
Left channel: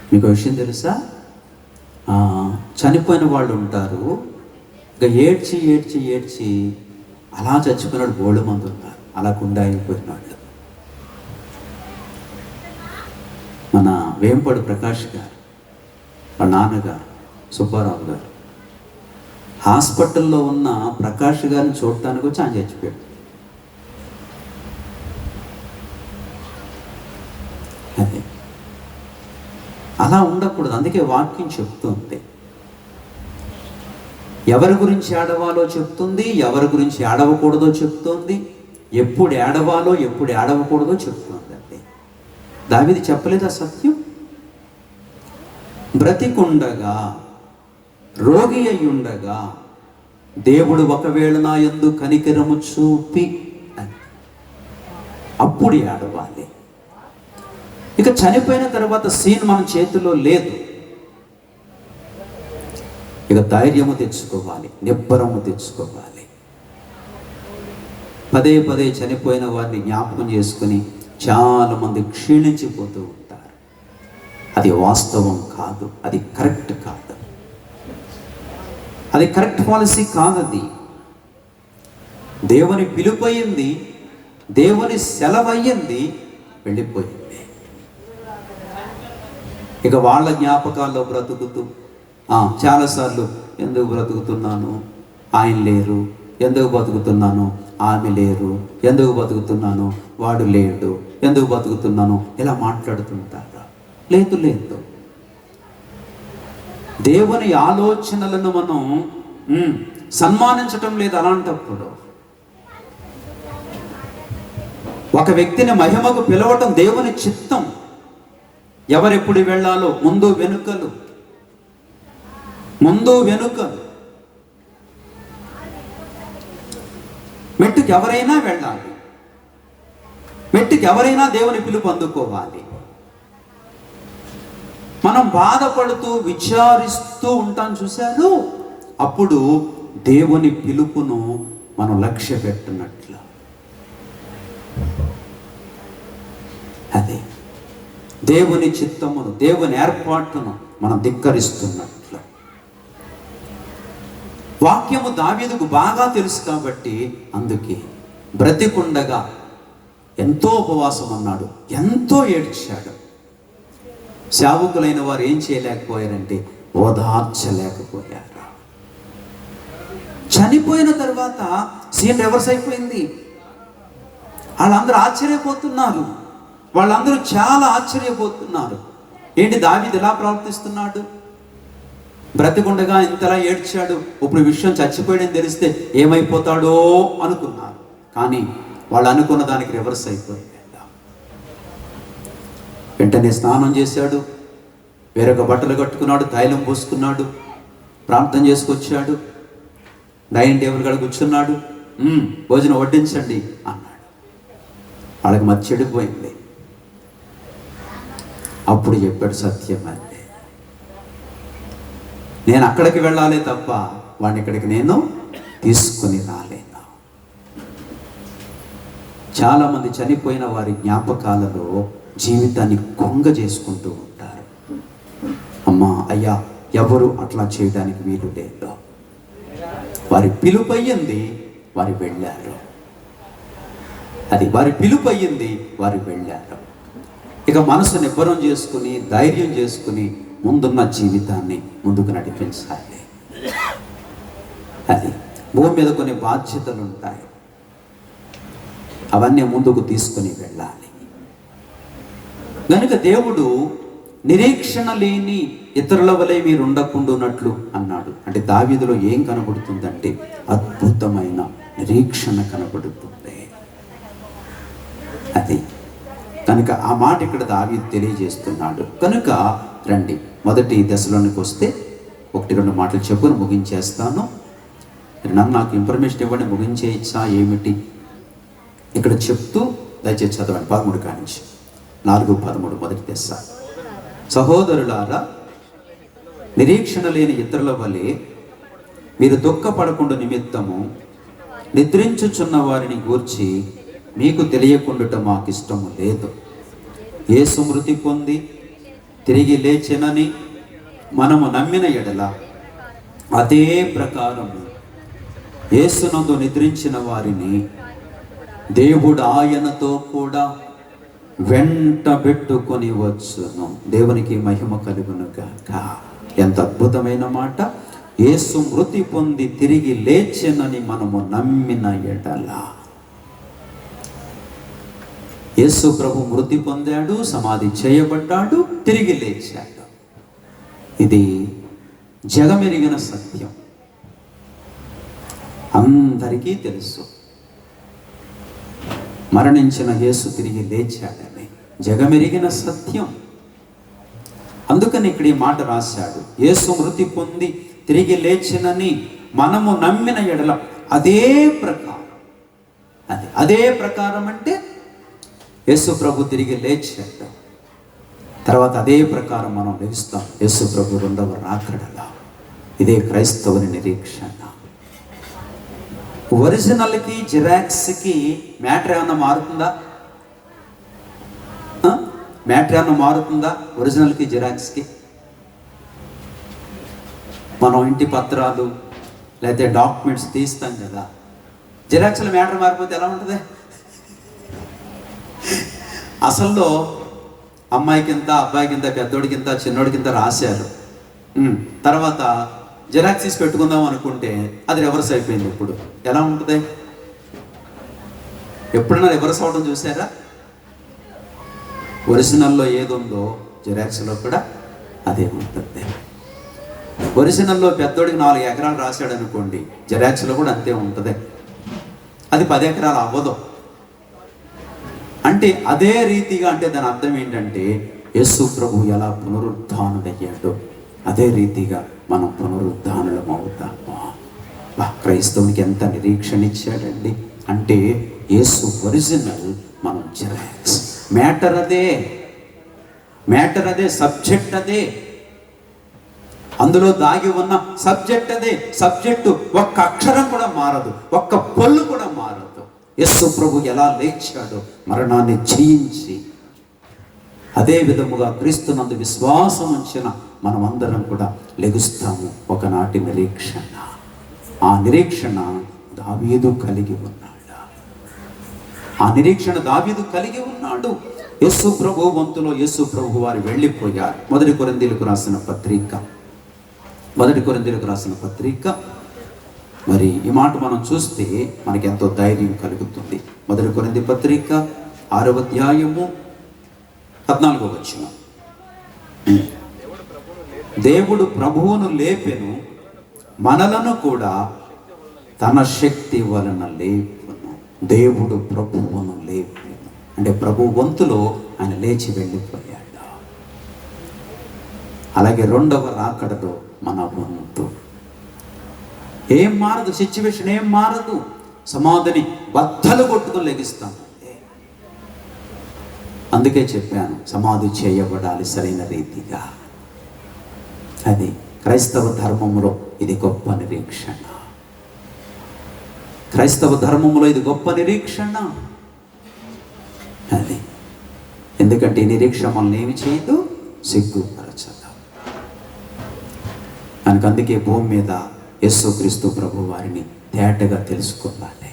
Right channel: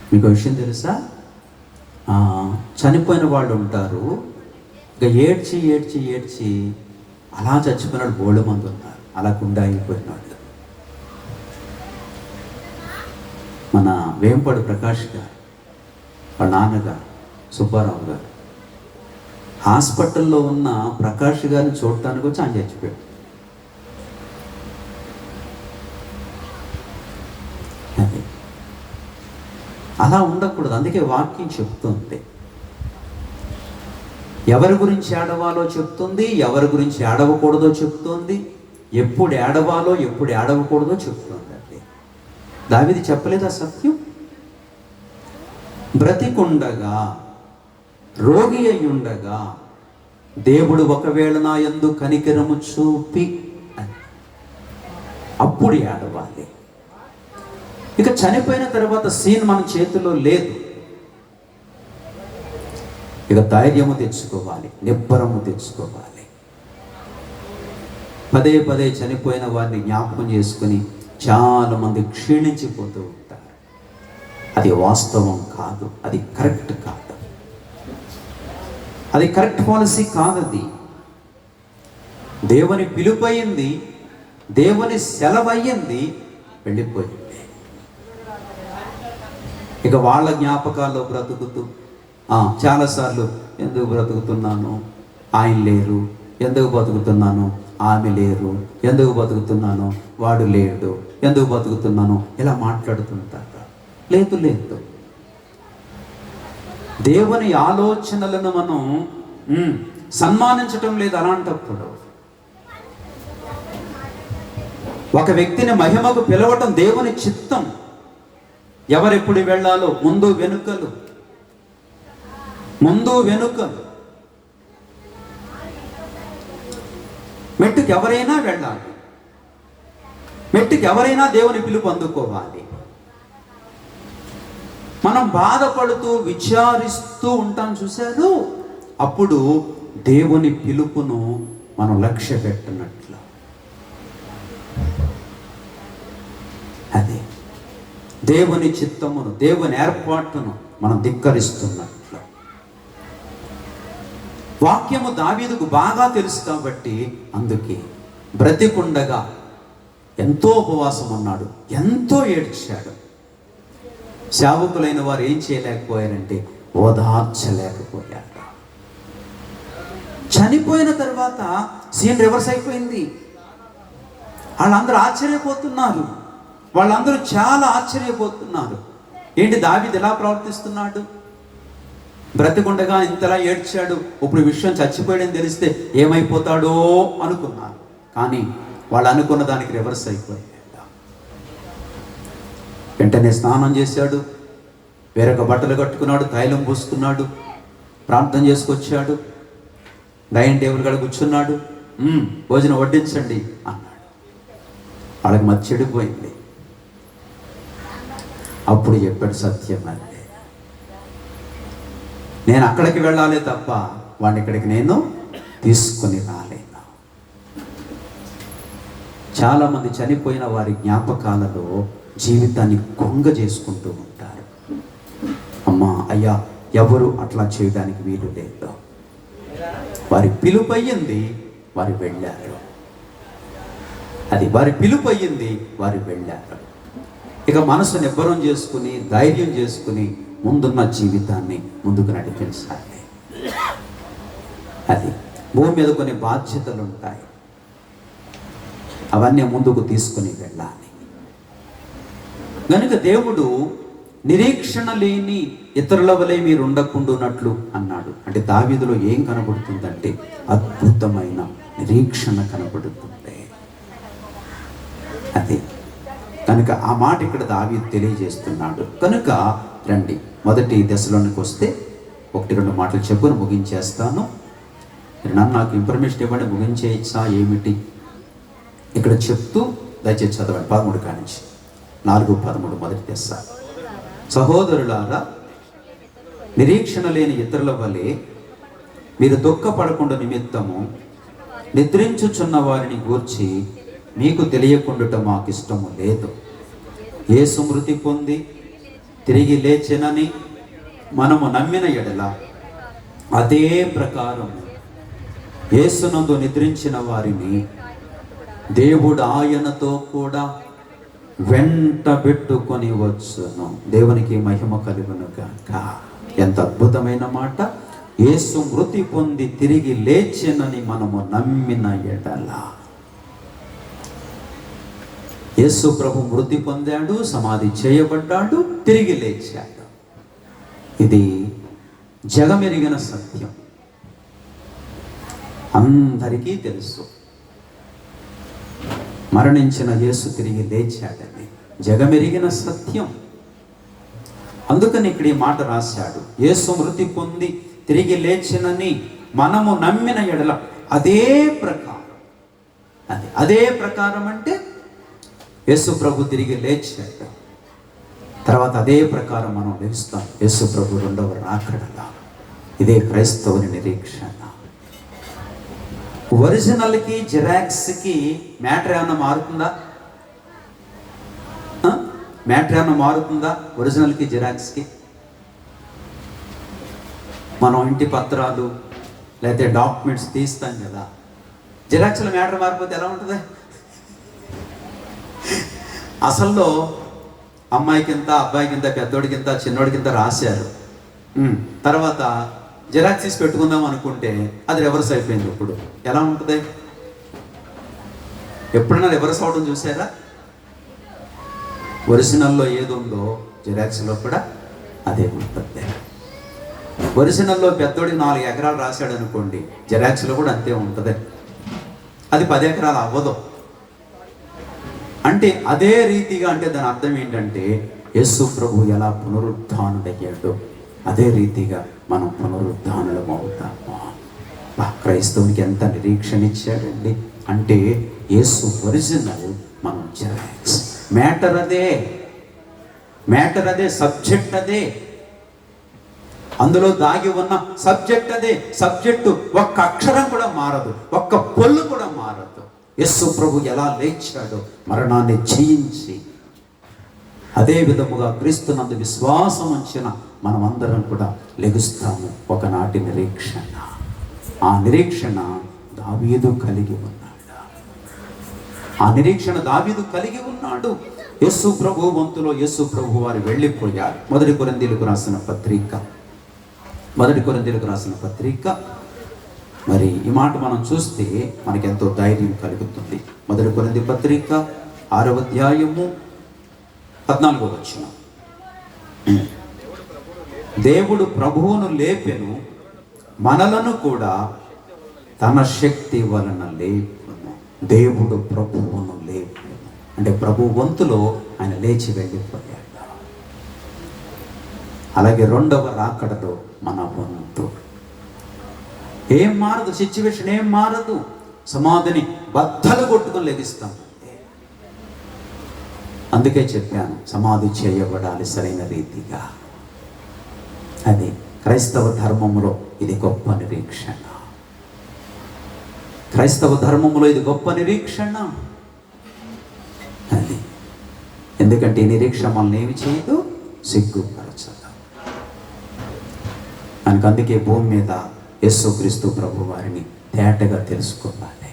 మీకు విషయం తెలుసా, చనిపోయిన వాళ్ళు ఉంటారు, ఇక ఏడ్చి ఏడ్చి ఏడ్చి అలా చచ్చిపోయినాడు బోళ్ళ మంది ఉంటారు, అలా కుండా అయిపోయినాడు. మన వేంపడు ప్రకాష్ గారు వాళ్ళ నాన్నగారు సుబ్బారావు గారు హాస్పిటల్లో ఉన్న ప్రకాష్ గారిని చూడటానికి వచ్చి ఆయన చచ్చిపోయాడు. అలా ఉండకూడదు. అందుకే వాక్యం చెప్తుంది, ఎవరి గురించి ఏడవాలో చెప్తుంది, ఎవరి గురించి ఏడవకూడదో చెప్తోంది, ఎప్పుడు ఏడవాలో ఎప్పుడు ఏడవకూడదో చెప్తోంది. అంటే దావీదు చెప్పలేదా సత్యం? బ్రతికుండగా రోగి అయి ఉండగా దేవుడు ఒకవేళ నా యందు కనికరము చూపి అని అప్పుడు ఏడవాలి. ఇక చనిపోయిన తర్వాత సీన్ మన చేతిలో లేదు. ఇక ధైర్యము తెచ్చుకోవాలి, నిబ్బరము తెచ్చుకోవాలి. పదే పదే చనిపోయిన వారిని జ్ఞాపకం చేసుకుని చాలా మంది క్షీణించిపోతూ ఉంటారు. అది వాస్తవం కాదు, అది కరెక్ట్ కాదు, అది కరెక్ట్ పాలసీ కాదది. దేవుని పిలుపయింది, దేవుని సెలవయ్యింది, వెళ్ళిపోయింది. ఇక వాళ్ళ జ్ఞాపకాల్లో బ్రతుకుతూ చాలాసార్లు ఎందుకు బ్రతుకుతున్నాను, ఆయన లేరు, ఎందుకు బతుకుతున్నాను, ఆమె లేరు, ఎందుకు బతుకుతున్నాను, వాడు లేడు, ఎందుకు బతుకుతున్నాను, ఇలా మాట్లాడుతుంటారు. లేదు లేదు, దేవుని ఆలోచనలను మనం సన్మానించటం లేదు. అలాంటప్పుడు ఒక వ్యక్తిని మహిమకు పిలవటం దేవుని చిత్తం. ఎవరెప్పుడు వెళ్ళాలో ముందు వెనుకలు, మెట్టుకు ఎవరైనా వెళ్ళాలి, మెట్టుకు ఎవరైనా దేవుని పిలుపు అందుకోవాలి. మనం బాధపడుతూ విచారిస్తూ ఉంటాం చూశాను, అప్పుడు దేవుని పిలుపును మనం లక్ష్య పెట్టినట్లు. అదే దేవుని చిత్తమును, దేవుని ఏర్పాటును మనం ధిక్కరిస్తున్నట్లు. వాక్యము దావీదుకు బాగా తెలుసు కాబట్టి అందుకే బ్రతికుండగా ఎంతో ఉపవాసం ఉన్నాడు, ఎంతో ఏడ్చాడు. సేవకులైన వారు ఏం చేయలేకపోయారంటే ఓదార్చలేకపోయారు. చనిపోయిన తర్వాత సీన్ రివర్స్ అయిపోయింది. వాళ్ళందరూ ఆశ్చర్యపోతున్నారు, వాళ్ళందరూ చాలా ఆశ్చర్యపోతున్నారు. ఏంటి దావీదు ఎలా ప్రవర్తిస్తున్నాడు, బ్రతికుండగా ఇంతలా ఏడ్చాడు, ఇప్పుడు విషయం చచ్చిపోయాడని తెలిస్తే ఏమైపోతాడో అనుకున్నారు. కానీ వాళ్ళు అనుకున్న దానికి రివర్స్ అయిపోయాడు. వెంటనే స్నానం చేశాడు, వేరొక బట్టలు కట్టుకున్నాడు, తైలం పూసుకున్నాడు, ప్రార్థన చేసుకొచ్చాడు, డైనింగ్ టేబుల్ కాడ కూర్చున్నాడు. భోజనం వడ్డించండి అన్నాడు. వాళ్ళకి మతి చెడిపోయింది. అప్పుడు చెప్పాడు, సత్యం అంటే నేను అక్కడికి వెళ్ళాలి తప్ప వాడిని ఇక్కడికి నేను తీసుకొని రాలేను. చాలామంది చనిపోయిన వారి జ్ఞాపకాలలో జీవితాన్ని కొంగ చేసుకుంటూ ఉంటారు. అమ్మా అయ్యా ఎవరు అట్లా చేయడానికి వీలు లేదు. వారి పిలుపు అయ్యింది, వారు వెళ్ళారు. అది వారి పిలుపు అయ్యింది, వారు వెళ్ళారు. ఇక మనసు నిబ్బరం చేసుకుని, ధైర్యం చేసుకుని ముందున్న జీవితాన్ని ముందుకు నడిపించాలి. అది భూమి మీద కొన్ని బాధ్యతలు ఉంటాయి, అవన్నీ ముందుకు తీసుకుని వెళ్ళాలి. కనుక దేవుడు నిరీక్షణ లేని ఇతరుల వలె మీరు ఉండకుండానట్లు అన్నాడు. అంటే దావీదులో ఏం కనబడుతుందంటే అద్భుతమైన నిరీక్షణ కనబడుతుంది. అది కనుక ఆ మాట ఇక్కడ దావీదు తెలియజేస్తున్నాడు. కనుక రండి మొదటి దశలోనికి వస్తే 1-2 మాటలు చెప్పుకొని ముగించేస్తాను. నన్ను నాకు ఇన్ఫర్మేషన్ ఇవ్వండి, ముగించేయచ్చా ఏమిటి ఇక్కడ చెప్తూ దయచేసి చదవండి. 13 కానించి 4:13 మొదటి దశ. సహోదరులారా, నిరీక్షణ లేని ఇతరుల వలె మీరు దుఃఖపడకుండా నిమిత్తము నిద్రించుచున్న వారిని గూర్చి మీకు తెలియకుండా మాకు ఇష్టము లేదు. యేసు మృతి పొంది తిరిగి లేచెనని మనము నమ్మిన ఎడల అదే ప్రకారము యేసునందు నిద్రించిన వారిని దేవుడు ఆయనతో కూడా వెంట పెట్టుకొని వచ్చును. దేవునికి మహిమ కలుగును గాక. ఎంత అద్భుతమైన మాట. యేసు మృతి పొంది తిరిగి లేచెనని మనము నమ్మిన ఎడల. యేసు ప్రభు మృతి పొందాడు, సమాధి చేయబడ్డాడు, తిరిగి లేచాడు. ఇది జగమెరిగిన సత్యం, అందరికీ తెలుసు. మరణించిన యేసు తిరిగి లేచాడని జగమెరిగిన సత్యం. అందుకని ఇక్కడ ఈ మాట రాశాడు, యేసు మృతి పొంది తిరిగి లేచినని మనము నమ్మిన ఎడల అదే ప్రకారం, అదే ప్రకారం అంటే యేసు ప్రభు తిరిగి లేచాక తర్వాత అదే ప్రకారం మనం లెగుస్తాం యేసు ప్రభు రెండవ రాకడలా. ఇదే క్రైస్తవుని నిరీక్షణ. ఒరిజినల్కి జిరాక్స్కి మ్యాటర్ ఏమన్నా మారుతుందా? మ్యాటర్ ఏమన్నా మారుతుందా? ఒరిజినల్కి జిరాక్స్కి మనం ఇంటి పత్రాలు లేకపోతే డాక్యుమెంట్స్ తీస్తాం కదా, జిరాక్స్లో మ్యాటర్ మారిపోతే ఎలా ఉంటుంది? అసల్లో అమ్మాయికింత, అబ్బాయికింత, పెద్దోడికింత, చిన్నోడికింత రాశారు. తర్వాత జిరాక్స్ తీసి పెట్టుకుందాం అనుకుంటే అది రివర్స్ అయిపోయింది. ఇప్పుడు ఎలా ఉంటుంది? ఎప్పుడైనా రివర్స్ అవడం చూసారా? ఒరిజినల్లో ఏది ఉందో జిరాక్స్లో కూడా అదే ఉంటుంది. ఒరిజినల్లో పెద్దోడికి 4 ఎకరాలు రాశాడు అనుకోండి, జిరాక్స్లో కూడా అంతే ఉంటుంది. అది 10 ఎకరాలు అవ్వదు. అంటే అదే రీతిగా, అంటే దాని అర్థం ఏంటంటే యేసు ప్రభు ఎలా పునరుద్ధానుడయ్యాడో అదే రీతిగా మనం పునరుద్ధానులం అవుతాము. క్రైస్తవునికి ఎంత నిరీక్షణ ఇచ్చాడండి. అంటే యేసు ఒరిజినల్, మనం జిరాక్స్. మ్యాటర్ అదే, సబ్జెక్ట్ అదే, అందులో దాగి ఉన్న సబ్జెక్ట్ అదే. సబ్జెక్టు ఒక్క అక్షరం కూడా మారదు, ఒక్క పొల్లు కూడా మారదు. యేసు ప్రభు ఎలా లేచాడో మరణాన్ని జయించి, అదే విధముగా క్రీస్తునందు విశ్వాసం ఉంచిన మనం అందరం కూడా లెగుస్తాము. ఒకనాటి నిరీక్షణ. ఆ నిరీక్షణ దావీదు కలిగి ఉన్నాడు. యేసు ప్రభు వంతులో యేసు ప్రభు వారు వెళ్ళిపోయారు. మొదటి కొరింథీయులకు రాసిన పత్రిక మరి ఈ మాట మనం చూస్తే మనకి ఎంతో ధైర్యం కలుగుతుంది. మొదటి కొరింథీ పత్రిక 6వ అధ్యాయము 14వ వచనం. దేవుడు ప్రభువును లేపెను, మనలను కూడా తన శక్తి వలన లేపెను. దేవుడు ప్రభువును లేపెను అంటే ప్రభు వంతులో ఆయన లేచి వెళ్ళిపోయాడు. అలాగే రెండవ రాకడలో మన వంతు ఏం మారదు, సిచ్యువేషన్ ఏం మారదు. సమాధిని బద్దలు కొట్టుకొని లెగిస్తాం. అందుకే చెప్పాను, సమాధి చేయబడాలి సరైన రీతిగా. అది క్రైస్తవ ధర్మంలో ఇది గొప్ప నిరీక్షణ. అది ఎందుకంటే ఈ నిరీక్షణ మనల్ని ఏమి చేయదు, సిగ్గుపరచదు. అందుకే భూమి మీద యేసుక్రీస్తు ప్రభు వారిని తేటగా తెలుసుకోవాలి.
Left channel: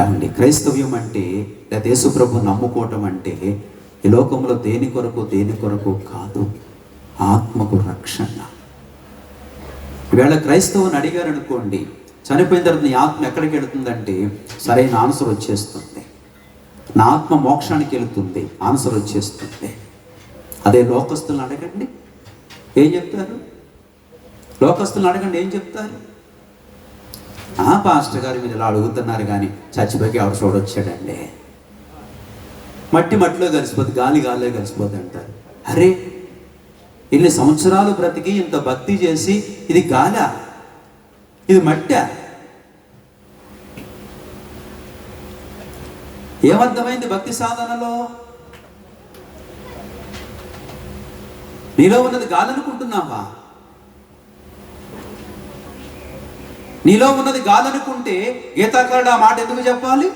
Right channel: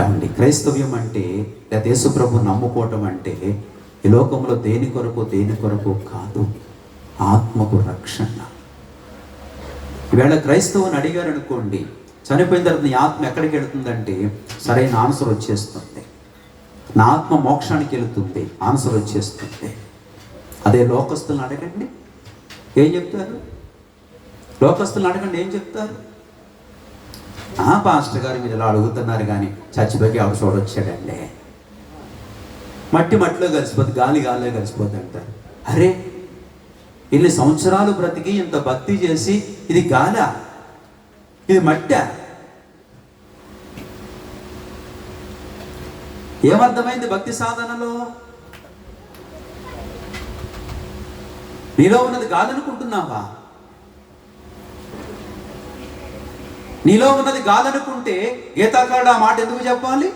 ఏమండి, క్రైస్తవ్యం అంటే లేదా యేసు ప్రభు నమ్ముకోవటం అంటే ఈ లోకంలో దేని కొరకు కాదు, ఆత్మకు రక్షణ. ఈవేళ క్రైస్తవుని అడిగారు అనుకోండి, చనిపోయిన తర్వాత నీ ఆత్మ ఎక్కడికి వెళుతుందంటే సరైన ఆన్సర్ వచ్చేస్తుంది. నా ఆత్మ మోక్షానికి వెళుతుంది, ఆన్సర్ వచ్చేస్తుంది. అదే లోకస్తులను అడగండి ఏం చెప్తారు? ఏం చెప్తారు? పాస్టర్ గారు మీరు ఇలా అడుగుతున్నారు కానీ చచ్చిపోయి ఆవిడ చూడొచ్చాడండి, మట్టిలో కలిసిపోతుంది, గాలిలో కలిసిపోతుంది అంటారు. అరే, ఇన్ని సంవత్సరాలు బ్రతికి ఇంత భక్తి చేసి ఇది గాలా, ఇది మట్టా? ఏమర్థమైంది భక్తి సాధనలో? నీలో ఉన్నది గాలి అనుకుంటున్నావా? నీలో ఉన్నది గాలి అనుకుంటే గీతాకారుడు ఆ మాట ఎందుకు చెప్పాలి?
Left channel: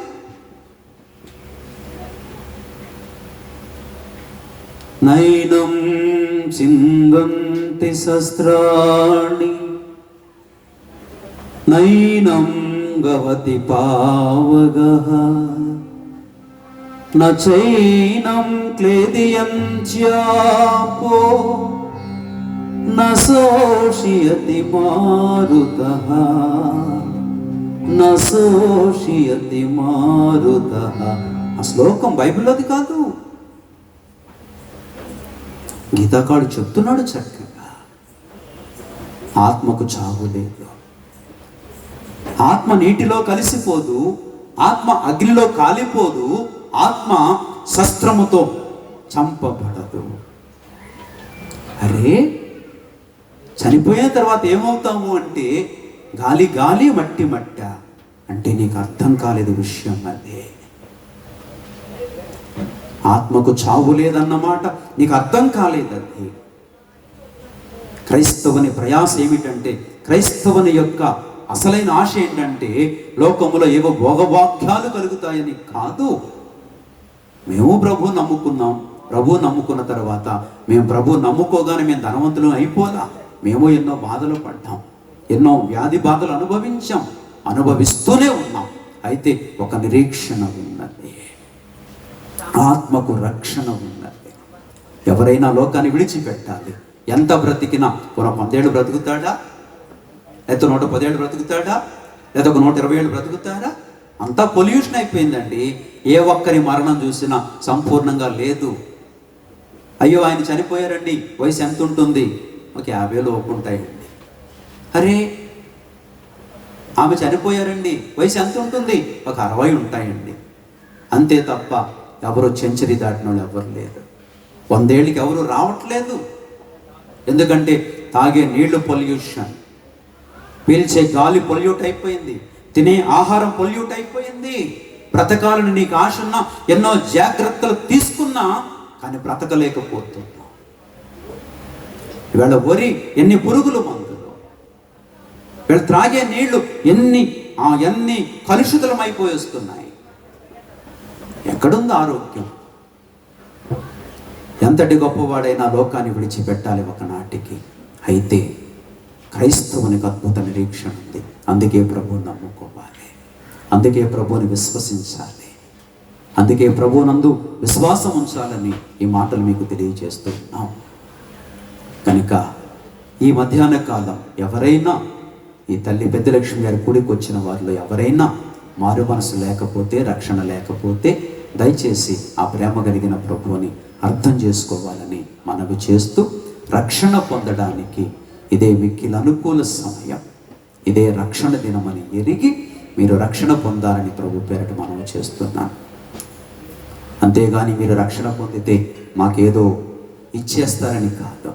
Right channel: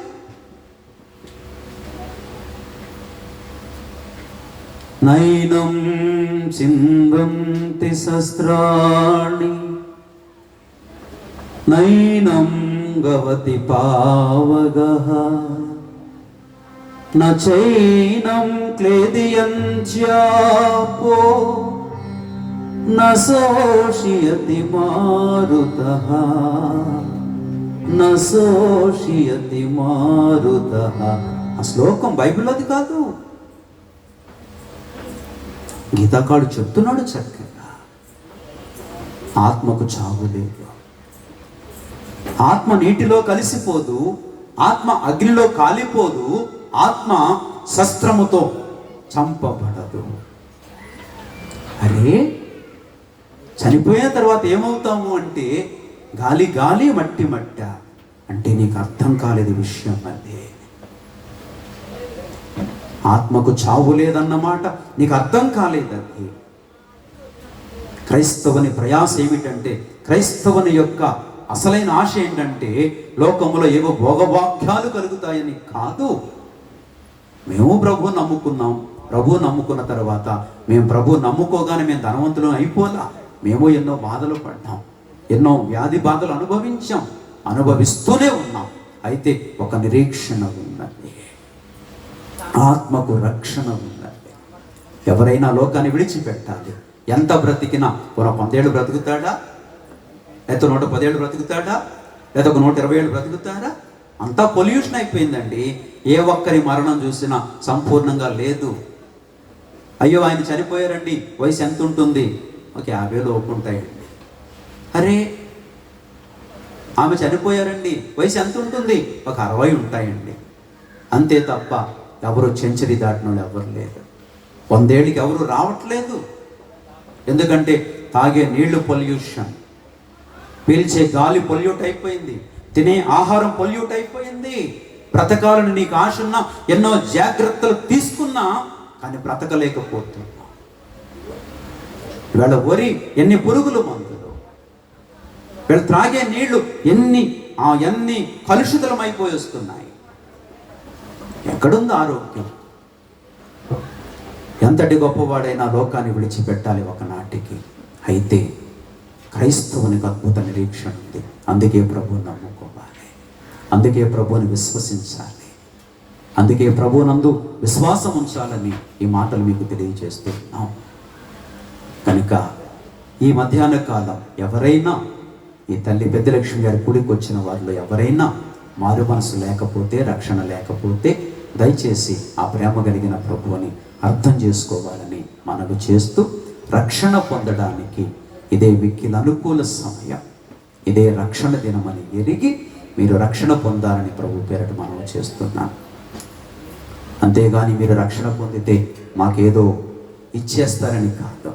నైనం చిందంతి శస్త్రాణి నైనం గవతి పావగః నైనం క్లేదయంత్యాపో నశోషయతి మారుతః ఆ శ్లోకం బైబిల్లోది కాదు, గీతాకారుడు చెప్తున్నాడు చక్కగా. ఆత్మకు చావు లేదు, ఆత్మ నీటిలో కలిసిపోదు, ఆత్మ అగ్నిలో కాలిపోదు, ఆత్మ శస్త్రముతో చంపబడదు. అరే, చనిపోయిన తర్వాత ఏమవుతాము అంటే గాలి గాలి మట్టి మట్ట. అంటే నీకు అర్థం కాలేదు విషయం. అదే ఆత్మకు చావు లేదన్నమాట నీకు అర్థం కాలేదు. అది క్రైస్తవుని ప్రయాస ఏమిటంటే, క్రైస్తవుని యొక్క అసలైన ఆశ ఏంటంటే లోకములో ఏవో భోగభాగ్యాలు కలుగుతాయని కాదు. మేము ప్రభు నమ్ముకున్నాం. ప్రభు నమ్ముకున్న తర్వాత మేము ప్రభు నమ్ముకోగానే మేము ధనవంతులు అయిపోలా. మేము ఎన్నో బాధలు పడ్డాం, ఎన్నో వ్యాధి బాధలు అనుభవిస్తూనే ఉన్నాం. అయితే ఒక నిరీక్షణ ఉన్నది, ఆత్మకు రక్షణ ఉన్నది. ఎవరైనా లోకాన్ని విడిచిపెట్టాలి. ఎంత బ్రతికినా 100 ఏళ్ళు బ్రతుకుతాడా, లేకపోతే 110 ఏళ్ళు బ్రతుకుతాడా, లేదా 120 ఏళ్ళు బ్రతుకుతాడా? అంతా పొల్యూషన్ అయిపోయిందండి. ఏ ఒక్కరి మరణం చూసినా సంపూర్ణంగా లేదు. అయ్యో ఆయన చనిపోయారండి, వయసు ఎంత ఉంటుంది? ఒక 50 లోపు ఉంటాయండి. అరే ఆమె చనిపోయారండి, వయసు ఎంత ఉంటుంది? ఒక 60 ఉంటాయండి. అంతే తప్ప ఎవరు సెంచరీ దాటిన వాళ్ళు ఎవరు లేరు. 100 ఏళ్ళకి ఎవరు రావట్లేదు. ఎందుకంటే తాగే నీళ్లు పొల్యూషన్, పీల్చే గాలి పొల్యూట్ అయిపోయింది, తినే ఆహారం పొల్యూట్ అయిపోయింది. బ్రతకాలని నీకు ఆశ ఉన్నా, ఎన్నో జాగ్రత్తలు తీసుకున్నా కానీ బ్రతకలేకపోతున్నా. వీళ్ళ వరి ఎన్ని పురుగులు మందులు, వీళ్ళు త్రాగే నీళ్లు ఎన్ని కలుషితమైపోయి వస్తున్నాయి. ఎక్కడుంది ఆరోగ్యం? ఎంతటి గొప్పవాడైనా లోకాన్ని విడిచిపెట్టాలి ఒకనాటికి. అయితే క్రైస్తవునికి అద్భుత నిరీక్షణ ఉంది. అందుకే ప్రభువుని నమ్ముకోవాలి, అందుకే ప్రభువుని విశ్వసించాలి, అందుకే ప్రభువునందు విశ్వాసం ఉంచాలని ఈ మాటలు మీకు తెలియజేస్తున్నాం. కనుక ఈ మధ్యాహ్న కాలం ఎవరైనా ఈ తల్లి పెద్దలక్ష్మి గారి కూడికి వచ్చిన వారిలో ఎవరైనా మారు మనసు లేకపోతే, రక్షణ లేకపోతే దయచేసి ఆ ప్రేమ కలిగిన ప్రభువుని అర్థం చేసుకోవాలని మనవి చేస్తూ, రక్షణ పొందడానికి ఇదే మిక్కిలి అనుకూల సమయం, ఇదే రక్షణ దినమని ఎరిగి మీరు రక్షణ పొందాలని ప్రభు పేరట మనం చేస్తున్నాం. అంతేగాని మీరు రక్షణ పొందితే మాకేదో ఇచ్చేస్తారని కాదు,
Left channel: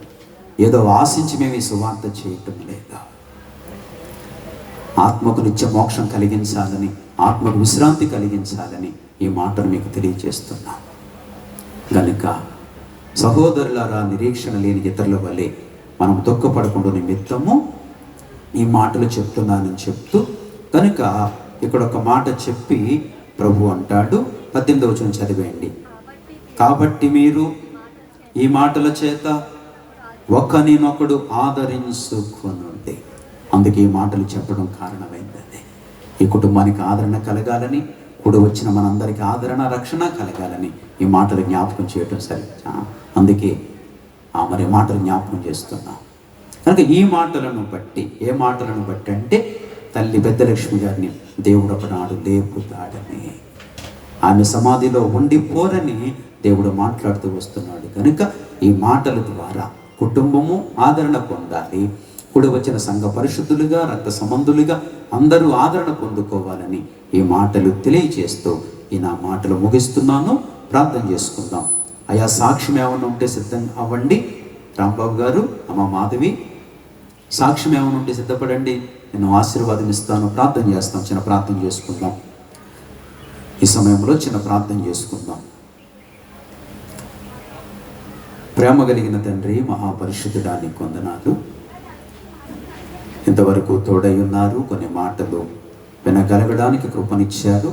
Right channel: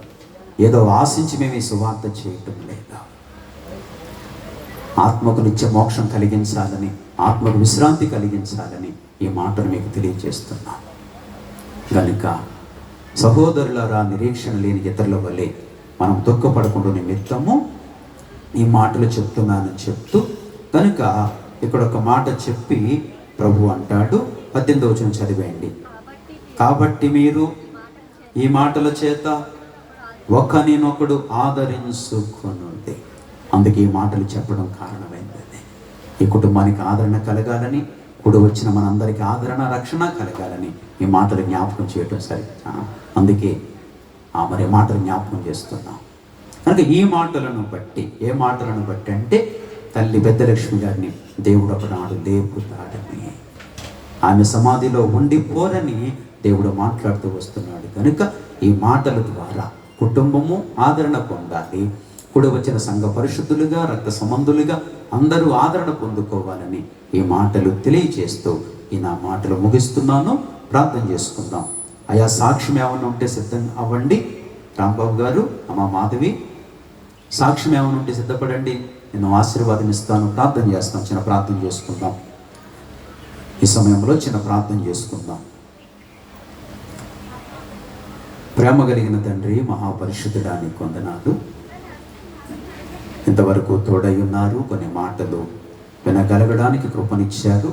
ఏదో ఆశించి మేము ఈ సువార్త చేయటం లేదు. ఆత్మకు నిత్య మోక్షం కలిగించాలని, ఆత్మకు విశ్రాంతి కలిగించాలని ఈ మాటను మీకు తెలియజేస్తున్నాం. గనుక సహోదరులారా, నిరీక్షణ లేని ఇతరుల వలె మనం దుఃఖపడకుండా నిమిత్తము ఈ మాటలు చెప్తున్నానని చెప్తూ, కనుక ఇక్కడ ఒక మాట చెప్పి ప్రభు అంటాడు, 18వ వచనం చదివేయండి. కాబట్టి మీరు ఈ మాటల చేత ఒకరినొకడు ఆదరించుకొనుడి. అందుకే ఈ మాటలు చెప్పడం కారణమైంది. ఈ కుటుంబానికి ఆదరణ కలగాలని, కూడి వచ్చిన మనందరికీ ఆదరణ, రక్షణ కలగాలని ఈ మాటలు జ్ఞాపకం చేయటం సరే. అందుకే మరి మాటలు జ్ఞాపకం చేస్తున్నాం. కనుక ఈ మాటలను బట్టి, ఏ మాటలను బట్టి అంటే తల్లి పెద్దలక్ష్మి గారిని దేవుడు ఒకనాడు లేపుతాడని, ఆమె సమాధిలో ఉండిపోరని దేవుడు మాట్లాడుతూ వస్తున్నాడు. కనుక ఈ మాటల ద్వారా కుటుంబము ఆదరణ పొందాలి. కూడి వచ్చిన సంఘ పరిశుద్ధులుగా, రక్త సంబంధులుగా అందరూ ఆదరణ పొందుకోవాలని ఈ మాటలు తెలియజేస్తూ ఈ నా మాటలు ముగిస్తున్నాను. ప్రార్థన చేసుకుందాం. అయా సాక్ష్యం ఏమైనా ఉంటే సిద్ధంగా అవ్వండి. రాంబాబు గారు, అమ్మ మాధవి, సాక్ష్యం ఏమైనా ఉంటే సిద్ధపడండి. నేను ఆశీర్వాదం ఇస్తాను. ప్రార్థన చేస్తాం. చిన్న ప్రార్థన చేసుకుందాం. ఈ సమయంలో చిన్న ప్రార్థన చేసుకుందాం. ప్రేమ కలిగిన తండ్రి, మహాపరిశుద్ధుడా, నీకు వందనాలు. ఇంతవరకు తోడై ఉన్నారు. కొన్ని మాటలు వినగలగడానికి కృపనిచ్చారు.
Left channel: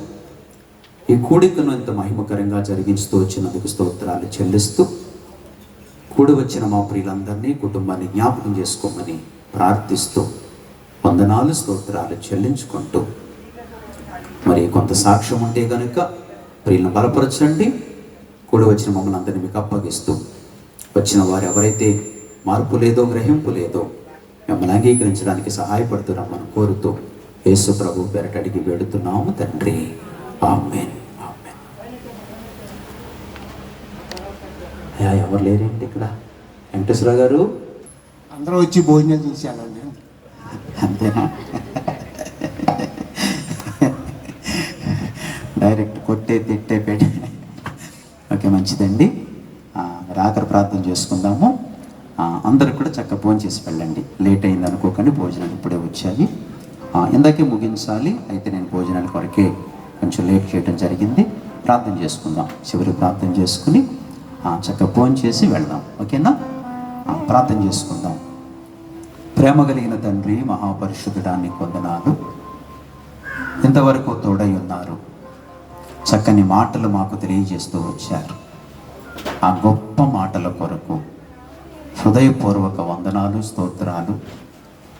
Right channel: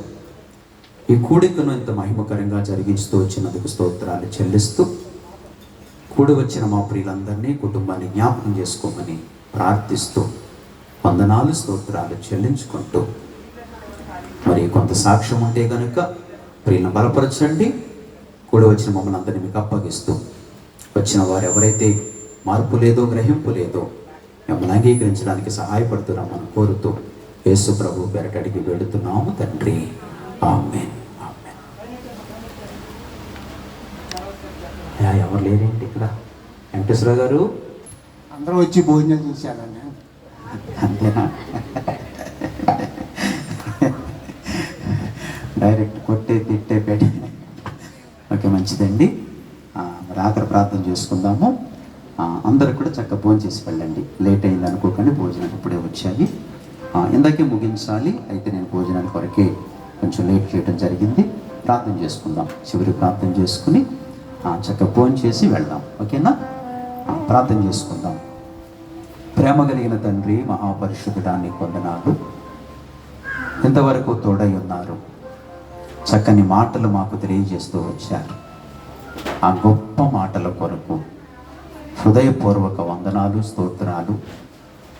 ఈ కూడికను ఇంత మహిమకరంగా జరిగించుతూ వచ్చినందుకు స్తోత్రాలు చెల్లిస్తూ, కూడి వచ్చిన మా ప్రియులందరినీ, కుటుంబాన్ని జ్ఞాపకం చేసుకోమని ప్రార్థిస్తూ వందనాలు, స్తోత్రాలు చెల్లించుకుంటూ, మరి కొంత సాక్ష్యం ఉంటే కనుక ప్రియులను బలపరచండి. కూడి వచ్చిన మమ్మల్ని అందరినీ మీకు అప్పగిస్తూ, వచ్చిన వారు ఎవరైతే మార్పు లేదో, గ్రహింపు లేదో మిమ్మల్ని అంగీకరించడానికి సహాయపడుతున్నామని కోరుతూ యేసు ప్రభు పేరట అడిగి వేడుతున్నాము తండ్రి. ఆమేన్. ఆమేన్. ఎవరు లేరేంటి ఇక్కడ? వెంకటేశ్వర గారు అందరూ వచ్చి భోజనం చేశారండి. అంతేనా? డైరెక్ట్ కొట్టే తిట్టే పెట్టి. ఓకే, మంచిదండి. మరి ఆఖరి ప్రార్థన చేసుకుందాము. అందరూ కూడా చక్కగా భోజనం చేసి వెళ్ళండి. లేట్ అయింది అనుకోకండి, భోజనాలు ఇప్పుడే వచ్చాయి. ఇందాకే ముగించాలి, అయితే నేను భోజనాల కొరకే కొంచెం లేట్ చేయడం జరిగింది. ప్రార్థన చేసుకుందాం, చివరి ప్రార్థన చేసుకుని చక్కగా భోజనం చేసి వెళ్దాం. ఓకేనా? ప్రార్థన చేసుకుందాం. ప్రేమ కలిగిన తండ్రి, మహాపరిశుద్ధుడాన్ని వందనాలు. ఇంతవరకు తోడై ఉన్నారు, చక్కని మాటలు మాకు తెలియజేస్తూ వచ్చారు. ఆ గొప్ప మాటల కొరకు హృదయపూర్వక వందనాలు, స్తోత్రాలు,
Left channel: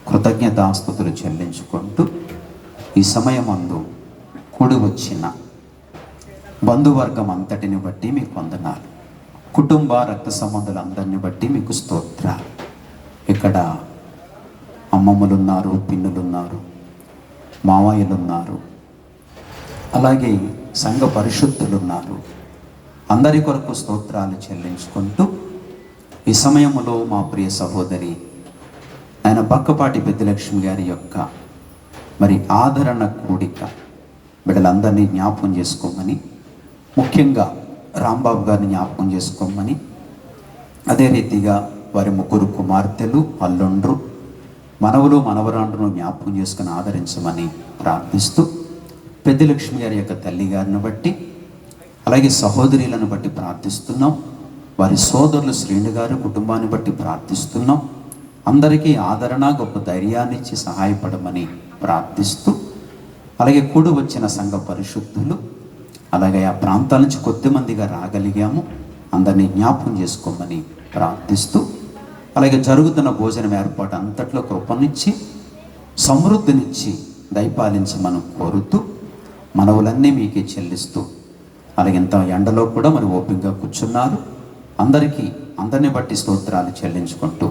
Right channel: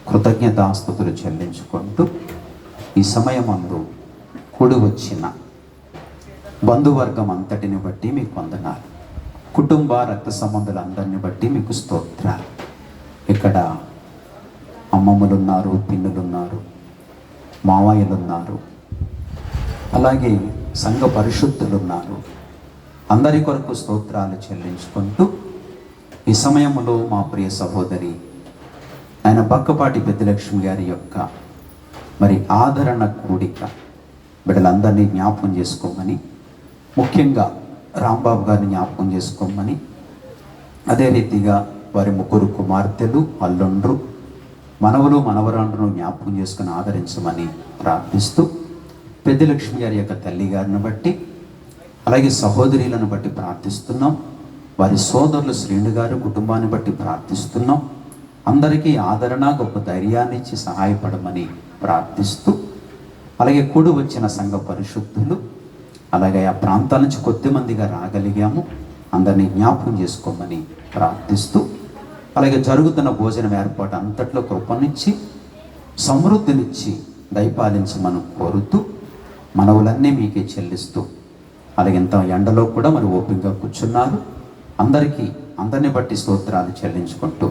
కృతజ్ఞతాస్తుతులు చెల్లించుకుంటూ ఈ సమయమందు కూడి వచ్చిన బంధువర్గం అంతటిని బట్టి మీకు వందనాలు. కుటుంబ రక్త సంబంధులందరిని బట్టి మీకు స్తోత్రాలు. ఇక్కడ అమ్మమ్మలున్నారు, పిన్నులున్నారు, మావయ్యలున్నారు, అలాగే సంఘ పరిశుద్ధులున్నారు. అందరి కొరకు స్తోత్రాలు చెల్లించుకుంటూ ఈ సమయంలో మా ప్రియ సహోదరి ఆయన పక్కపాటి పెద్దలక్ష్మి గారి యొక్క మరి ఆదరణ కూడిక బిడ్డలందరినీ జ్ఞాపకం చేసుకోమని, ముఖ్యంగా రాంబాబు గారిని జ్ఞాపకం చేసుకోమని, అదే రీతిగా వారి 3 కుమార్తెలు, అల్లుండ్రు, మనవలు, మనవరాండ్రును జ్ఞాపకం చేసుకుని ఆదరించమని ప్రార్థిస్తూ, పెద్దలక్ష్మి గారి యొక్క తల్లి గారిని బట్టి, అలాగే సహోదరులను బట్టి ప్రార్థిస్తున్నాం. వారి సోదరులు శ్రీను గారు కుటుంబాన్ని బట్టి ప్రార్థిస్తున్నాం. అందరికీ ఆదరణ, గొప్ప ధైర్యాన్ని ఇచ్చి సహాయపడమని ప్రార్థిస్తూ, అలాగే కూడి వచ్చిన సంఘ పరిశుద్ధులు, అలాగే ఆ ప్రాంతాల నుంచి కొద్దిమందిగా రాగలిగాము, అందరినీ జ్ఞాపకం చేసుకోమని ప్రార్థిస్తూ, అలాగే జరుగుతున్న భోజనం ఏర్పాటు అంతట్లో కృపనిచ్చి సమృద్ధినిచ్చి దయపాలించమని కోరుతూ, మనవులన్నీ మీకే చెల్లిస్తూ, అలాగే ఇంత ఎండలో కూడా మరి ఓపికగా కూర్చున్నారు. అందరినీ బట్టి స్తోత్రాలు చెల్లించుకుంటూ,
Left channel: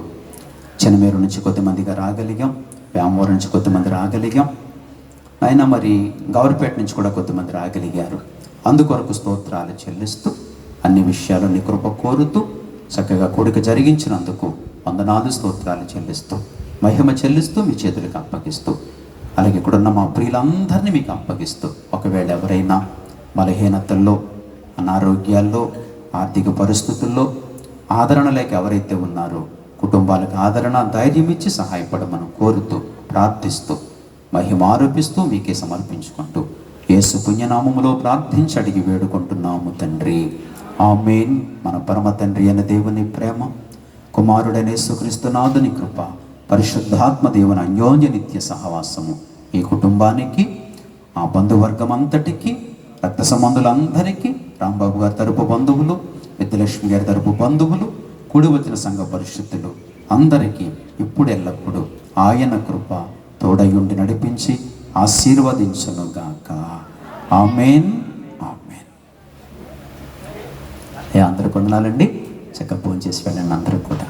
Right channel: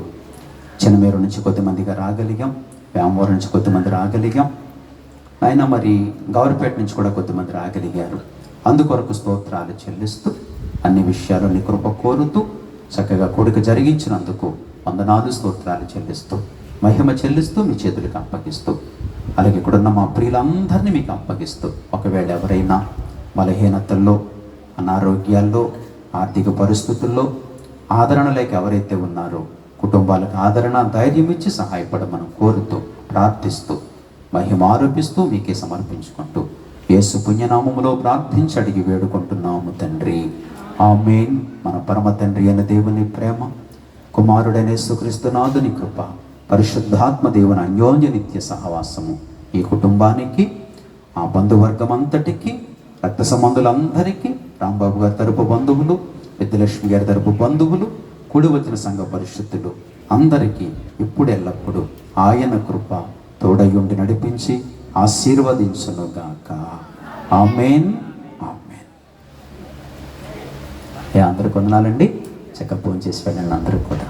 చిన్నమేరు నుంచి కొద్దిమందిగా రాగలిగాం, వేమూరు నుంచి కొద్దిమంది రాగలిగాం, అయినా మరి గౌరపేట నుంచి కూడా కొద్దిమంది రాగలిగారు. అందుకొరకు స్తోత్రాలు చెల్లిస్తూ, అన్ని విషయాలు నీ కృప కోరుతూ, చక్కగా కూడిక జరిగించినందుకు వందనాలు, స్తోత్రాలు చెల్లిస్తూ, మహిమ చెల్లిస్తూ మీ చేతులకు అప్పగిస్తూ, అలాగే ఇక్కడున్న మా ప్రియులందరినీ మీకు అప్పగిస్తూ, ఒకవేళ ఎవరైనా బలహీనతల్లో, అనారోగ్యాల్లో, ఆర్థిక పరిస్థితుల్లో ఆదరణ లేక ఎవరైతే ఉన్నారో కుటుంబాలకు ఆదరణ, ధైర్యం ఇచ్చి సహాయపడమని కోరుతూ, ప్రార్థిస్తూ, మహిమ ఆరోపిస్తూ మీకే సమర్పించుకుంటూ యేసు పుణ్యనామములో ప్రార్థించి అడిగి వేడుకుంటున్నాము తండ్రి, ఆమేన్. మన పరమ తండ్రి అయిన దేవుని ప్రేమ, కుమారుడైన యేసుక్రీస్తు నాథుని కృప, పరిశుద్ధాత్మ దేవుని అన్యోన్య నిత్య సహవాసము ఈ కుటుంబానికి, ఆ బంధువర్గం అంతటికి, రక్త సంబంధులందరికీ, రాంబాబు గారి తరపు బంధువులు, పెద్దలక్ష్మి గారి తరపు బంధువులు, కూడి వచ్చిన సంఘ పరిశుద్ధులు అందరికీ ఇప్పుడు ఎల్లప్పుడూ ఆయన కృప తోడయుండి నడిపించి ఆశీర్వదించునుగాక. ఆమేన్, ఆమేన్. అందరికి వందనాలండి. చక్కగా భోజనం చేసి వెళ్ళండి అందరూ కూడా.